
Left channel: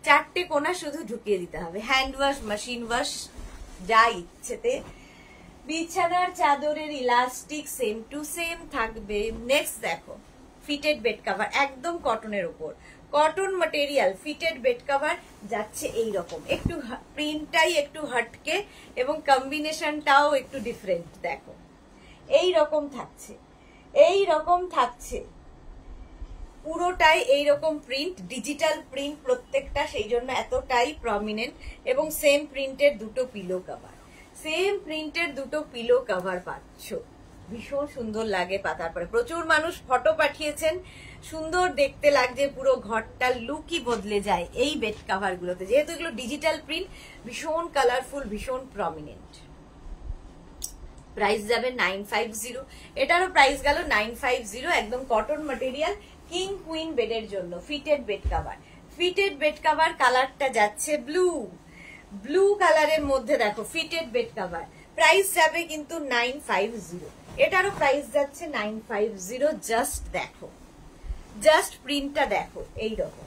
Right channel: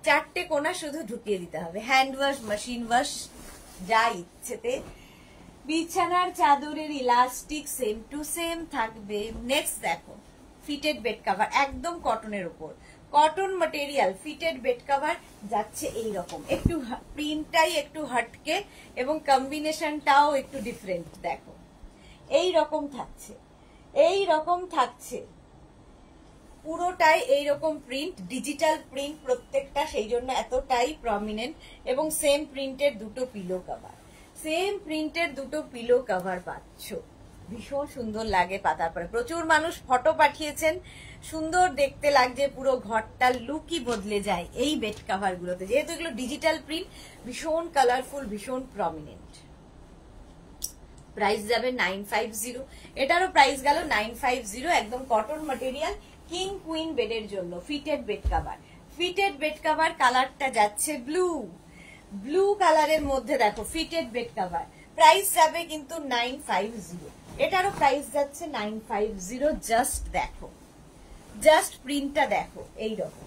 4টে কোনা শুধু ঢুকিয়ে দিতে হবে, হ্যান্ড ওয়াশ, মেশিন ওয়াশ, যা ইচ্ছেতে। বিছানার চাদরের ইলাস্টিক সেম টু সেম থাকবে। নেক্সট দেখো, ফিটেড বেড কভার, একদম কটনের উপর, cotton material fitted bed cover যাচ্ছে এইরকম, একটু প্রিন্টটাই একটু হটকে এবং কম্বিনেশনটাও একটু ডিফারেন্ট। দেখো এইরকম থাকছে, এইরকম থাকছে পুরোটাই এইরকম প্রিন্ট, ডিজিটাল প্রিন্ট প্রত্যেকটা, সেই জন্য এতটাই প্রমিনেন্ট। এবং সেম প্রিন্টের দুটো পিলো কভার, সেম প্রিন্টের দুটো পিলো কভার পাচ্ছ। ভীষণ সুন্দর লাগে পাতার পরে। প্রচুর মানুষ ফটো পাঠিয়েছেন, সুন্দর দেখতে লাগছে, পুরো ঘরটার লুকই বদলে যায় এই বেড কভার গুলোতে, যেহেতু এগুলো ডিজিটাল প্রিন্ট, ভীষণ কালারফুল, ভীষণ প্রমিনেন্ট। প্রাইস যাবে 950, এটারও প্রাইস গেল 950। একদম কটন ম্যাটেরিয়াল, কিং কুইন বেডের জন্য fitted bed cover. Fitted bed cover কালারটা যাচ্ছে ব্লু, ব্লু কালারের মধ্যে দেখো ফিটেড বেড কভার। প্রাইস যাবে কিন্তু 950, এটারও প্রাইস যাচ্ছে 950। জাস্ট দেখো, জাস্ট প্রিন্টটা দেখো, এইরকম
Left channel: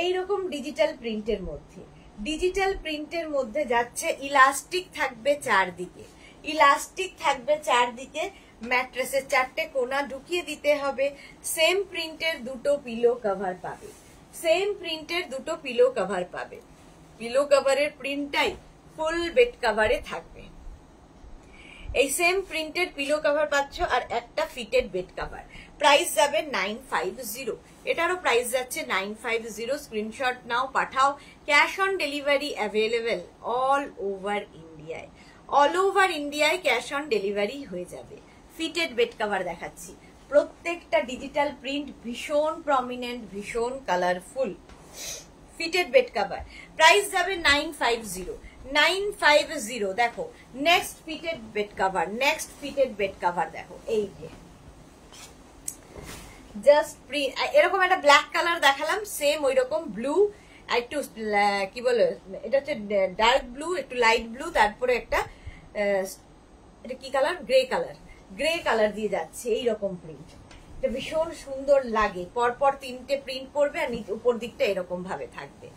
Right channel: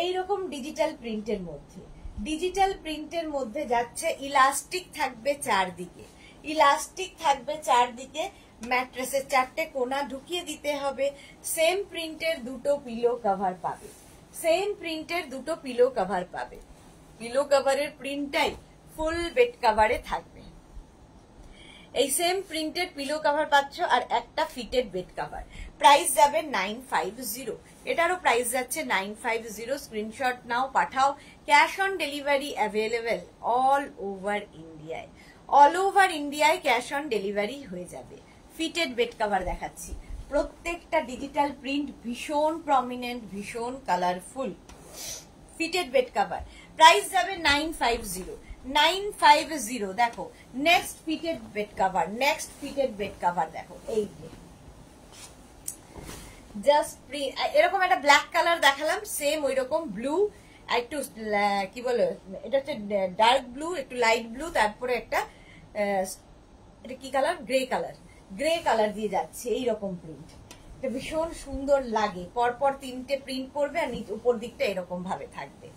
এইরকম ডিজিটাল প্রিন্টের মধ্যে, ডিজিটাল প্রিন্টের মধ্যে যাচ্ছে। ইলাস্টিক থাকবে চারদিকে, ইলাস্টিক থাকবে চারদিকে। ম্যাট্রেসের 4টে কোনা ঢুকিয়ে দিতে হবে। সেম প্রিন্টের দুটো পিলো কভার পাবে, সেম প্রিন্টের দুটো পিলো কভার পাবে। পিলো কভারের প্রিন্টটাই ফুল বেড কভারে থাকবে। এই সেম প্রিন্টের পিলো কভার পাচ্ছ আর একটা ফিটেড বেড কভার। প্রাইস যাবে 950, এটারও প্রাইস যাচ্ছে 950। স্ক্রিনশট নাও, পাঠাও। Cash on delivery available all over ইন্ডিয়ায়, অল ওভার ইন্ডিয়ায় ক্যাশ অন ডেলিভারি হয়ে যাবে। ফিটেড বেড কভার দেখাচ্ছি, প্রত্যেকটা ডিজিটাল প্রিন্ট, ভীষণ প্রমিনেন্ট, ভীষণ colourful. Fitted bed cover price যাবে 950, 950। দেখো next fitted bed cover, next fitted bed cover দেখো, এই যে জাস্ট এরকম একটা ব্ল্যাক কালার দেখালাম, সেম ওই রকম ব্লু, একটু কি বলে এটা হচ্ছে ডার্ক ব্লু, একটু লাইট ব্লু, তারপরে একটা এটা কি colour, grey colour, grey colour দিয়ে যাচ্ছে এইরকম প্রিন্ট। এটা ভীষণ সুন্দর লাগে, পরপর 3টে প্রিন্ট করবে আর উপর দিকটা এরকম ভাবে থাকবে,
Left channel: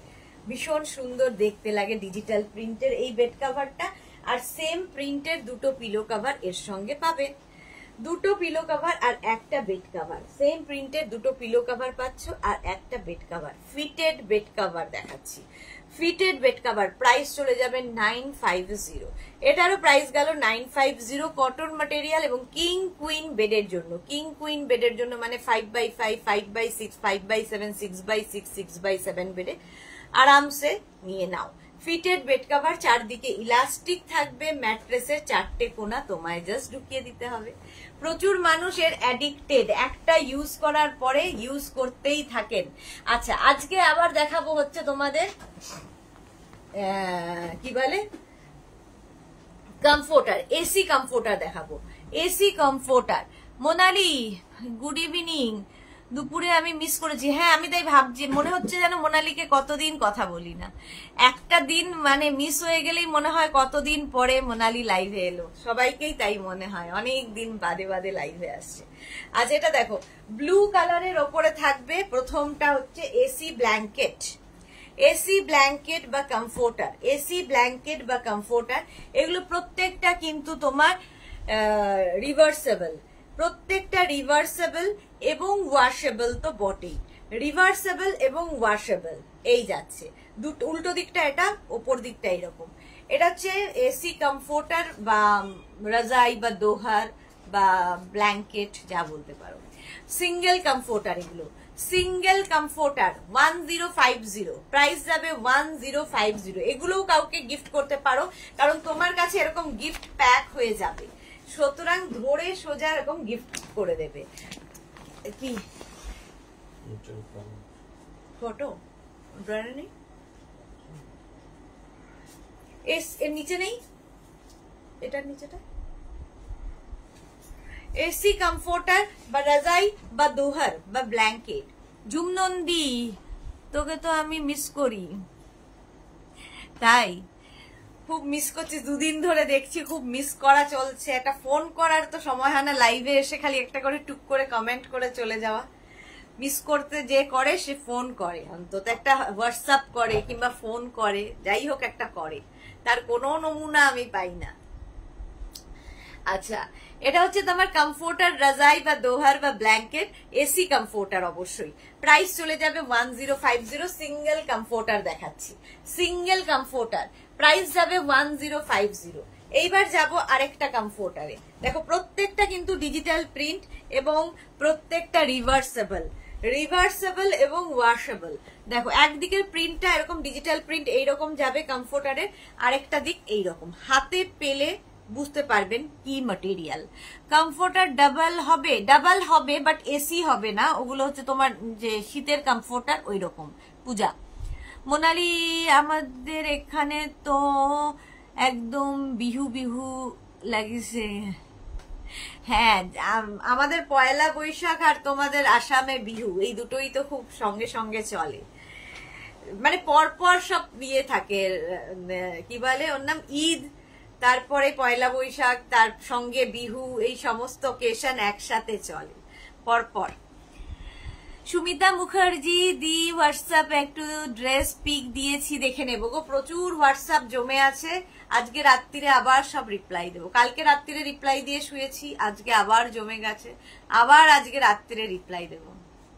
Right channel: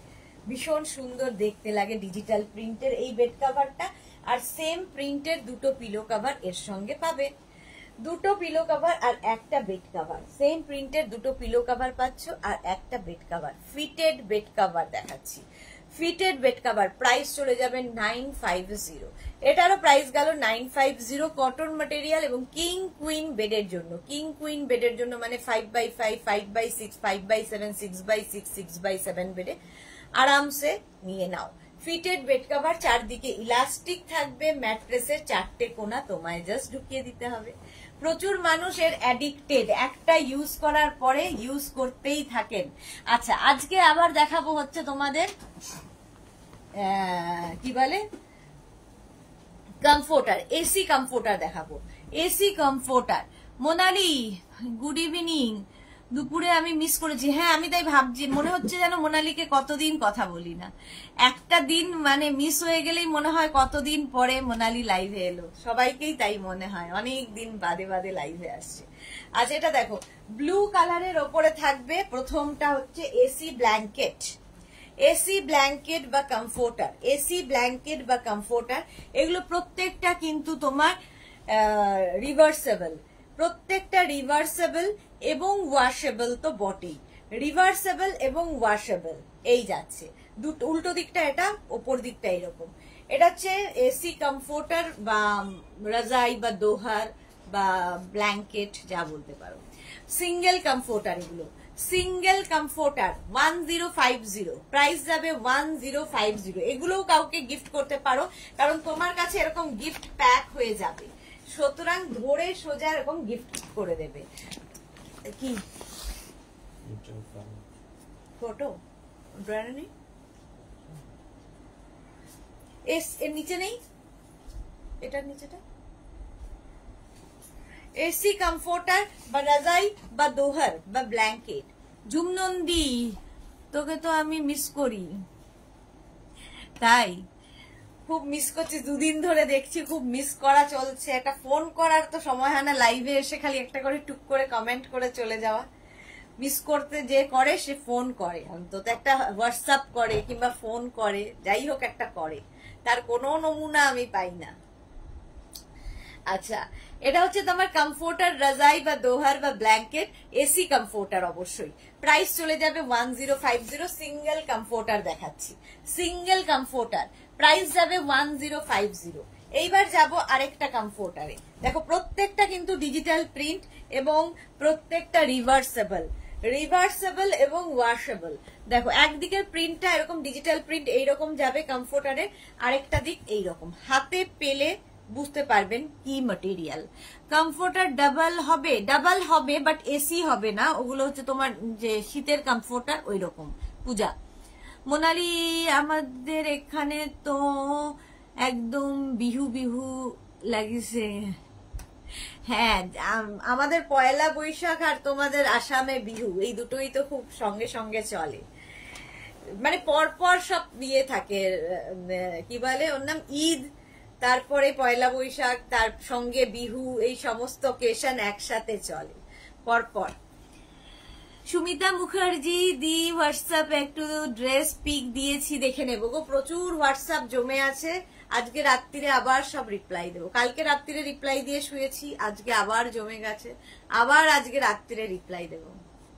ভীষণ সুন্দর দেখতে লাগে ডিজিটাল প্রিন্টের এই বেড কভারটা। আর সেম প্রিন্টের দুটো পিলো কভার এর সঙ্গে পাবে, দুটো পিলো কভার আর একটা বেড কভার। সেম প্রিন্টের দুটো পিলো কভার পাচ্ছ আর একটা bed cover. Fitted bed cover দেখাচ্ছি, ফিটেড বেড কভার। প্রাইস চলে যাবে 950, এটারও প্রাইস গেল 950। কটন ম্যাটেরিয়াল এবং কিং কুইন বেডের জন্য, কিং কুইন বেডের জন্য মানে 5x5, 5x6, 5x7, 6x6, 6x7 বেডে আরামসে নিয়ে নাও। ফিটেড বেড কভার, চারদিকে ইলাস্টিক থাকবে, ম্যাট্রেসের 4টে কোনা তোমায় জাস্ট ঢুকিয়ে দিতে হবে। প্রচুর মানুষের অ্যাডিক্টেড, একটা ইউজ করার পরে ইউজ করতেই থাকেন। আচ্ছা, আজকে আবার দেখাবো হচ্ছে তোমাদের কি বলে কমফোর্টার, এসি কমফোর্টার দেখাবো, AC comforter. Monali good evening, দুপুরে আমি মিস করেছি। হ্যাঁ, আমি তাই ভাবছি, মনে হচ্ছে যেন মোনালিকে কতদিন কথা বলি না, একটা দিন মানে মিস হয়ে গেলেই মনে হয় কতদিন পরে মোনালি লাইভে এলো, সবাইকেই তাই মনে হয়, অনেক দিন বাদে বাদে লাইভে আসছে। আজ এটা দেখো ব্লু কালারের ওপরে থাকবে, প্রথমটা হচ্ছে এসি ব্ল্যাঙ্কেট, এসি ব্ল্যাঙ্কেট বা কমফোর্টার, এসি ব্ল্যাঙ্কেট বা কমফোর্টার, এগুলো প্রত্যেকটা কিন্তু তোমার রিভার্সেবল, প্রত্যেকটা রিভার্সেবল এবং ওয়াশেবল তো বটেই, রিভার্সেবল এবং ওয়াশেবল। এই যাচ্ছে দুটো, উল্টো দিকটা এটা, ওপর দিকটা এরকম। এটা হচ্ছে এসি কমফোর্টার বা রাজাই বা দোহার বা ব্ল্যাঙ্কেট যা বলতে পারো। সিঙ্গেল কমফোর্টার, এগুলো সিঙ্গেল কমফোর্টার 1050, প্রাইস যাবে 1050। এগুলোও কাউকে গিফট করতে পারো, কারণ তোমার কাছে এরকম গিফট প্যাক হয়ে যাবে, সুতরাং ধরে সোজা এরকম গিফট করে দেবে। কি ফটো ড্রয়ারে নেই, এর নিচে নেই, এটার নিচেটা এসি কমফোর্টার বা রাজাই বা দোহার বা ব্ল্যাঙ্কেট। ঝুমনন্দী, তোকে তো আমি মিস করি, তাই খুব মিস করছি, দুদিন ধরে দেখছি খুব মিস করা চলছে। একটা ফোন করার তো সময় হয় না, লাইভে এসে খালি একটা করে টুক করে কমেন্ট করে চলে যাওয়া। মিস করতে যে করে সে ফোন করে, অন্তত একটা হোয়াটসঅ্যাপ করে কিংবা ফোন করে, যাই হোক একটা করে, তার কোনো নমুনা আমি পাই না। আচ্ছা, এটা হচ্ছে তোমার কমফোর্টার রাজাই বা দোহার বা ব্ল্যাঙ্কেট, এসি কমফোর্টার অবশ্যই। প্রাইস চলে যাবে 1050। সিঙ্গেল কমফোর্টার দেখাচ্ছি, সিঙ্গেল কমফোর্টার প্রাইস যাবে 1050। এইবার যাব আরেকটা কমফোর্টারে। দেখো প্রত্যেকটা কিন্তু ডিজিটাল প্রিন্ট এবং প্রত্যেকটা রিভার্সেবল, রিভার্সেবল এবং ওয়াশেবল। দেখো একদিকের প্রিন্টটা এরকম ডিজিটাল প্রিন্ট এইরকম যাবে কমফোর্টারে, আরেকটা দিক এইরকম। হাতে পেলে বুঝতে পারবেন কি ম্যাটেরিয়াল। কমফোর্টার ডাবল হবে বাট এসি হবে না, ওগুলো হচ্ছে তোমার যে শীতের কমফোর্টার ওই রকম। পূজা মোনালি আমাদের এখানে তো একদম বিহু বিহু লাগিছে। হ্যাঁ, আমাদের পয়লা বৈশাখ আর তোমাদের আসামে বিহু, এই দুটোই তো খুব সঙ্গে সঙ্গে চলে, মানে পরপর সব বিয়ে থাকে। কি বলে ওর নাম, ঈদ, তারপরে পয়লা বৈশাখ, তার সঙ্গে বিহু, এই সমস্ত অকেশন একসাথে চলে পরপর। সুমিতা মুখার্জি দি হোয়াটসঅ্যাপ একটু ড্রেস পিক দিয়েছি, দেখে নেবো গো। প্রচুর হোয়াটসঅ্যাপ জমে আছে, আজকে রাত্রিরে আবার সব রিপ্লাই দেবো। কালকে রাত্রিরে রিপ্লাই দিয়ে শুয়েছি, আজকে আবার জমে গেছে, আবার আজকে রাত্রিরে রিপ্লাই দেবো।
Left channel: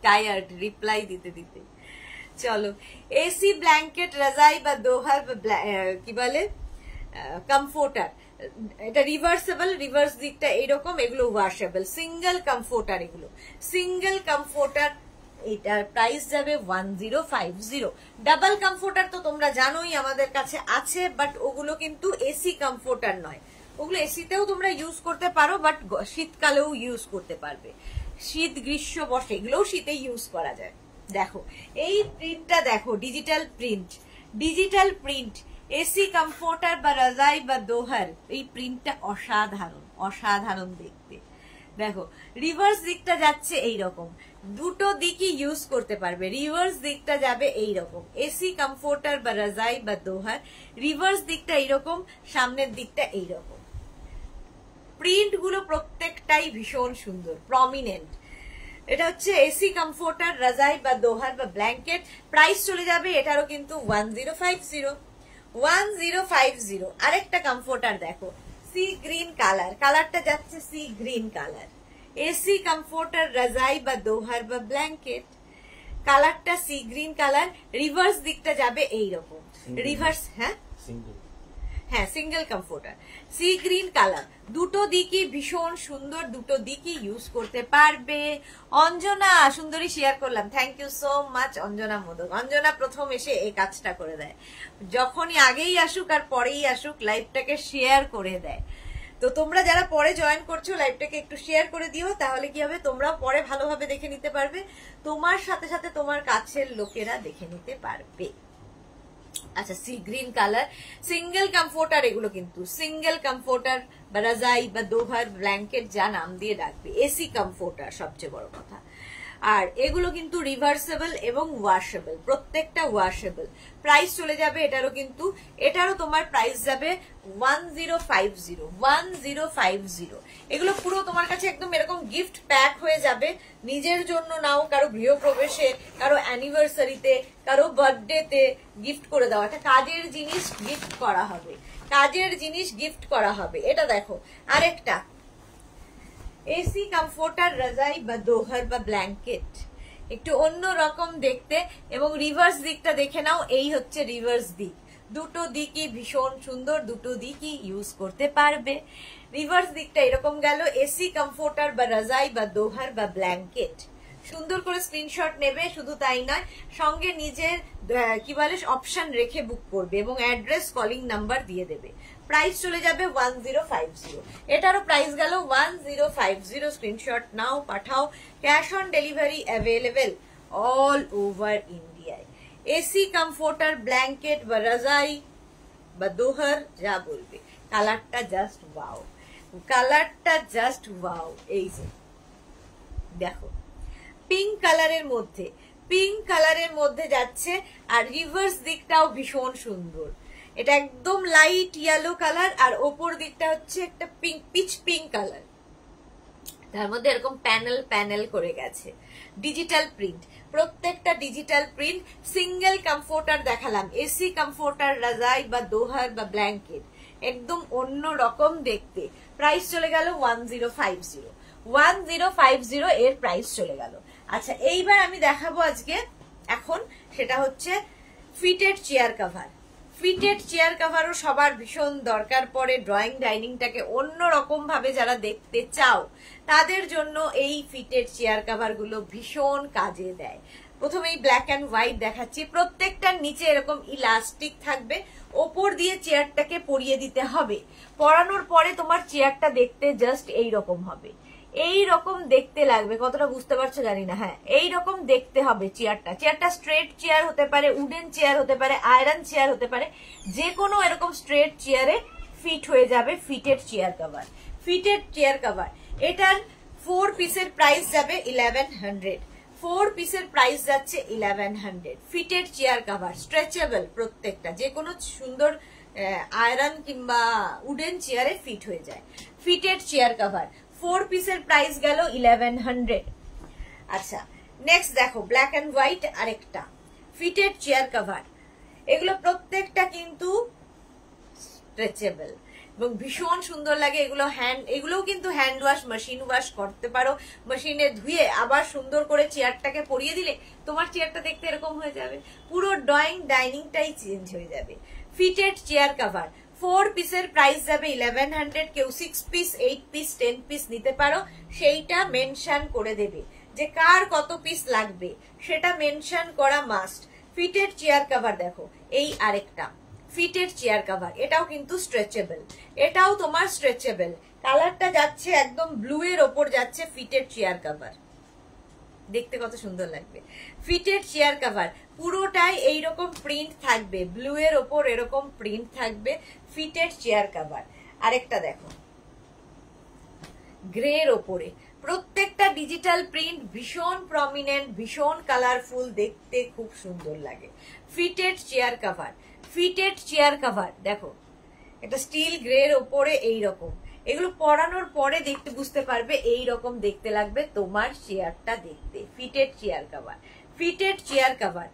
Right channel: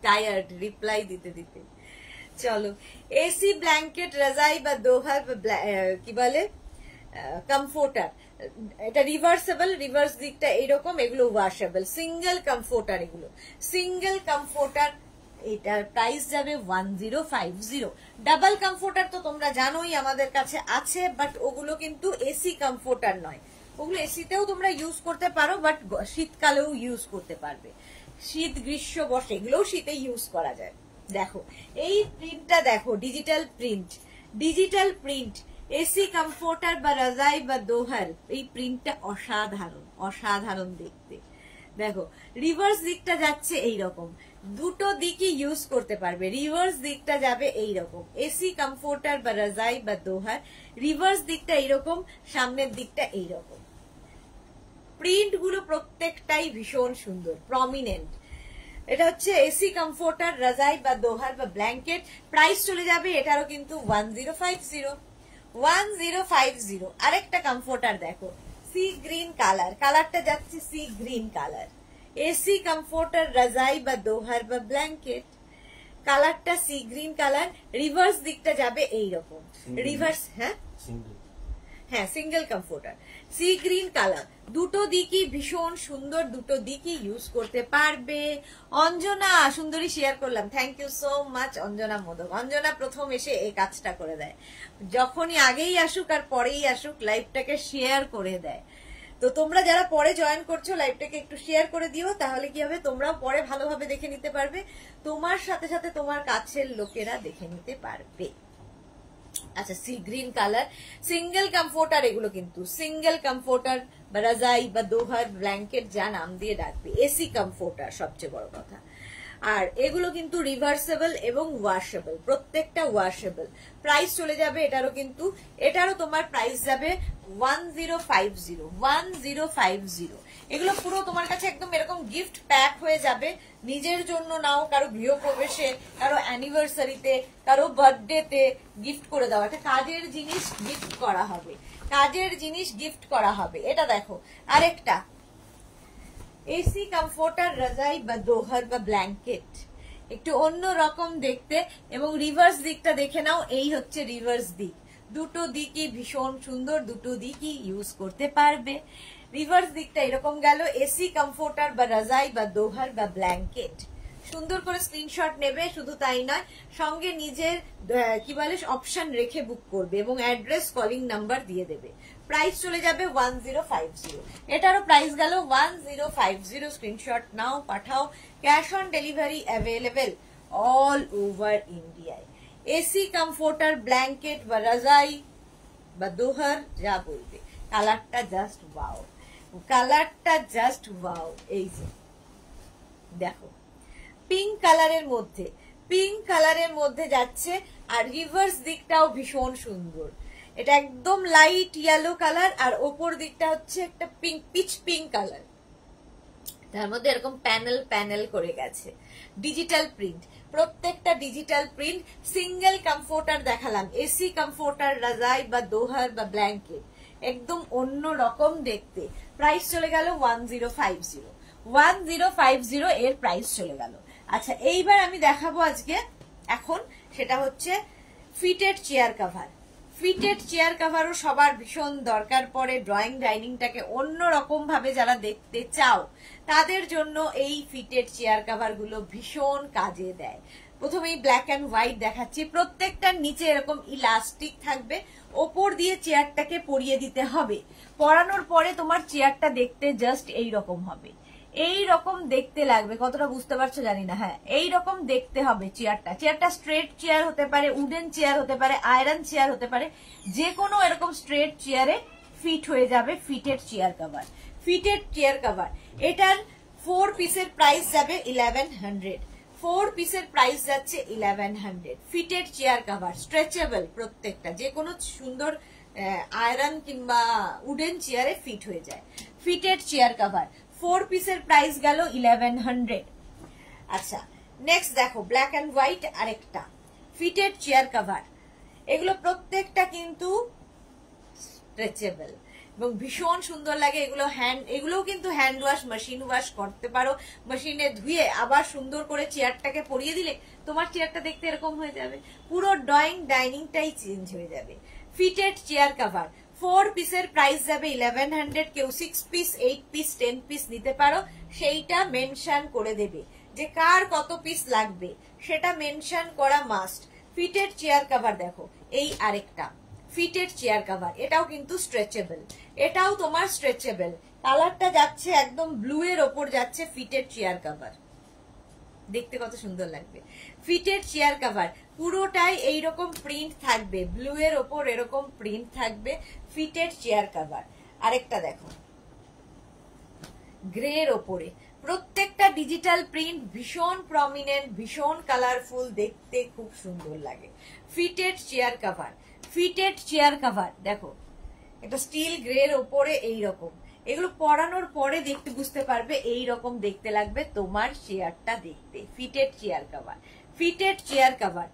টায়ার্ড রিপ্লাই দিতে দিতে। চলো, এসি ব্ল্যাঙ্কেট রাজাই বা দোহার কি বলে কমফোর্টার, এটা রিভার্সেবল, রিভার্স দিকটা এইরকম, এগুলো ওয়াশেবল। সিঙ্গেল কমফোর্টার, এগুলো সিঙ্গেল কমফোর্টার, এটার প্রাইস যাবে 1050। ডাবল কমফোর্টার তো তোমরা জানোই আমাদের কাছে আছে, বাট ওগুলো কিন্তু এসি কমফোর্টার নয়, ওগুলো এসিতেও তোমরা ইউজ করতে পারো, বাট শীতকালেও ইউজ করতে পারবে। শীত গ্রীষ্ম বর্ষা এগুলোও শীতে ইউজ করা যায়। দেখো এই প্রিন্টটা দেখো, digital print, digital print, AC comforter বা রাজাই বা দোহার, এই প্রিন্টটা অসাধারণ, অসাধারণ দেখতে। দেখো রিভার্স দিকটা যাচ্ছে এইরকম, দুটো দিকই ইউজ করতে পারবে। রিভার্স দিকটা যাবে এইরকম, এসি কমফোর্টার বা রাজাই বা দোহার, রিভার্স দিকটা এইরকম, সামনের দিকটা এইরকম। প্রিন্ট গুলো প্রত্যেকটাই ভীষণ সুন্দর, প্রমিনেন্ট। এটা হচ্ছে এসি কমফোর্টার রাজাই বা দোহার বা ব্ল্যাঙ্কেট। প্রাইস চলে যাবে এটারও কিন্তু 1050। 1050। আরেকটা কমফোর্টার দেখো, সি গ্রিন কালার, কালারটা যাচ্ছে sea green colour. AC comforter রাজাই বা দোহার বা ব্ল্যাঙ্কেট, কালারটা সি গ্রিন কালার, রিভার্স দিকটা যাবে এইরকম, রিভার্স, হ্যাঁ হ্যাঁ single comforter, C green colour. দুটো দিকই ভীষণ সুন্দর, দুটো দিকই ইউজ করতে পারবে। অঞ্জনা সুন্দরী শেয়ার করলাম, thank you so much Anjana Modak. Anjana প্রথম এসে এই কাজটা করে দেয়, যখনই আগেই আসুক আর পরেই আসুক লাইভটাকে শেয়ার করে দেয়। তো তোমরা যারা পরে জয়েন করছো লাইভটাকে একটু শেয়ার করে দিও, তাহলে কি হবে তোমরাও পরে ভালোভাবে দেখে নিতে পারবে, তোমার সাথে সাথে তোমার কাছের লোকেরা দেখে নিতে পারবে। আচ্ছা, C green colour, single comforter, এগুলো কিন্তু সিঙ্গেল কমফোর্টার বা রাজাই বা দোহার ব্ল্যাঙ্কেট, যা নাম দিয়ে ডাকবে, এসি কমফোর্টার সবচেয়ে বড় কথা। আর এগুলো কিন্তু রিভার্সেবল এবং ওয়াশেবল, প্রত্যেকটা ওয়াশেবল। প্রাইস চলে যাবে এটারও কিন্তু, এটারও তোমার প্রাইস যাবে 1050। 1050। এগুলো পুরো তোমার কাছে একদম এরকম গিফট প্যাক হয়ে যাবে, নিজের জন্য নাও, কারো গৃহপ্রবেশে, কারো অ্যানিভার্সারিতে, কারো বার্থডেতে গিফট করে দাও। একটা কাজের জিনিস গিফট করা হবে, কাজের জিনিস গিফট করা হবে। এটা দেখো আরেকটা এসি কমফোর্টার রাজাই বা দোহার বা ব্ল্যাঙ্কেট, একটু অন্য রকম দেখতে, এবং রিভার্স দিকটা দেখে নাও, এই হচ্ছে রিভার্স দিক। দুটো দিকই ভীষণ সুন্দর, দুটো দিকই ইউজ করতে পারবে। রিভার্স দিকটা এরকম গেল, এসি কমফোর্টার বা রাজাই বা দোহার বা ব্ল্যাঙ্কেট। সুন্দর করে স্ক্রিনশট নেবে, শুধু তাই নয় সঙ্গে নিজের কি বলে অপশন রেখে বুক করবে এবং অ্যাড্রেস কলিং নাম্বার দিয়ে দেবে। প্রাইস চলে যাবে 1050। এটারও প্রাইস গেল 1050। স্ক্রিনশট নাও, পাঠাও। Cash on delivery available all over ইন্ডিয়ায়। এসি কমফোর্টার ব্ল্যাঙ্কেট বা রাজাই বা দোহার, যা বলবে। কালারটা জাস্ট ওয়াও, কালারটা জাস্ট ওয়াও। এই যে দেখো পিঙ্ক কালারের মধ্যে, পিঙ্ক কালারের মধ্যে যাচ্ছে, আর রিভার্স দিকটাও ভীষণ সুন্দর। এটা একদম লাইট ইয়েলো কালার, আর ওপর দিকটা হচ্ছে একটা পিচ পিঙ্ক কালার, তার মধ্যে এরকম প্যানেল প্যানেল করে গেছে, ডিজিটাল প্রিন্ট, প্রত্যেকটা ডিজিটাল প্রিন্ট। সিঙ্গেল কমফোর্টার দেখালাম, এসি কমফোর্টার, রাজাই বা দোহার বা ব্ল্যাঙ্কেট, একদম অন্য রকম দেখতে। প্রাইস চলে গেল 1050, 1050 এর প্রাইস চলে গেল। আচ্ছা, এইবার আমি দেখাবো আজকে এখন, সেটা হচ্ছে fitted chair cover. Fitted chair কভারও সবার ভীষণ দরকার পড়ে, ড্রয়িং ডাইনিংটাকে অন্যরকম ভাবে যারা দেখতে চাও তাদের জন্য এই ফিটেড চেয়ার কভার গুলো ভীষণ কাজে দেয়। প্রথমেই ব্ল্যাক অ্যান্ড হোয়াইট দেখাচ্ছি, প্রত্যেকটার নিচে এরকম ইলাস্টিক থাকবে, ওপর দিয়ে চেয়ারটাকে পরিয়ে দিতে হবে। পরানোর পরে তোমার চেয়ারটা দেখতে জাস্ট এই রকম হবে, এই রকম দেখতে লাগবে, কতটা বুঝতে পারছো জানি না। হ্যাঁ, এই রকম দেখতে হবে চেয়ারটা। চেয়ারটা স্ট্রেট চেয়ার হতে পারে, উডেন চেয়ার হতে পারে, আয়রন চেয়ার হতে পারে, যে কোনো এরকম স্ট্রেট চেয়ারে ফিট হয়ে যাবে fitted chair cover. Fitted chair cover, এটার 4 পিসের প্রাইস যাবে 1100, 4 পিসের প্রাইস যাচ্ছে 1100। ফিটেড চেয়ার কভার, স্ট্রেচেবল, প্রত্যেকটা যে কোনো সুন্দর আয়রন কিংবা উডেন চেয়ারে ফিট হয়ে যায়। ফিটেড চেয়ার কভার 4 পিসের প্রাইস গেল 1100। আচ্ছা, নেক্সট দেখো ব্ল্যাক অ্যান্ড হোয়াইট আরেকটা ফিটেড চেয়ার কভার। এগুলো প্রত্যেকটা কিন্তু স্ট্রেচেবল এবং ভীষণ সুন্দর লাগে। এগুলোও কিন্তু হ্যান্ড ওয়াশ, মেশিন ওয়াশ করতে পারো, মেশিনে ধুয়ে আবার সুন্দর করে চেয়ারটাকে পরিয়ে দিলে তোমার চেয়ারটা দেখতে এরকম হয়ে যাবে, পুরো ড্রয়িং ডাইনিংটাই চেঞ্জ হয়ে যাবে। ফিটেড চেয়ার কভার 4 পিসের প্রাইস যাবে 1100। কেউ 6 পিস, 8 পিস, 10 পিস নিতে পারো, সেইটা মেনশন করে দেবে যে কার কত পিস লাগবে, সেটা মেনশন করা মাস্ট। ফিটেড চেয়ার কভার দেখো, এই আরেকটা ফিটেড চেয়ার কভার, এটাও কিন্তু স্ট্রেচেবল, এটাও তোমার স্ট্রেচেবল। কালারটা যাচ্ছে একদম ব্লু এর ওপর যাচ্ছে ফিটেড চেয়ার কভার, দেখতে কত সুন্দর লাগবে। ফিটেড চেয়ার কভার পুরোটাই এইরকম প্রিন্ট থাকবে, ব্লু এর ওপর এরকম প্রিন্ট থাকবে, ফিটেড চেয়ার কভার। আরেকটা দেখো গ্রে এর ওপরে, প্রত্যেকটা ডিজিটাল প্রিন্ট, ভীষণ প্রমিনেন্ট, ভীষণ কালারফুল, দেখতে খুব সুন্দর লাগে। Fitted chair cover, fitted chair cover দেখো, এটা স্টিল গ্রে এর ওপরে এইরকম, এগুলো পরানোর পরে দেখতে বুঝতে পারবে এইরকম দেখতে লাগবে তোমার চেয়ারটা দেখতে। Fitted chair cover, fitted chair cover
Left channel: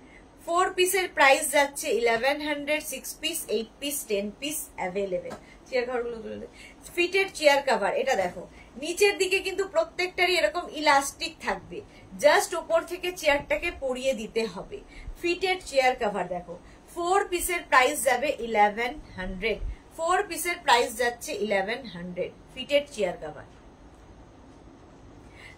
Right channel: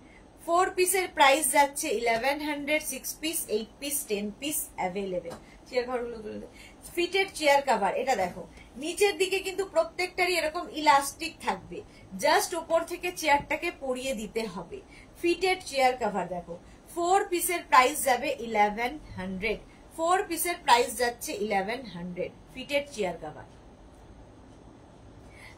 4 পিসের প্রাইস যাচ্ছে 1100, 6 piece, 8 piece, 10 piece available. Chair কভারগুলো ফিটেড চেয়ার কভার, এটা দেখো নিচের দিকে কিন্তু প্রত্যেকটারই এরকম ইলাস্টিক থাকবে, জাস্ট উপর থেকে চেয়ারটাকে পরিয়ে দিতে হবে। ফিটেড চেয়ার কভার দেখো 4 পিসের প্রাইস যাবে 1100, 4 পিসের প্রাইস যাচ্ছে 1100। Fitted chair cover,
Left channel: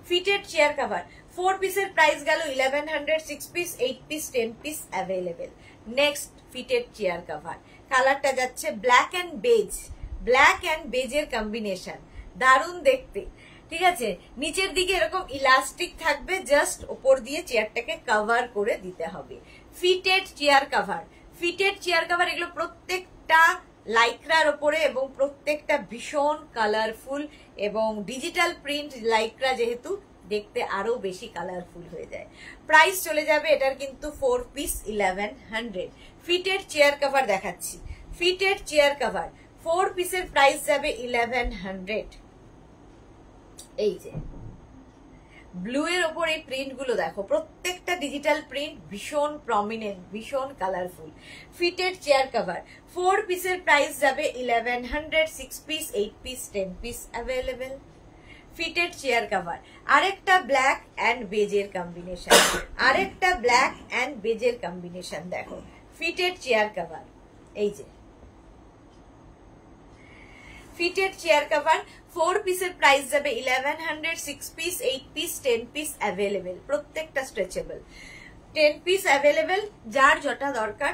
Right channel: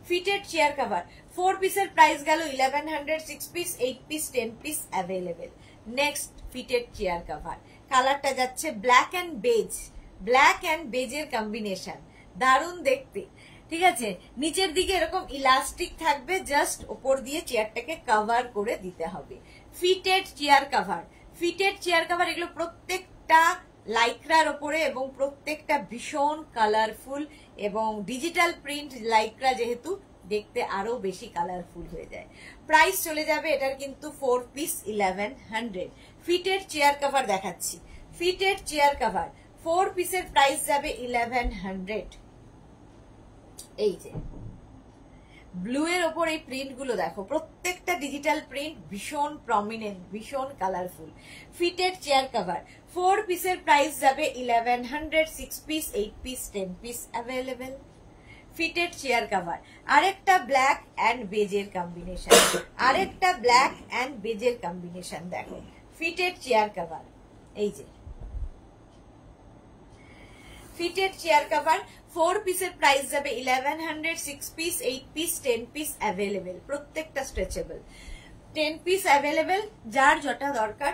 fitted chair cover 4 পিসের প্রাইস গেল 1100, 6 piece, 8 piece, 10 piece available. Next fitted chair cover, কালারটা যাচ্ছে black and beige, black and বেজের কম্বিনেশন, দারুণ দেখতে। ঠিক আছে, নিচের দিকে এরকম ইলাস্টিক থাকবে, জাস্ট উপর দিয়ে চেয়ারটাকে কভার করে দিতে হবে। Fitted chair cover, fitted chair cover এগুলো প্রত্যেকটা লাইক্রার ওপরে এবং প্রত্যেকটা ভীষণ কালারফুল এবং ডিজিটাল প্রিন্ট, লাইক্রা যেহেতু দেখতে আরো বেশি কালারফুল হয়ে যায়। প্রাইস চলে যাবে এটার কিন্তু 4 পিস 1100। ফিটেড চেয়ার কভার দেখাচ্ছি, ফিটেড চেয়ার কভার 4 পিসের প্রাইস যাবে 1100। এই যে ব্লু এর ওপর এই প্রিন্ট গুলো দেখো, প্রত্যেকটা ডিজিটাল প্রিন্ট, ভীষণ প্রমিনেন্ট, ভীষণ কালারফুল। ফিটেড চেয়ার কভার 4 পিসের প্রাইস যাবে 1100, 6 piece, 8 piece, 10 piece available. Fitted chair cover আরেকটা ব্ল্যাক অ্যান্ড বেজের কম্বিনেশন, আরেকটা ব্ল্যাক অ্যান্ড বেজের কম্বিনেশন দেখো, ফিটেড চেয়ার কভার। এই যে ফিটেড চেয়ার কভার 4 পিসের প্রাইস যাবে 1100, 6 পিস, 8 পিস, 10 পিস অ্যাভেলেবেল, প্রত্যেকটা স্ট্রেচেবল। 10 পিস অ্যাভেলেবেল, যার যেটা দরকার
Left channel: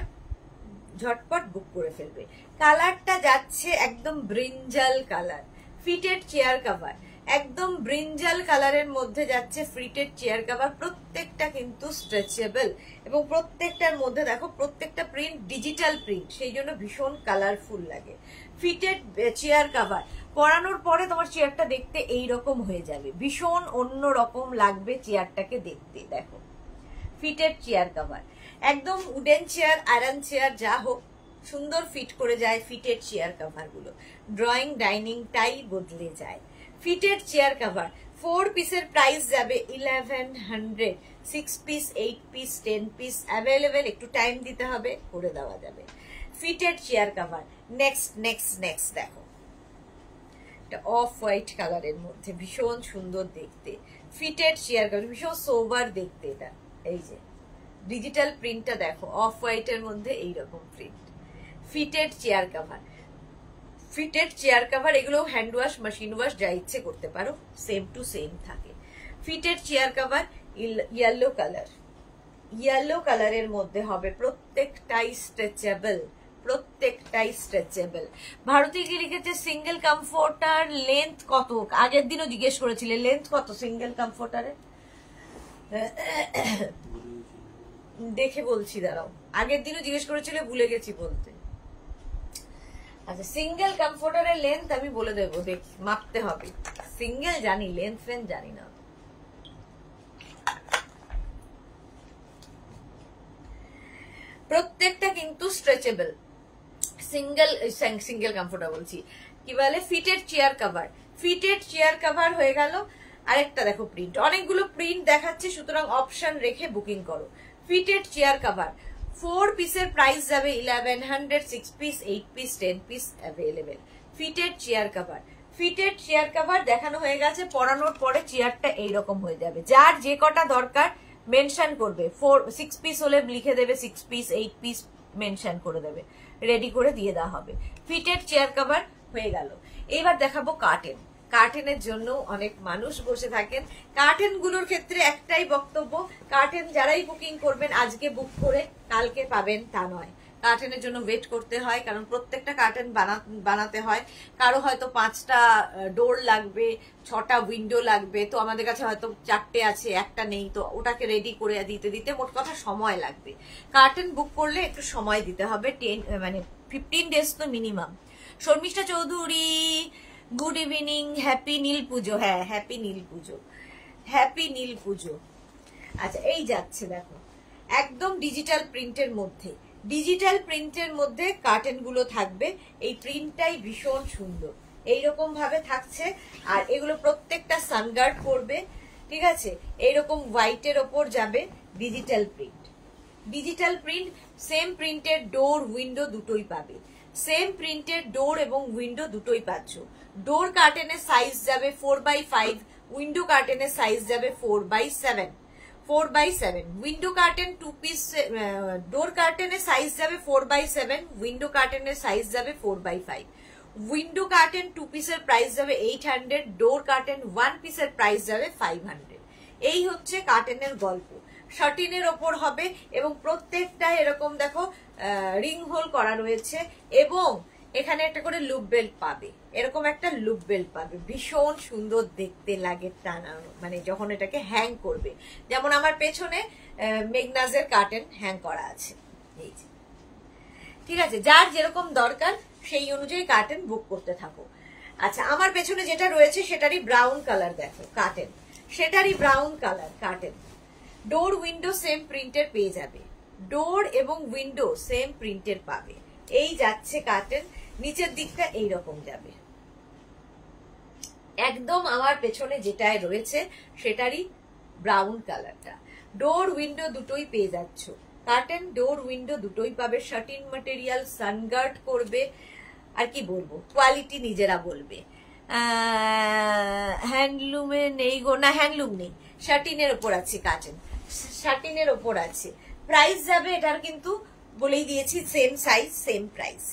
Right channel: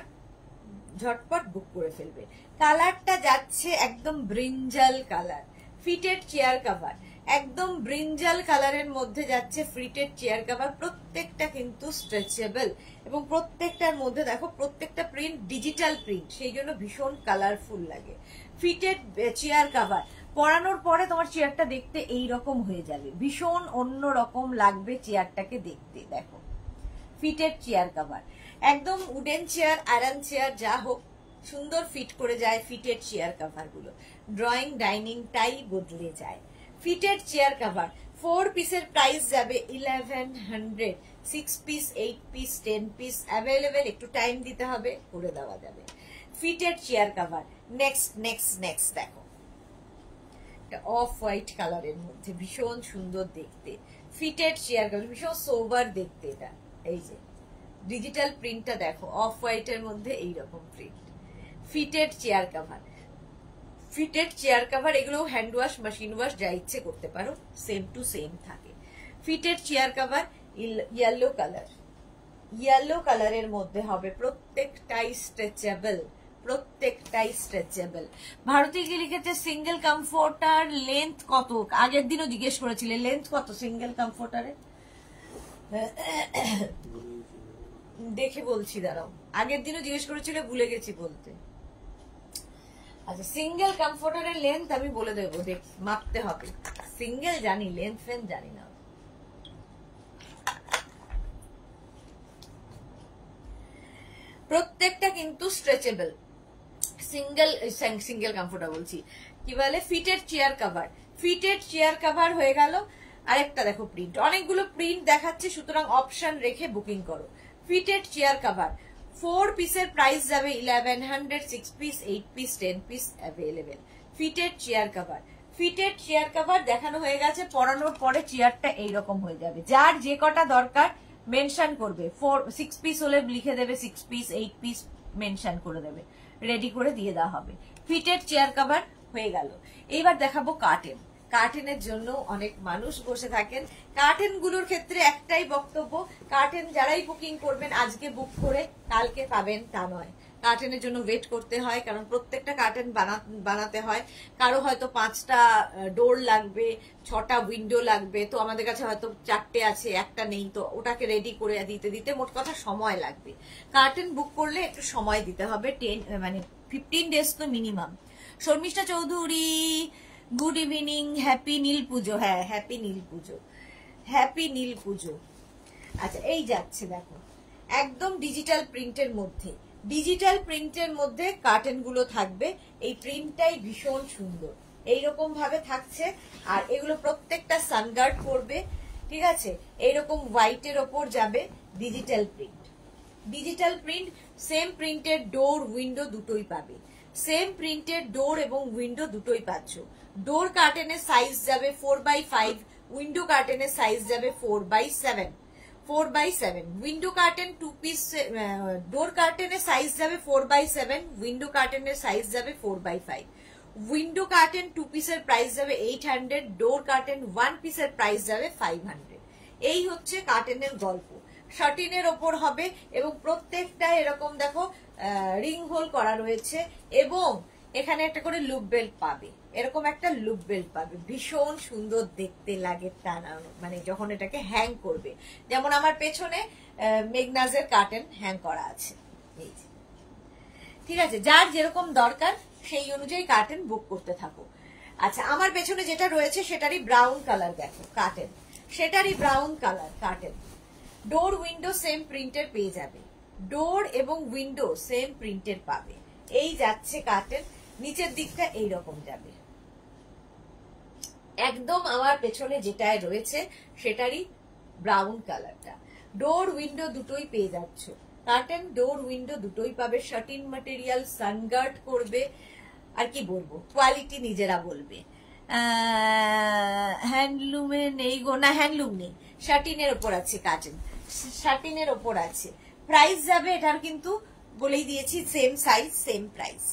ঝটপট বুক করে ফেলবে। কালারটা যাচ্ছে একদম brinjal colour, fitted chair cover একদম ব্রিঞ্জাল কালারের মধ্যে যাচ্ছে ফিটেড চেয়ার কভার, প্রত্যেকটা কিন্তু স্ট্রেচেবল এবং প্রত্যেকটার মধ্যে দেখো প্রত্যেকটা প্রিন্ট ডিজিটাল প্রিন্ট, সেই জন্য ভীষণ কালারফুল লাগে। ফিটেড চেয়ার কভার পরানোর পরে তোমার চেয়ারটা দেখতে এইরকম হয়ে যাবে, ভীষণ অন্য রকম লাগবে চেয়ারটাকে দেখতে। দেখো ফিটেড চেয়ার কভার একদম উডেন চেয়ার, আয়রন চেয়ার যা হোক সুন্দর ফিট করে যায় ফিটেড চেয়ার কভার গুলো, ড্রয়িং ডাইনিং টাই বদলে যায়। ফিটেড চেয়ার কভার 4 পিসের প্রাইস যাবে 1100, 6 পিস, 8 পিস, 10 পিস অ্যাভেলেবেল, একটু টাইম দিতে হবে, করে দেওয়া যাবে। Fitted chair cover. Next next next দেখো, অফ হোয়াইট কালারের মধ্যে ভীষণ সুন্দর দেখতে ফিটেড চেয়ার কভার, ভীষণ সোবার দেখতে। এটা এই যে ডিজিটাল প্রিন্টটা দেখো, অফ হোয়াইট এর মধ্যে এইরকম print. Fitted chair cover, fitted chair cover এগুলো হ্যান্ড ওয়াশ, মেশিন ওয়াশ যা ইচ্ছে করতে পারো, সেম টু সেম থাকে। Fitted chair cover yellow colour, yellow কালারের মধ্যে হবে, প্রত্যেকটাই স্ট্রেচেবল, প্রত্যেকটাই স্ট্রেচেবল। ভারতী কি লিখেছে সিঙ্গেল কমফোর্টার লেন্থ কত? আগের দিনও জিজ্ঞেস করেছিলে লেন্থ কত সিঙ্গেল কমফোর্টারের, দেখে বলছি দাঁড়াও, আগের দিনও জিজ্ঞেস করেছিলে, ভুলে গেছি বলতে। আচ্ছা সিঙ্গেল কমফোর্টারের লেন্থ আমি বলে দেবো, মাপতে হবে। সিঙ্গেল জানি, লেন্থ ফেন্থ জানি না। প্রত্যেকটা কিন্তু স্ট্রেচেবল। সিঙ্গেল কমফোর্টার বলছি, কি বলে fitted chair cover. Fitted chair cover হয়ে গেল। আরেকটা দেখো প্রিন্ট, অনেকগুলো প্রিন্ট দেখাচ্ছি, সুতরাং অপশন রেখে বুকিং করো। ফিটেড চেয়ার কভার 4 পিসের প্রাইস যাবে 1100, 6 piece, 8 piece, 10 piece available. Fitted chair cover, fitted chair cover দেখানো হয়ে গেছে। পরানোর পরে চেয়ারটা এইরকম হয়ে যাবে। যার যে কটা দরকার মেনশন করবে, 6 পিস হলে লিখে দেবে 6 পিস, 8 পিস মেনশন করে দেবে, রেডি করে দিয়ে দেওয়া হবে। ফিটেড চেয়ার কভার হয়ে গেল। এইবার দেখাবো কার্টেন। কার্টেনের জন্য অনেক মানুষ বসে থাকেন। কার্টেন গুলোর ক্ষেত্রে একটাই বক্তব্য, কার্টেন যারাই বুকিং করবেন আজকে বুক করে কালকে পাবেন তা নয়। কার্টেনের জন্য ওয়েট করতে হয়, কারণ প্রত্যেকটা কার্টেন বানাতে হয়। কারো হয়তো 5টা ডোর লাগবে, 6টা উইন্ডো লাগবে, তো আমাদের কাছে হয়তো 4টে আছে, একটা নেই, তো ওটাকে রেডি করে দিতে দিতে মোট কথা সময় লাগবে। কার্টেন বুক করলে একটু সময় দিতে হবে, 15 ডেজ তো minimum. Sharmistha Chowdhury good evening, happy Neel Puja. হ্যাঁ হ্যাপি নীল পুজো, হ্যাপি নীল পুজো। আচ্ছা এই যাচ্ছে দেখো, একদম ডিজিটাল প্রিন্টের মধ্যে, ডিজিটাল প্রিন্টের মধ্যে কার্টেন গুলো থাকবে। এই প্রিন্টটাই ভীষণ সুন্দর, এইরকম ভাবে থাকছে। আর এগুলো প্রত্যেকটা সানগার্ড করবে, ঠিক আছে। এইরকম হোয়াইটের ওপর যাবে digital print. Digital print, same প্রিন্টের ডোর উইন্ডো দুটোই পাবে, সেম প্রিন্টের ডোর এবং উইন্ডো দুটোই পাচ্ছ। ডোর কার্টেনের সাইজ যাবে 4x5, উইন্ডো কার্টেনের সাইজ যাবে 4x7, 4x7। Window curtain 2 piece, door কার্টেনের সাইজ যাবে 4x7, উইন্ডো কার্টেনের সাইজ যাবে 4x5। উইন্ডো কার্টেন 2 পিসের প্রাইস যাবে 800, ডোর কার্টেন 1 পিসের প্রাইস যাবে 500। এই হচ্ছে কার্টেনের গল্প। শার্টিনের ওপর হবে এবং প্রত্যেকটা এরকম দেখো রিং হোল করা রয়েছে, এবং এখানে একটা করে লুপ বেল্ট পাবে, এরকম একটা লুপ বেল্ট পাবে। ভীষণ সুন্দর দেখতে লাগে টানানো, মানে যখন এটাকে হ্যাং করবে। যেমন আমার পেছনে মেগনাজের কার্টেন হ্যাং করা আছে, এই যে, ঠিক আছে। যার যেরকম দরকার সেই অনুযায়ী কার্টেন বুক করতে থাকো। আচ্ছা আমার পেছনে যেটা রয়েছে সেটারই ব্রাউন কালার দেখো কার্টেন, সেটারই ব্রাউন কালার কার্টেন। ডোর উইন্ডো সেম প্রিন্টের পেয়ে যাবে, ডোর এবং উইন্ডো সেম প্রিন্টের পাবে। এই যাচ্ছে কার্টেন, নিচের দিকটা এইরকম যাবে, একদম আমার পেছনে যেটায় রয়েছে সেটারই ব্রাউন কালারটা। ডোর উইন্ডো দুটোই পেয়ে যাচ্ছ, কার্টেন ডোর উইন্ডো দুটোই পাবে। শার্টিন ম্যাটেরিয়াল, সানগার্ড করবে, আর কি বলবো, কোয়ালিটি নিজেরা বলবে। হ্যান্ডলুমে নেই গো, না হ্যান্ডলুম নেই, শার্টিনের ওপর আছে কার্টেন, শার্টিনের ওপর আছে। প্রাইস যাবে এটার কিন্তু বলেই দিয়েছি, সেম সাইজ সেম প্রাইস।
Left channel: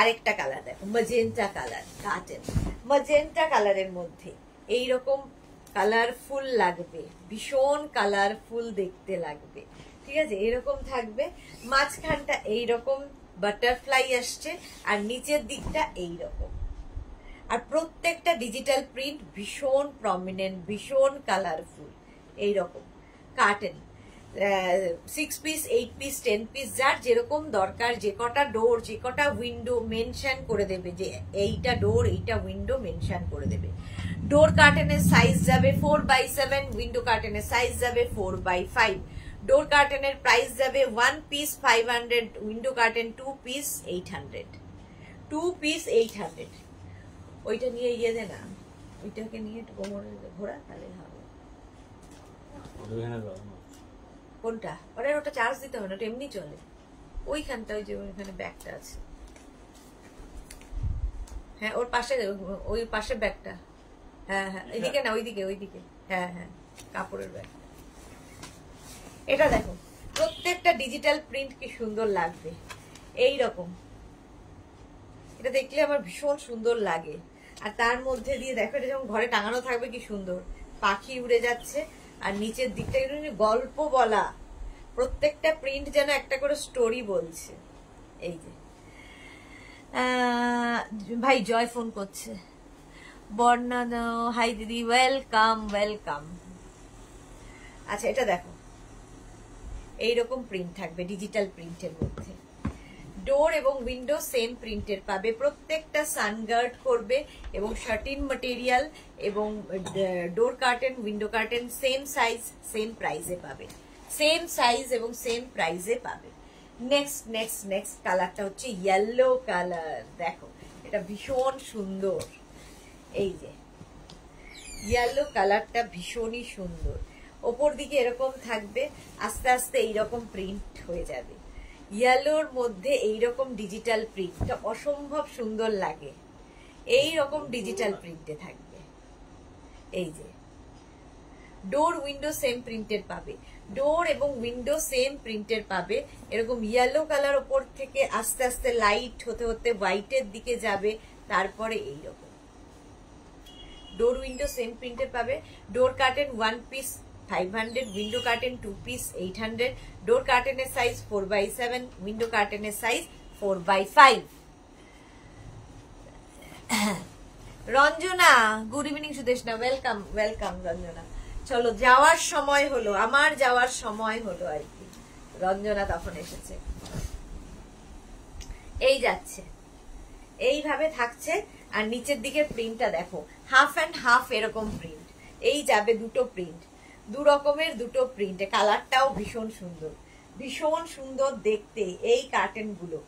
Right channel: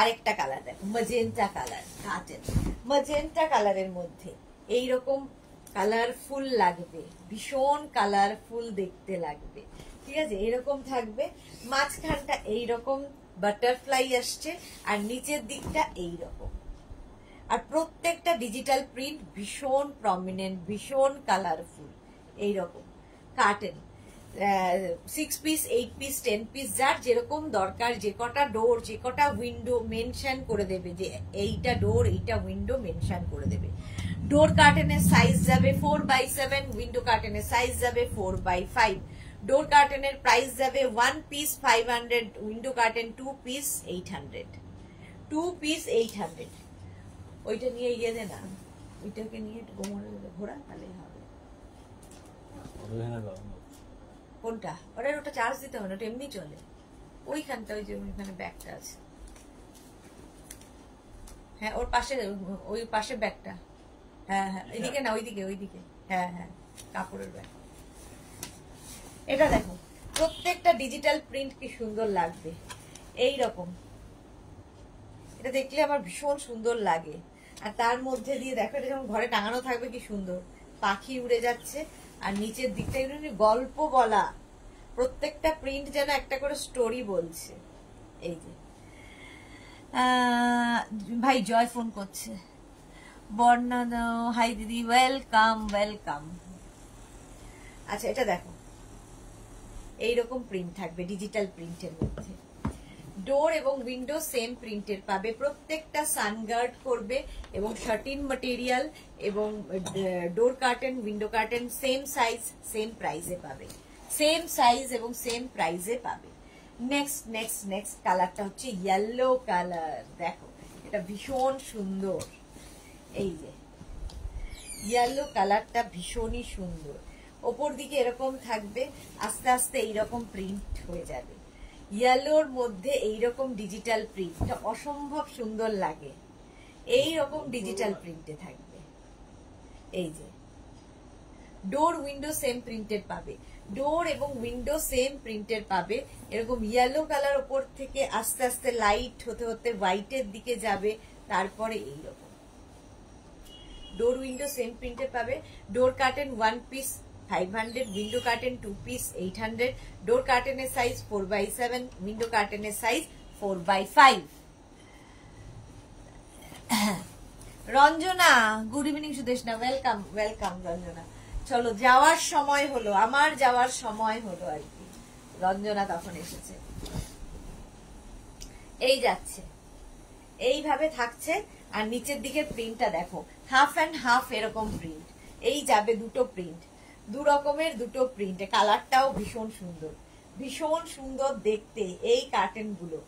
আরেকটা কালার দেখো, ম্যাজেন্টা কালার কার্টেন, ম্যাজেন্টা কালারের মধ্যে এইরকম কালারফুল লাগবে, ভীষণ কালারফুল দেখতে লাগবে, ঠিক আছে। এরকম থাকবে, মাঝখানটা এইরকম বাটারফ্লাই আসছে, আর নিচের দিকটা এইরকম। আর প্রত্যেকটা ডিজিটাল প্রিন্ট ভীষণ প্রমিনেন্ট, ভীষণ কালারফুল। এইরকম কার্টেন 6 পিস, 8 পিস, 10 পিস, যার যেরকম দরকার, যে কটা ডোর, যে কটা উইন্ডো মেনশন করে দেবে, যে এইটা ডোর এইটা উইন্ডো মেনশন করে দেবে। ডোর কার্টেনের সাইজ যাবে 4x7, উইন্ডো কার্টেনের সাইজ যাবে 4x5। ডোর কার্টেনের প্রাইস যাবে 1 piece 500, window curtain 2 piece 800, 2 piece 800। ওইটা নিয়ে ইয়ে দে না, ওইটাকে নিয়ে একটু কোমরে ঘোরা, তাহলে হবে। কোনটা? ওটা চার্জ দিতে হবে না, ওটা এমনি চলে। ওইখানটা, ওই যে ওইখানে ব্যাগটা আছে, হ্যাঁ ওর পাশে, ওই পাশে ব্যাগটা, হ্যাঁ হ্যাঁ এদিকে না, ওইদিকে ওইদিকে, হ্যাঁ হ্যাঁ কাপড়ের ব্যাগ। এটা দেখো, প্রত্যেকটা ডিজিটাল প্রিন্ট কি সুন্দর লাগবে, এই রকম। এটা দেখলে আমার ভীষণ সুন্দর লাগে। আর তার মধ্যে দিয়ে দেখো, এটা যেমন ঘরে টাঙানো থাকবে, কি সুন্দর পাখি উড়ে যাচ্ছে। আর নিচের দিকটা গল্প বলা, প্রত্যেকটা প্রিন্ট যেন একটা করে স্টোরি বলছে। এই যে ভাই জয় ফোন করছে, বর্ণা হাই দিদি, ওয়েলকাম ওয়েলকাম। আচ্ছা এটা দেখো, এইরকম প্রিন্ট থাকবে ডিজিটাল প্রিন্টের মধ্যে। ডোর এবং উইন্ডো সেম প্রিন্টের পাবে, প্রত্যেকটা সানগার্ড করবে এবং শার্টিন ম্যাটেরিয়াল এবং door curtain window curtain same size same প্রাইসে পাবে, সেম সাইজ এবং সেম প্রাইসে পাবে। নেক্সট নেক্সট নেক্সট কালারটা হচ্ছে ইয়েলো কালার। দেখো এটা ভীষণ সুন্দর, এই যে ইয়েলো কালারটা ভীষণই সুন্দর। ওপর দিকে এরকম থাকবে, আস্তে আস্তে এইরকম প্রিন্ট হয়ে যাবে। ইয়েলোর মধ্যে এইরকম ডিজিটাল প্রিন্টটা অসম্ভব সুন্দর লাগে, এই রকম ডিজিটাল প্রিন্টে থাকবে। এই যে ডোর উইন্ডো সেম প্রিন্টের পাবে, ডোর এবং উইন্ডো সেম প্রিন্টের পাবে। এরকম ইয়েলো কালার ওপর থেকে আস্তে আস্তে লাইট হতে হতে হোয়াইটের দিকে যাবে, তারপরে এইরকম ডোর উইন্ডো সেম প্রিন্টের পাবে। Door curtain 1 piece 500, window curtain 2 piece 800, door কার্টেনের সাইজ 4x7, উইন্ডো কার্টেনের size 4x5। Ranjana good evening, Sudeshna welcome welcome. Ranjana চলো, যাওয়ার সময় হলো, আমার যাওয়ার সময় হলো আর কি। রঞ্জনা তখন এসেছে, এই যাচ্ছে, এইভাবে থাকছে। আর নিচের দিকে প্রিন্টটা দেখো, হাফ অ্যান্ড হাফ এরকম প্রিন্ট। এই যাবে দুটো প্রিন্ট, দু রকমের দুটো প্রিন্টে। কালারটাও ভীষণ সুন্দর, ভীষণ সুন্দর দেখতে এই কার্টেন গুলো।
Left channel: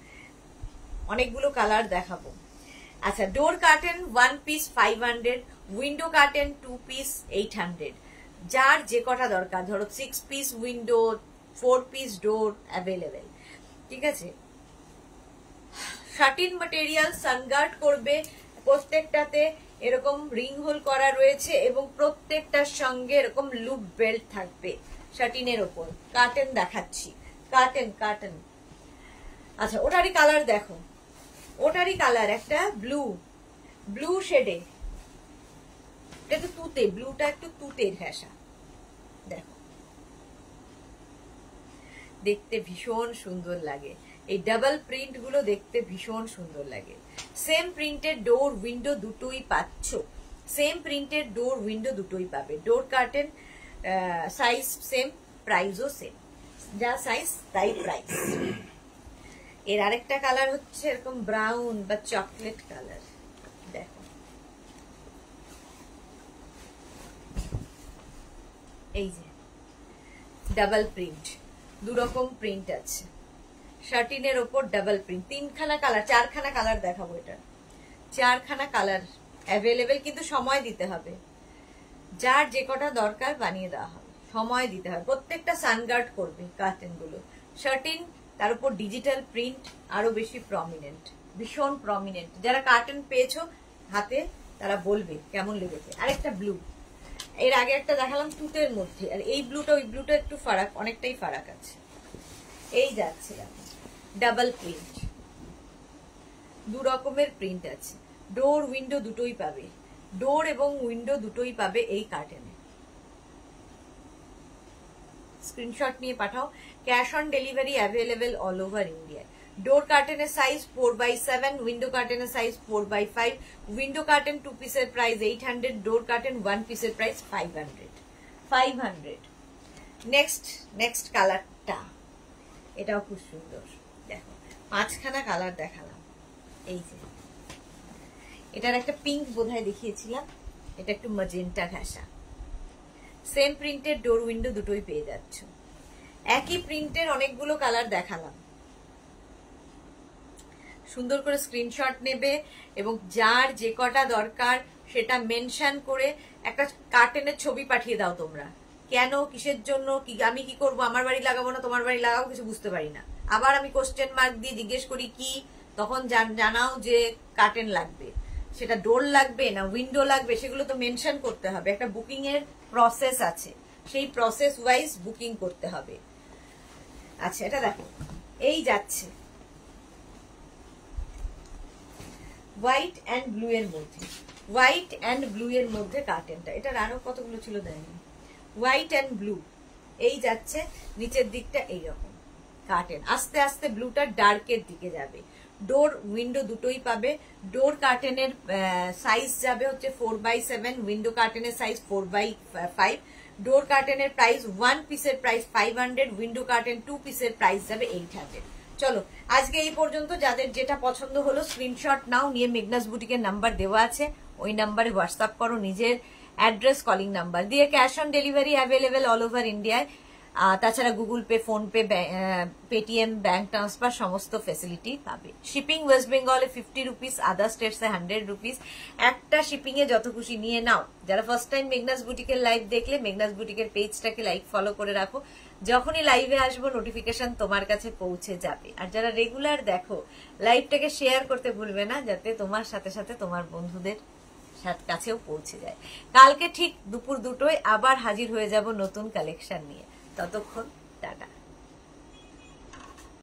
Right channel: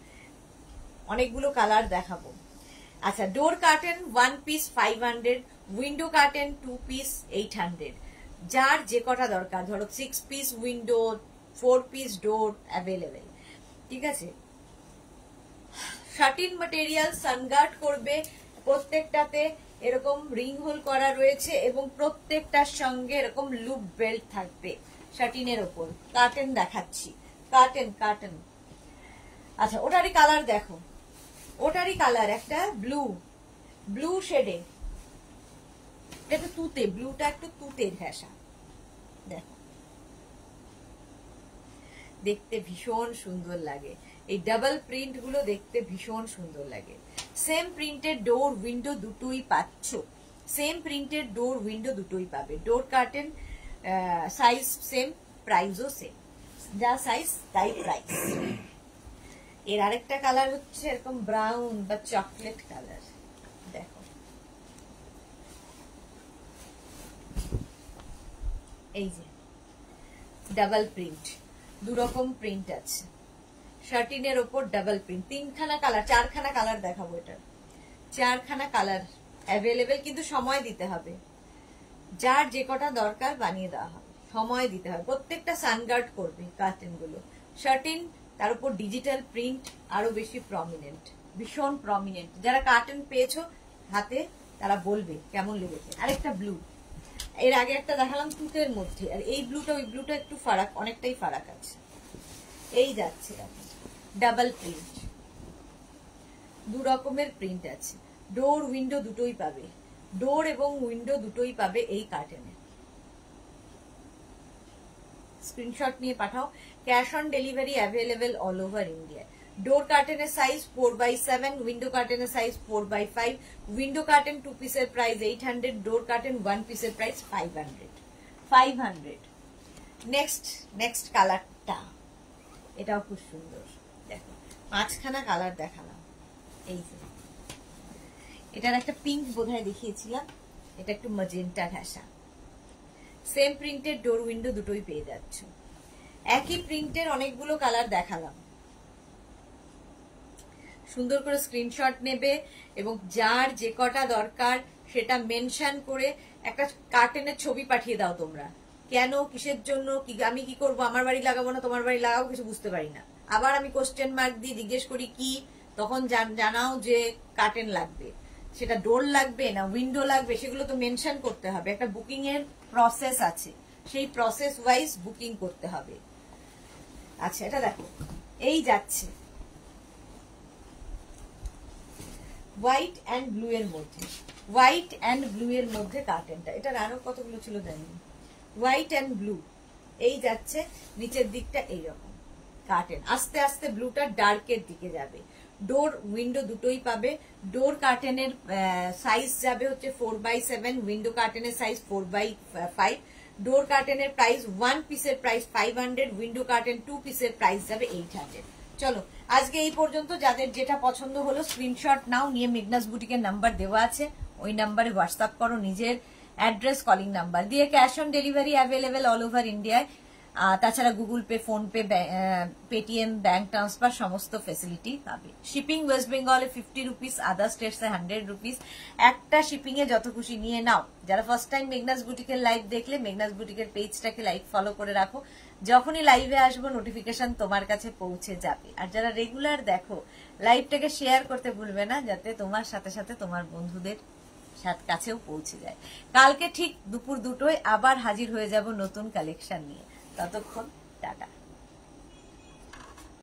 অনেকগুলো কালার দেখাবো। আচ্ছা, door curtain 1 piece 500, window curtain 2 piece 800। যার যে কটা দরকার, ধরো 6 piece window, 4 piece door available, ঠিক আছে। শার্টিন ম্যাটেরিয়াল সানগার্ড করবে, প্রত্যেকটাতে এরকম রিং হোল করা রয়েছে এবং প্রত্যেকটার সঙ্গে এরকম লুপ বেল্ট থাকবে শার্টিনের ওপর। কার্টেন দেখাচ্ছি, কার্টেন কার্টেন। আচ্ছা ওটারই কালার দেখো, ওটারই কালার একটা ব্লু, ব্লু শেডে, এটা একটু তুতে, ব্লুটা একটু তুতের ঘেঁষা। দেখো দেখতে ভীষণ সুন্দর লাগে, এই ডাবল প্রিন্ট গুলো দেখতে ভীষণ সুন্দর লাগে। সেম প্রিন্টের ডোর উইন্ডো দুটোই পাচ্ছ, সেম প্রিন্টের ডোর উইন্ডো দুটোই পাবে। ডোর কার্টেন সাইজ সেম, প্রাইসও সেম, যা সাইজ তাই প্রাইস। এর আরেকটা কালার হচ্ছে এরকম ব্রাউন বা চকলেট কালার। দেখো এই যে ডাবল প্রিন্ট, দু রকম প্রিন্ট আছে শার্টিনের ওপর, ডাবল প্রিন্ট। তিনখানা কালার, চারখানা কালার দেখাবো। এটা চারখানা কালার অ্যাভেলেবেল, কিন্তু সময় দিতে হবে। যার যে কটা দরকার বানিয়ে দেওয়া হবে, সময় দিতে হবে। প্রত্যেকটা সানগার্ড করবে কার্টেন গুলো। শার্টিন, তার উপর ডিজিটাল প্রিন্ট আরো বেশি প্রমিনেন্ট, ভীষণ প্রমিনেন্ট। যারা কার্টেন পেয়েছো হাতে তারা বলবে কেমন লেগেছে। আরেকটা ব্লু, এর আগে একটা দেখালাম তুতের মধ্যে, আর এই ব্লুটা ওই ব্লুটা একটু ফারাক, অনেকটাই ফারাক আছে। এই যাচ্ছে দেখো ডাবল প্রিন্ট, দু রকমের প্রিন্ট আছে। ডোর উইন্ডো দুটোই পাবে, ডোর এবং উইন্ডো দুটোই পাবে এই কার্টেনে। স্ক্রিনশট নিয়ে পাঠাও। Cash on delivery available all over India. Door কার্টেনের সাইজ 4x7, উইন্ডো কার্টেনের সাইজ 4x5। উইন্ডো কার্টেন 2 পিসের প্রাইস 800, ডোর কার্টেন 1 পিসের প্রাইস 500। নেক্সট নেক্সট কালারটা, এটাও খুব সুন্দর। দেখো পাঁচখানা কালার দেখালাম। এই যে এটার একটা পিঙ্ক বোধহয় দেখিয়েছিলাম, এটা একটু ম্যাজেন্টা ঘেঁষা। সেম প্রিন্টের ডোর উইন্ডো দুটোই পেয়ে যাচ্ছ। একই প্রিন্টের অনেকগুলো কালার দেখালাম, সুন্দর করে স্ক্রিনশট নেবে এবং যার যে কটা দরকার সেটা মেনশন করে একটা কার্টেনের ছবি পাঠিয়ে দাও তোমরা। কেন, কিসের জন্য, কি আমি কি করবো, আমার বাড়ি লাগাবো না তোমার বাড়ি লাগাবো, কিছু বুঝতে পারি না। আবার আমি কোশ্চেন মার্ক দিয়ে জিজ্ঞেস করি কি, তখন জানাও যে কার্টেন লাগবে, সেটা ডোর লাগবে না উইন্ডো লাগবে, সেগুলো তো মেনশন করতে হবে। একটা বুকিং এর প্রসেস আছে, সেই প্রসেস ওয়াইজ বুকিং করতে হবে। আচ্ছা এটা দেখো, এই যাচ্ছে হোয়াইট অ্যান্ড ব্লু এর মধ্যে, হোয়াইট অ্যান্ড ব্লু এর মধ্যে কার্টেনটা, এটা আরো কতগুলো ছিল জানি, হোয়াইট অ্যান্ড ব্লু, এই যাচ্ছে নিচের দিকটা এইরকম কার্টেন, আস্তে আস্তে ব্লুটা ডার্কের দিকে যাবে। ডোর উইন্ডো দুটোই পাবে। ডোর কার্টেনের সাইজ যাবে হচ্ছে 4x7, উইন্ডো কার্টেনের সাইজ 4x5। ডোর কার্টেনের প্রাইস 1 পিসের প্রাইস 500, উইন্ডো কার্টেন 2 পিসের প্রাইস যাবে 800। চলো আজকে এই পর্যন্ত। যাদের যেটা পছন্দ হলো স্ক্রিনশট নাও, নিয়ে মেঘনাস বুটিকের নাম্বার দেওয়া আছে, ওই নাম্বারে হোয়াটসঅ্যাপ করো নিজের অ্যাড্রেস, কলিং নাম্বার দিয়ে। Cash on delivery available all over ইন্ডিয়ায়। তাছাড়া Google pay, phone pay, Paytm, bank transfer সমস্ত ফেসিলিটি পাবে। শিপিং ওয়েস্ট বেঙ্গলে 50 রুপিস, আদার স্টেটসে 100 রুপিস। একটা শিপিং এ যত খুশি নিয়ে নাও। যারা ফার্স্ট টাইম মেঘনাস বুটিকের লাইভ দেখলে, মেঘনাস বুটিকের পেজটাকে লাইক ফলো করে রাখো, যখনই লাইভে আসবো নোটিফিকেশন তোমার কাছে পৌঁছে যাবে। আর যারা রেগুলার দেখো, লাইভটাকে শেয়ার করতে ভুলবে না, যাতে তোমার সাথে সাথে তোমার বন্ধুদের কাছেও পৌঁছে যায়। কালকে ঠিক দুপুর 2টোয় আবার হাজির হয়ে যাব নতুন কালেকশন নিয়ে। ততক্ষণ টাটা।